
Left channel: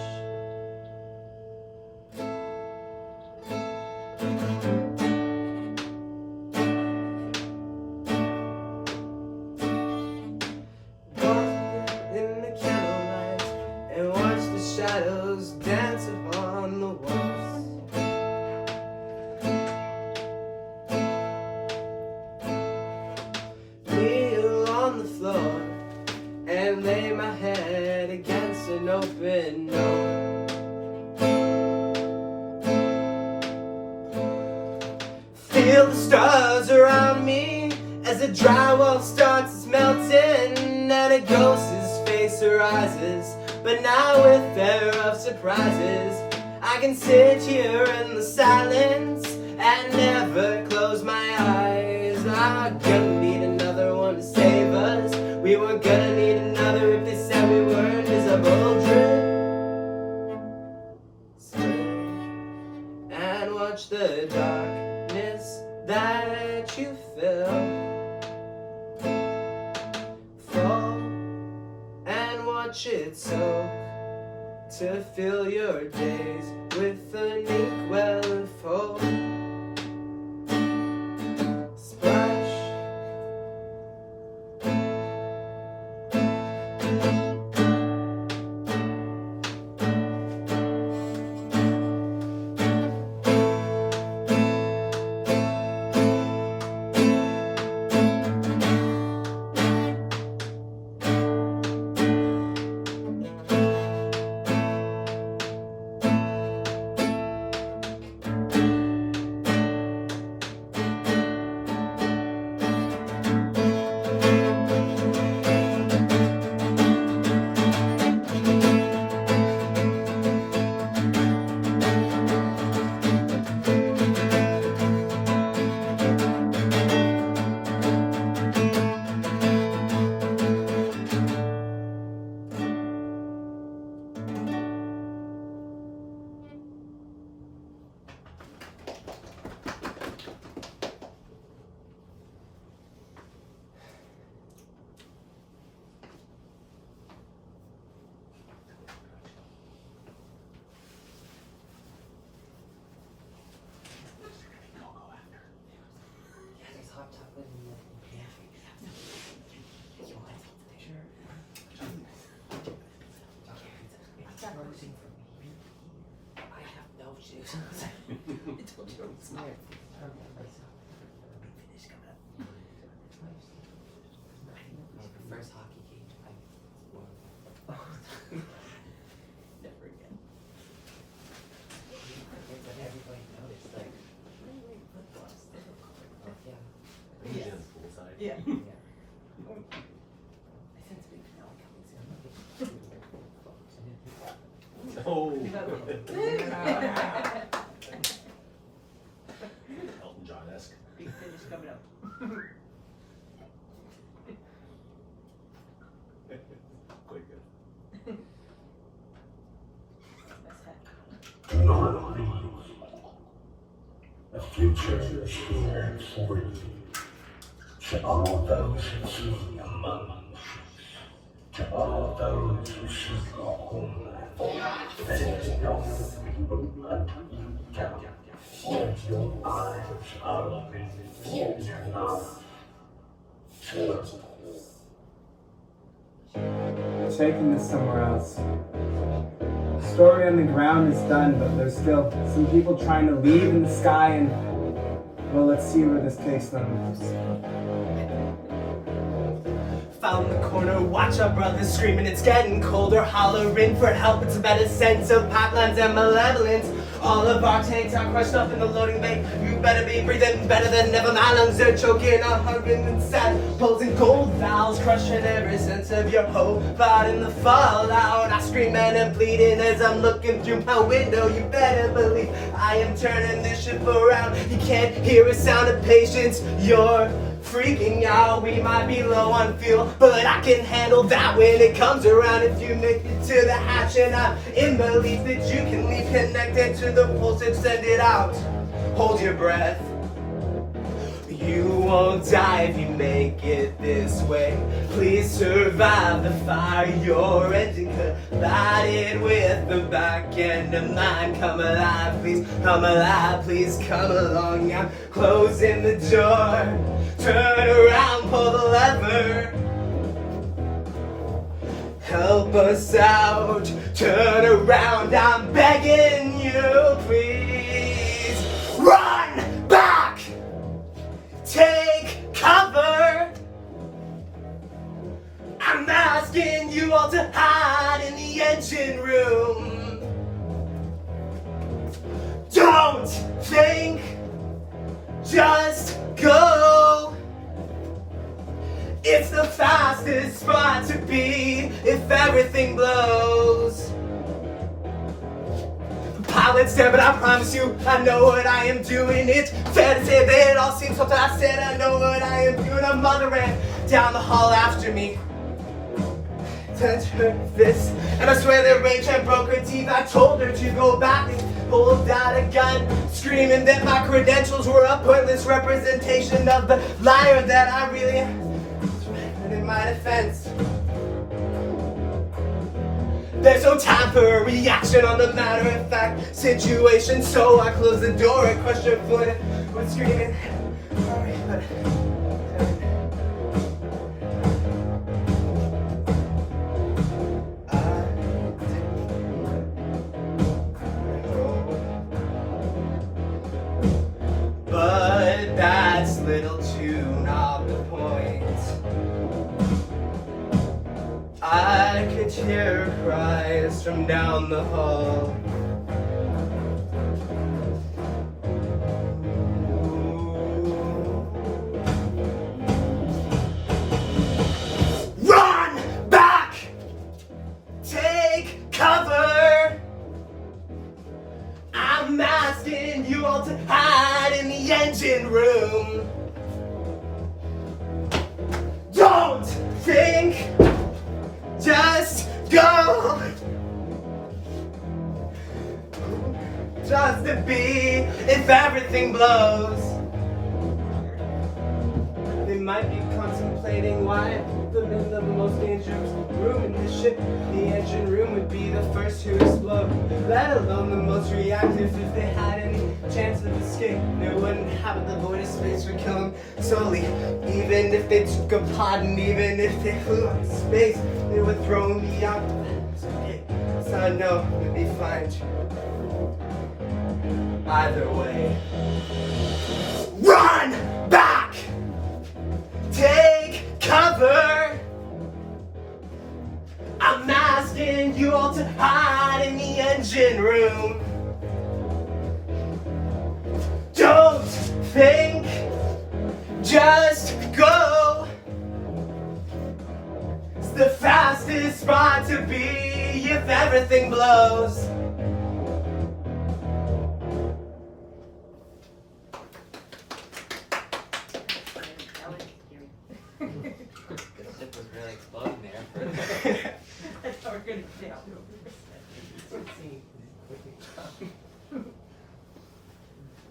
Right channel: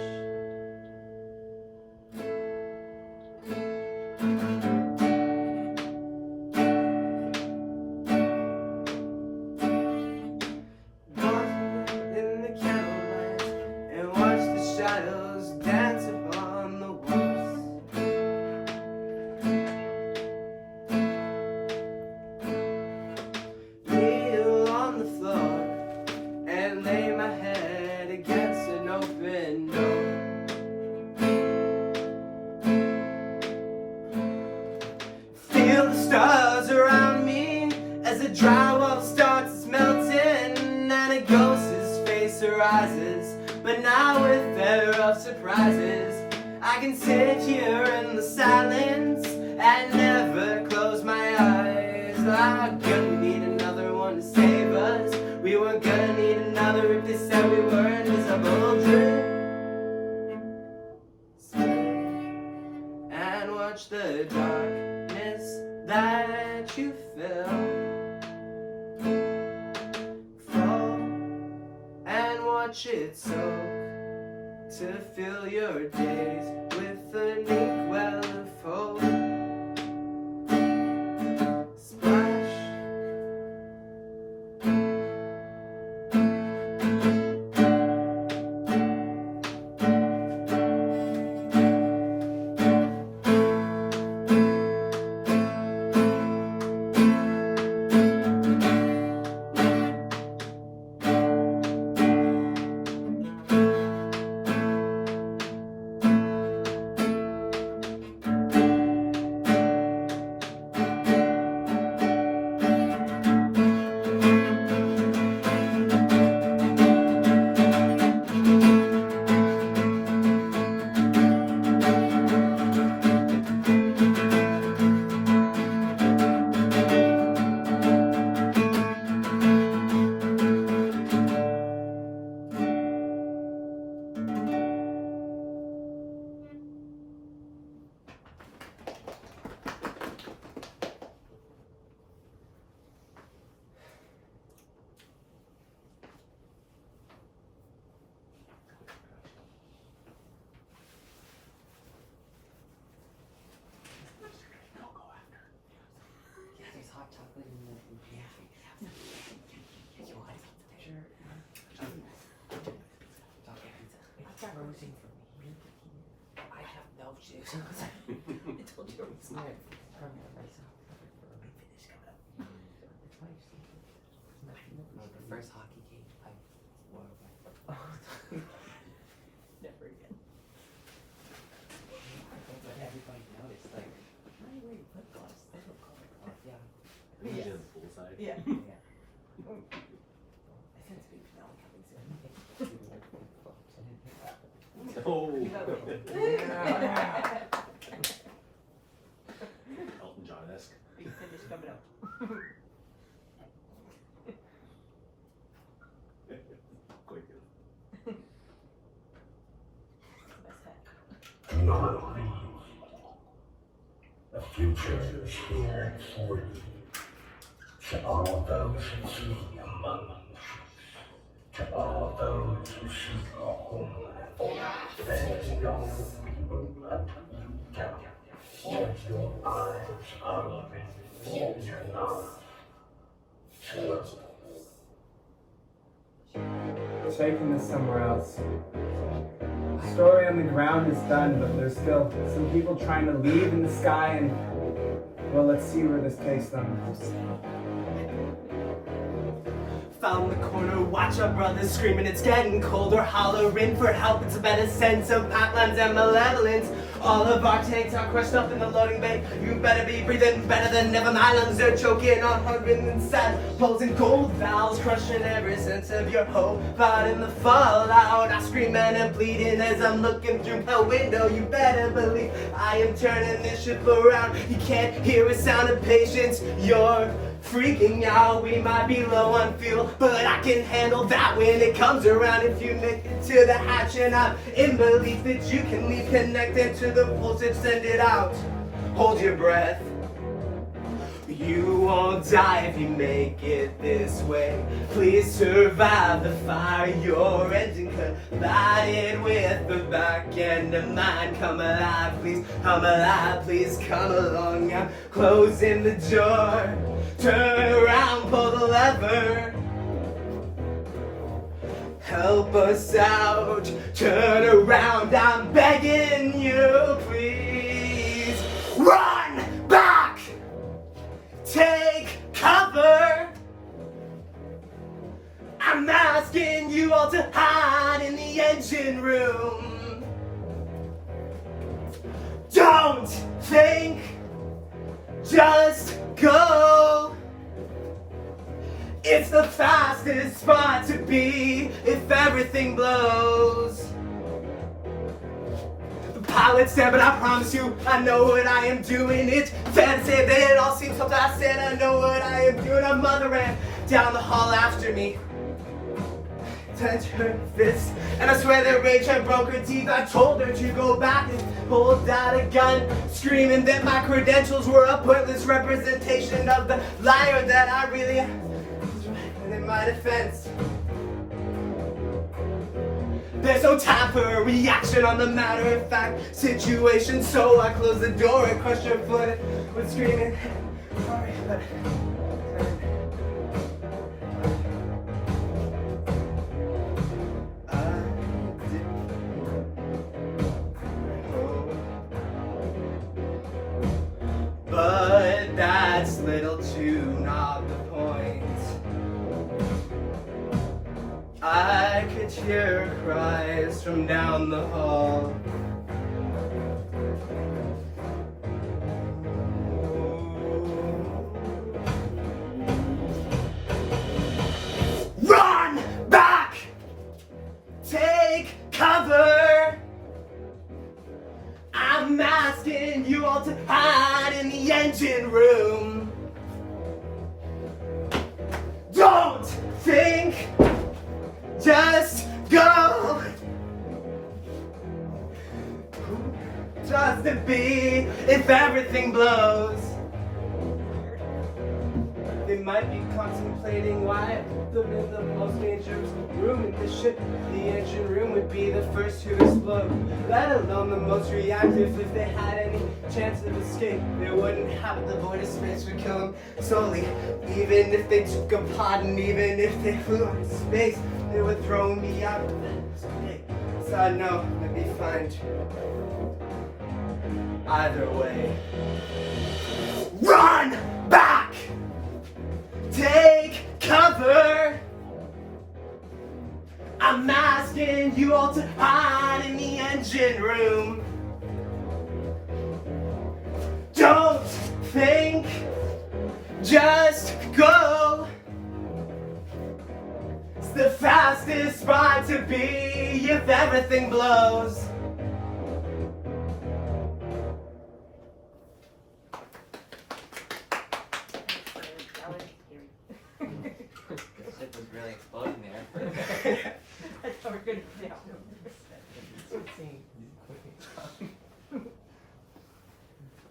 Walk in the candlelight and watch the shadows dance upon the walls. Kneel on the floor and lay my head against an open door. Feel the stars around me as the drywall starts melting and a ghost's face arises, but now with fear of surprises. I can sit here in the silence and never close my eyes. I'm gonna need another one to save us. We were gonna need another if they said we were invisible. Stay and watch the darkness that you fill fall and watch it soak to fill your days with an inkwell of hope. Splash. Yeah, there's hot chocolate in the pantry. You want it? Sure. Okay, it's frozen for me. I have no shoes. I told you it was mine. Finish coming up. The first hockey game I won. Never again. But everybody noticed, like, Why are you wearing flip flops? They don't color. yeah. Yes. Poolside. Yeah. Yeah. I sense big snow coming soon. Oh. Yeah. Elton John-esque. Big finish coming up. Quite good. Best hat. The future is here for you. To all those who seek among us, to all those who seek a home life, there's no freedom until you can. Yet your eyes are open, yet you're not. Taking this somewhere else. Story on the ground is done, but there's still some people trying to leave in the sky, and well, let's see where this takes them. Found the corner, watch our brothers screaming, it's getting colder, hollering for help, it's a better sense of pipelines and malevolence. All of our tanks are crushed up in the loading bay. You better be breathing better than ever. My lungs are choking on hunger inside. Pulls and gold valves crushing every sense of your hope. Out in the fallout, I screaming and bleeding as I'm looking through my window. You better believe I am turning this ship around. You can't hear a sound of patience. You're freaking out. We might be low on fuel, but I can handle that when it comes around. If you make it to the hatch, and I'm in belief that you can leave connected to the pulse and send it out. Hold your breath. You won't die if you make it this way. Please survive the fire your engine collided with the back end of mine. Come alive, please come alive, please come along. I'm closing the door. Turn around, pull the lever. Help us out, turn around, I'm begging you, please. Run back, take cover. I'm asking you all to hide in the engine room. Don't think, just go. It's the fastest spot to be if everything blows. The pilot's there, but I promise you, I know what I am doing. It's fair to say that it all seems something I said. I know what I am doing. A mother ran down the hall after me. Touched her fist, and I swear that rage had broke her teeth. I told her to go back and pulled out a gun, screaming that my credentials were a pointless representation of the liar that I really am. In my defense, there's no time for a reaction on the matter-of-fact situation, so I closed the door and crushed her foot with screaming, sorry, but but that's little too not the point. I could hear her cries from down the hall. Run back! Take cover! I'm asking you all to hide in the engine room. Don't think, just go. Just to be if everything blows. They might be contemplating why I put them in the most dangerous room in the ship. The engine room would be the first to explode, let alone the most reactive. If they had any chance of escape, they wouldn't have the void of space for killing slowly. Even if they took a pot and even if they flew into space, they would throw me out. It's okay, so I know it'd be fine too. Either way, run back! Take cover! I'm asking you all to hide in the engine room. Don't think, just go. It's the fastest spot to be if everything blows. The ship was really exploding there. I thought we were gonna fail.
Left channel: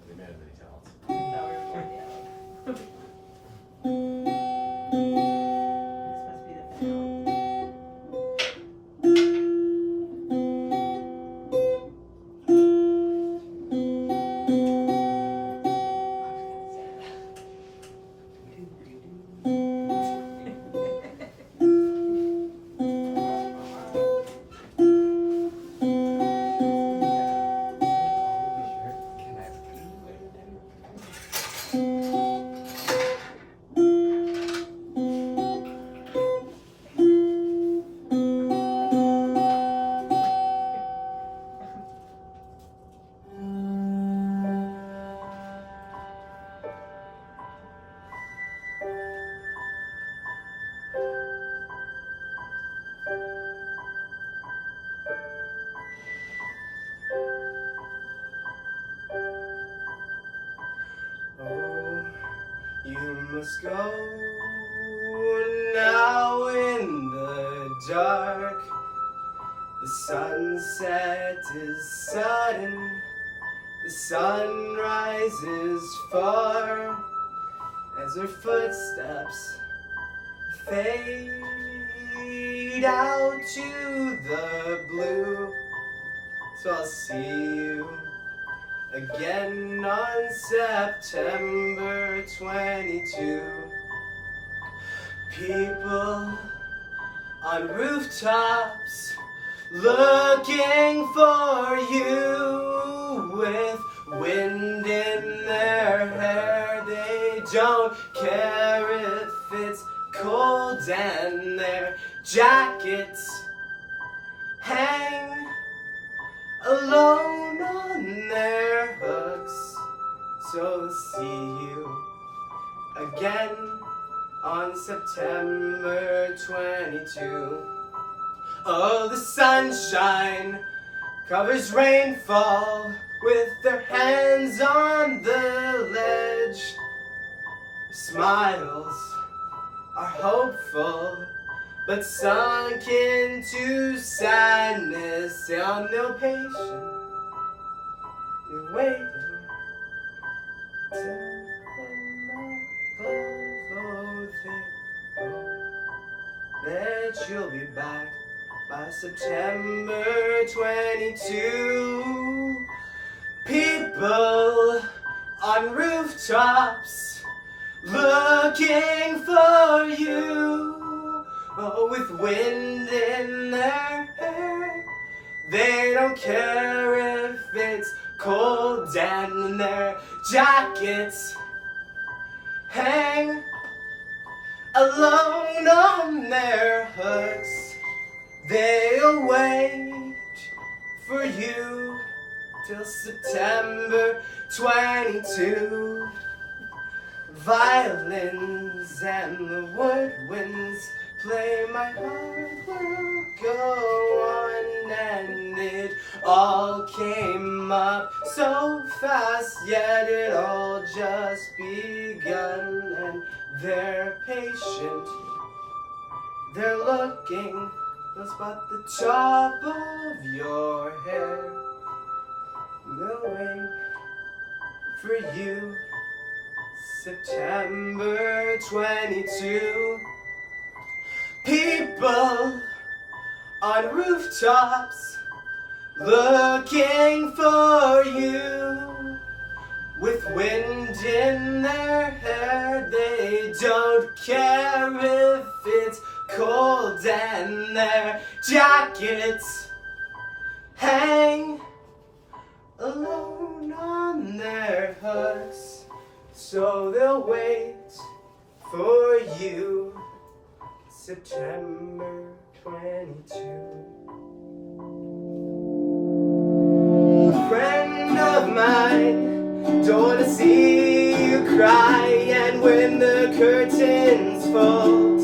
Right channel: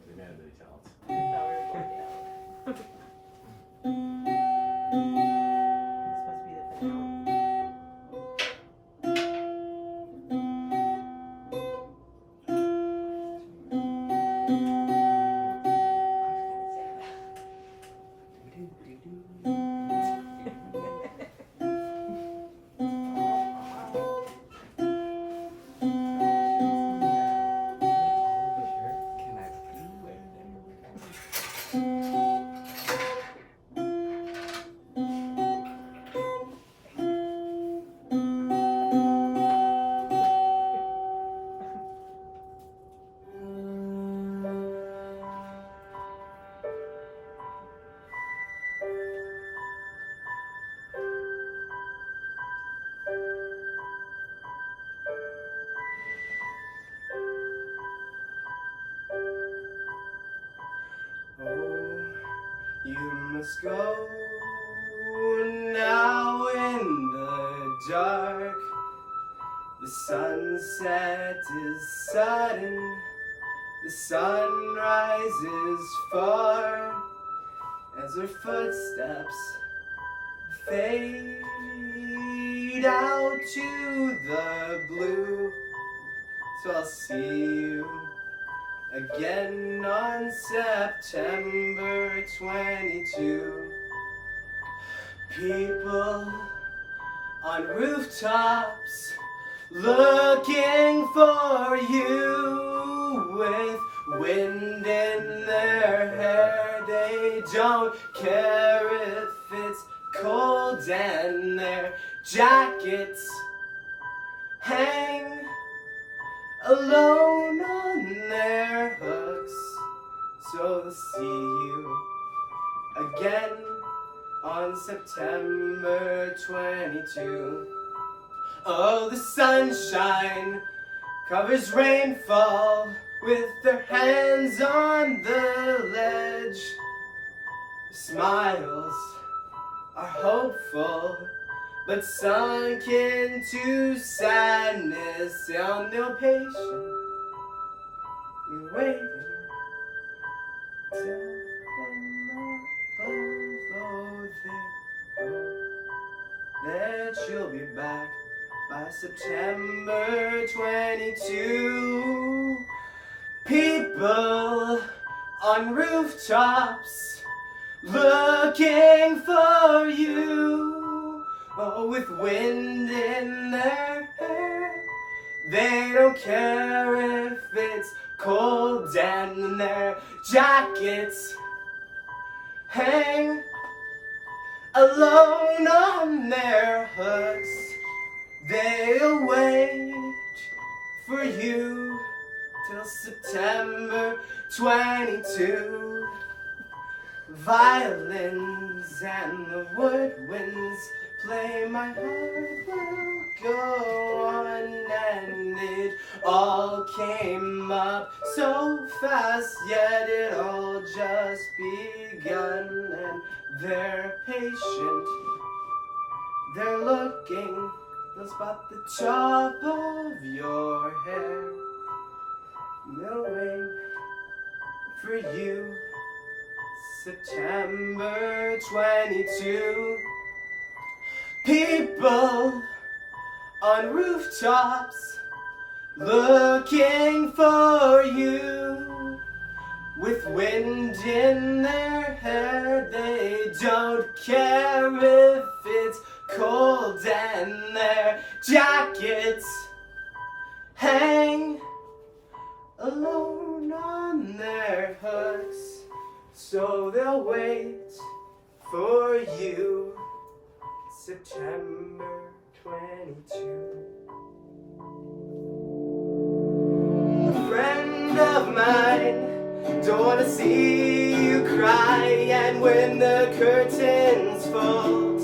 They may have many talents. No, we were going down. This must be the finale. Oh, you must go now in the dark. The sunset is sudden, the sunrise is far. as her footsteps fade out to the blue. So I'll see you again on September 22. People on rooftops looking for you with wind in their hair. They don't care if it's cold and their jackets hang alone on their hooks. So I'll see you again on September 22. Oh, the sunshine covers rainfall with their hands on the ledge. Smiles are hopeful, but sunk into sadness. They are no patient. You're waiting till that you'll be back by September 22. People on rooftops looking for you, oh, with wind in their hair. They don't care if it's cold and their jackets hang alone on their hooks. They'll wait for you till September 22. Violins and the woodwinds play, my heart will go on, and it all came up so fast, yet it all just begun. And they're patient, they're looking, they'll spot the top of your hair. They'll wait for you September 22. People on rooftops looking for you with wind in their hair. They don't care if it's cold and their jackets hang alone on their hooks. So they'll wait for you September 22. A friend of mine, don't wanna see you cry, and when the curtains fold,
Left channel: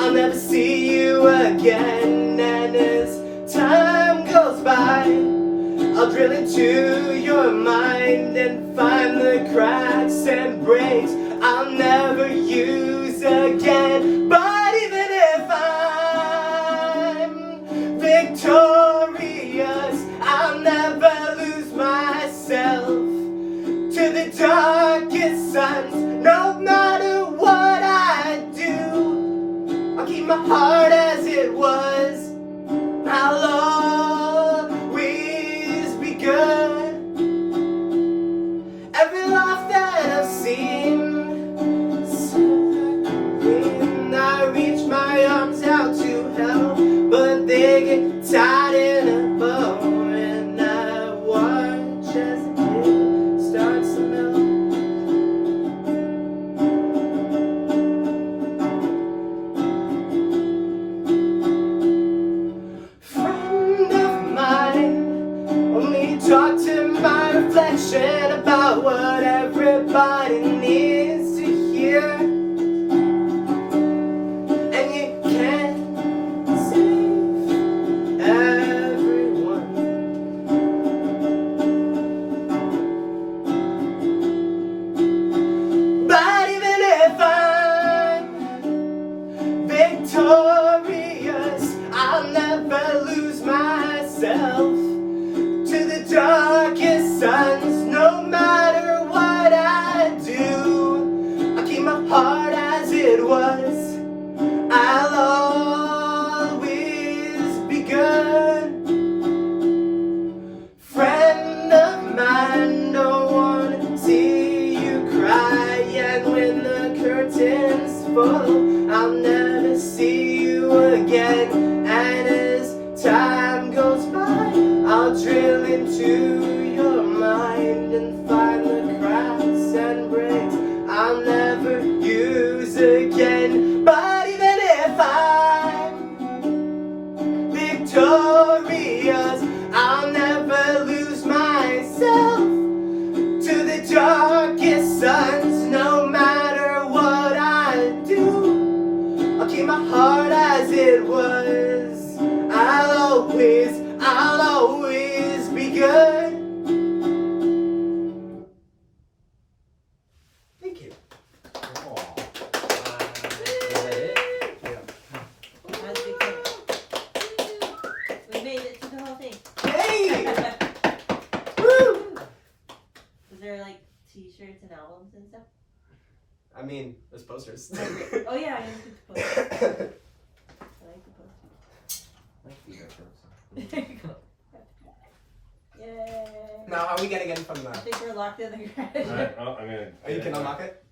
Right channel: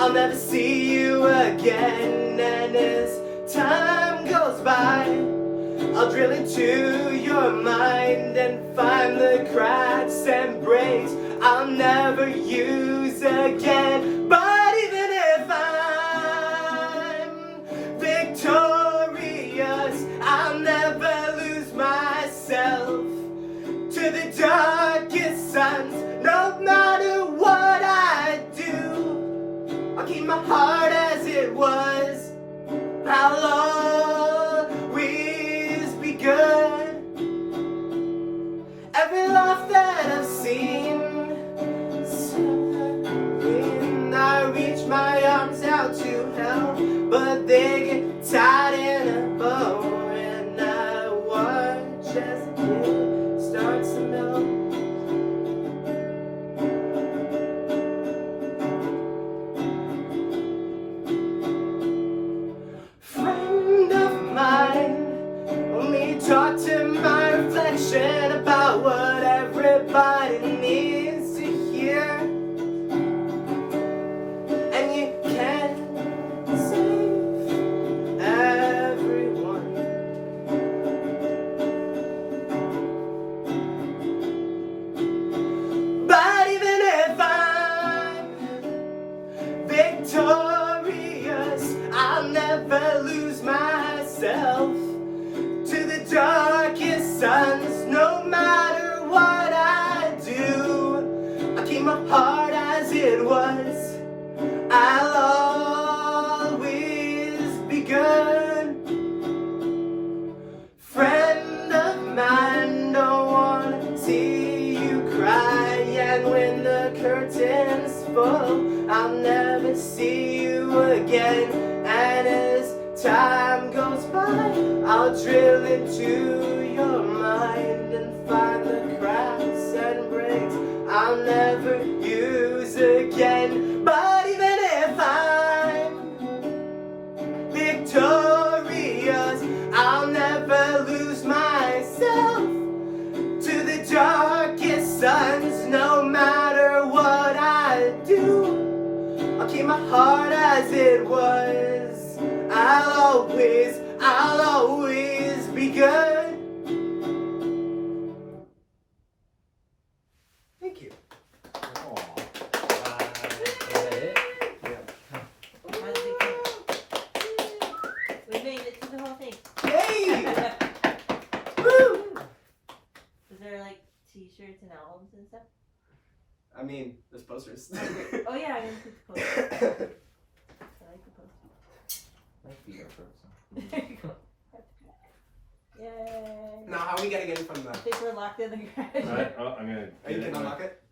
I'll never see you again. And as time goes by, I'll drill into your mind and find the cracks and breaks I'll never use again. But even if I'm victorious, I'll never lose myself to the darkest suns. No matter what I do, I'll keep my heart as it was. I'll always be good. Every laugh that I've seen, when I reach my arms out to help, but they get tied in a bow, and I watch as the kid starts to melt. Friend of mine, only talk to my reflection about what everybody curtains full. I'll never see you again. And as time goes by, I'll drill into your mind and find the cracks and breaks I'll never use again. But even if I'm victorious, I'll never lose myself to the darkest suns. No matter what I do, I'll keep my heart as it was. I'll always be good. Thank you. We made it to the whole thing. Hey! Woo! Was there like t-shirts and albums and stuff? I mean, there's posters. Oh yeah, I need to post. I like the posters. Like the intro song. There you go. Yay! Now, how are we getting in from I the... think we're locked in the garage. I'm gonna. Oh, you can unlock it?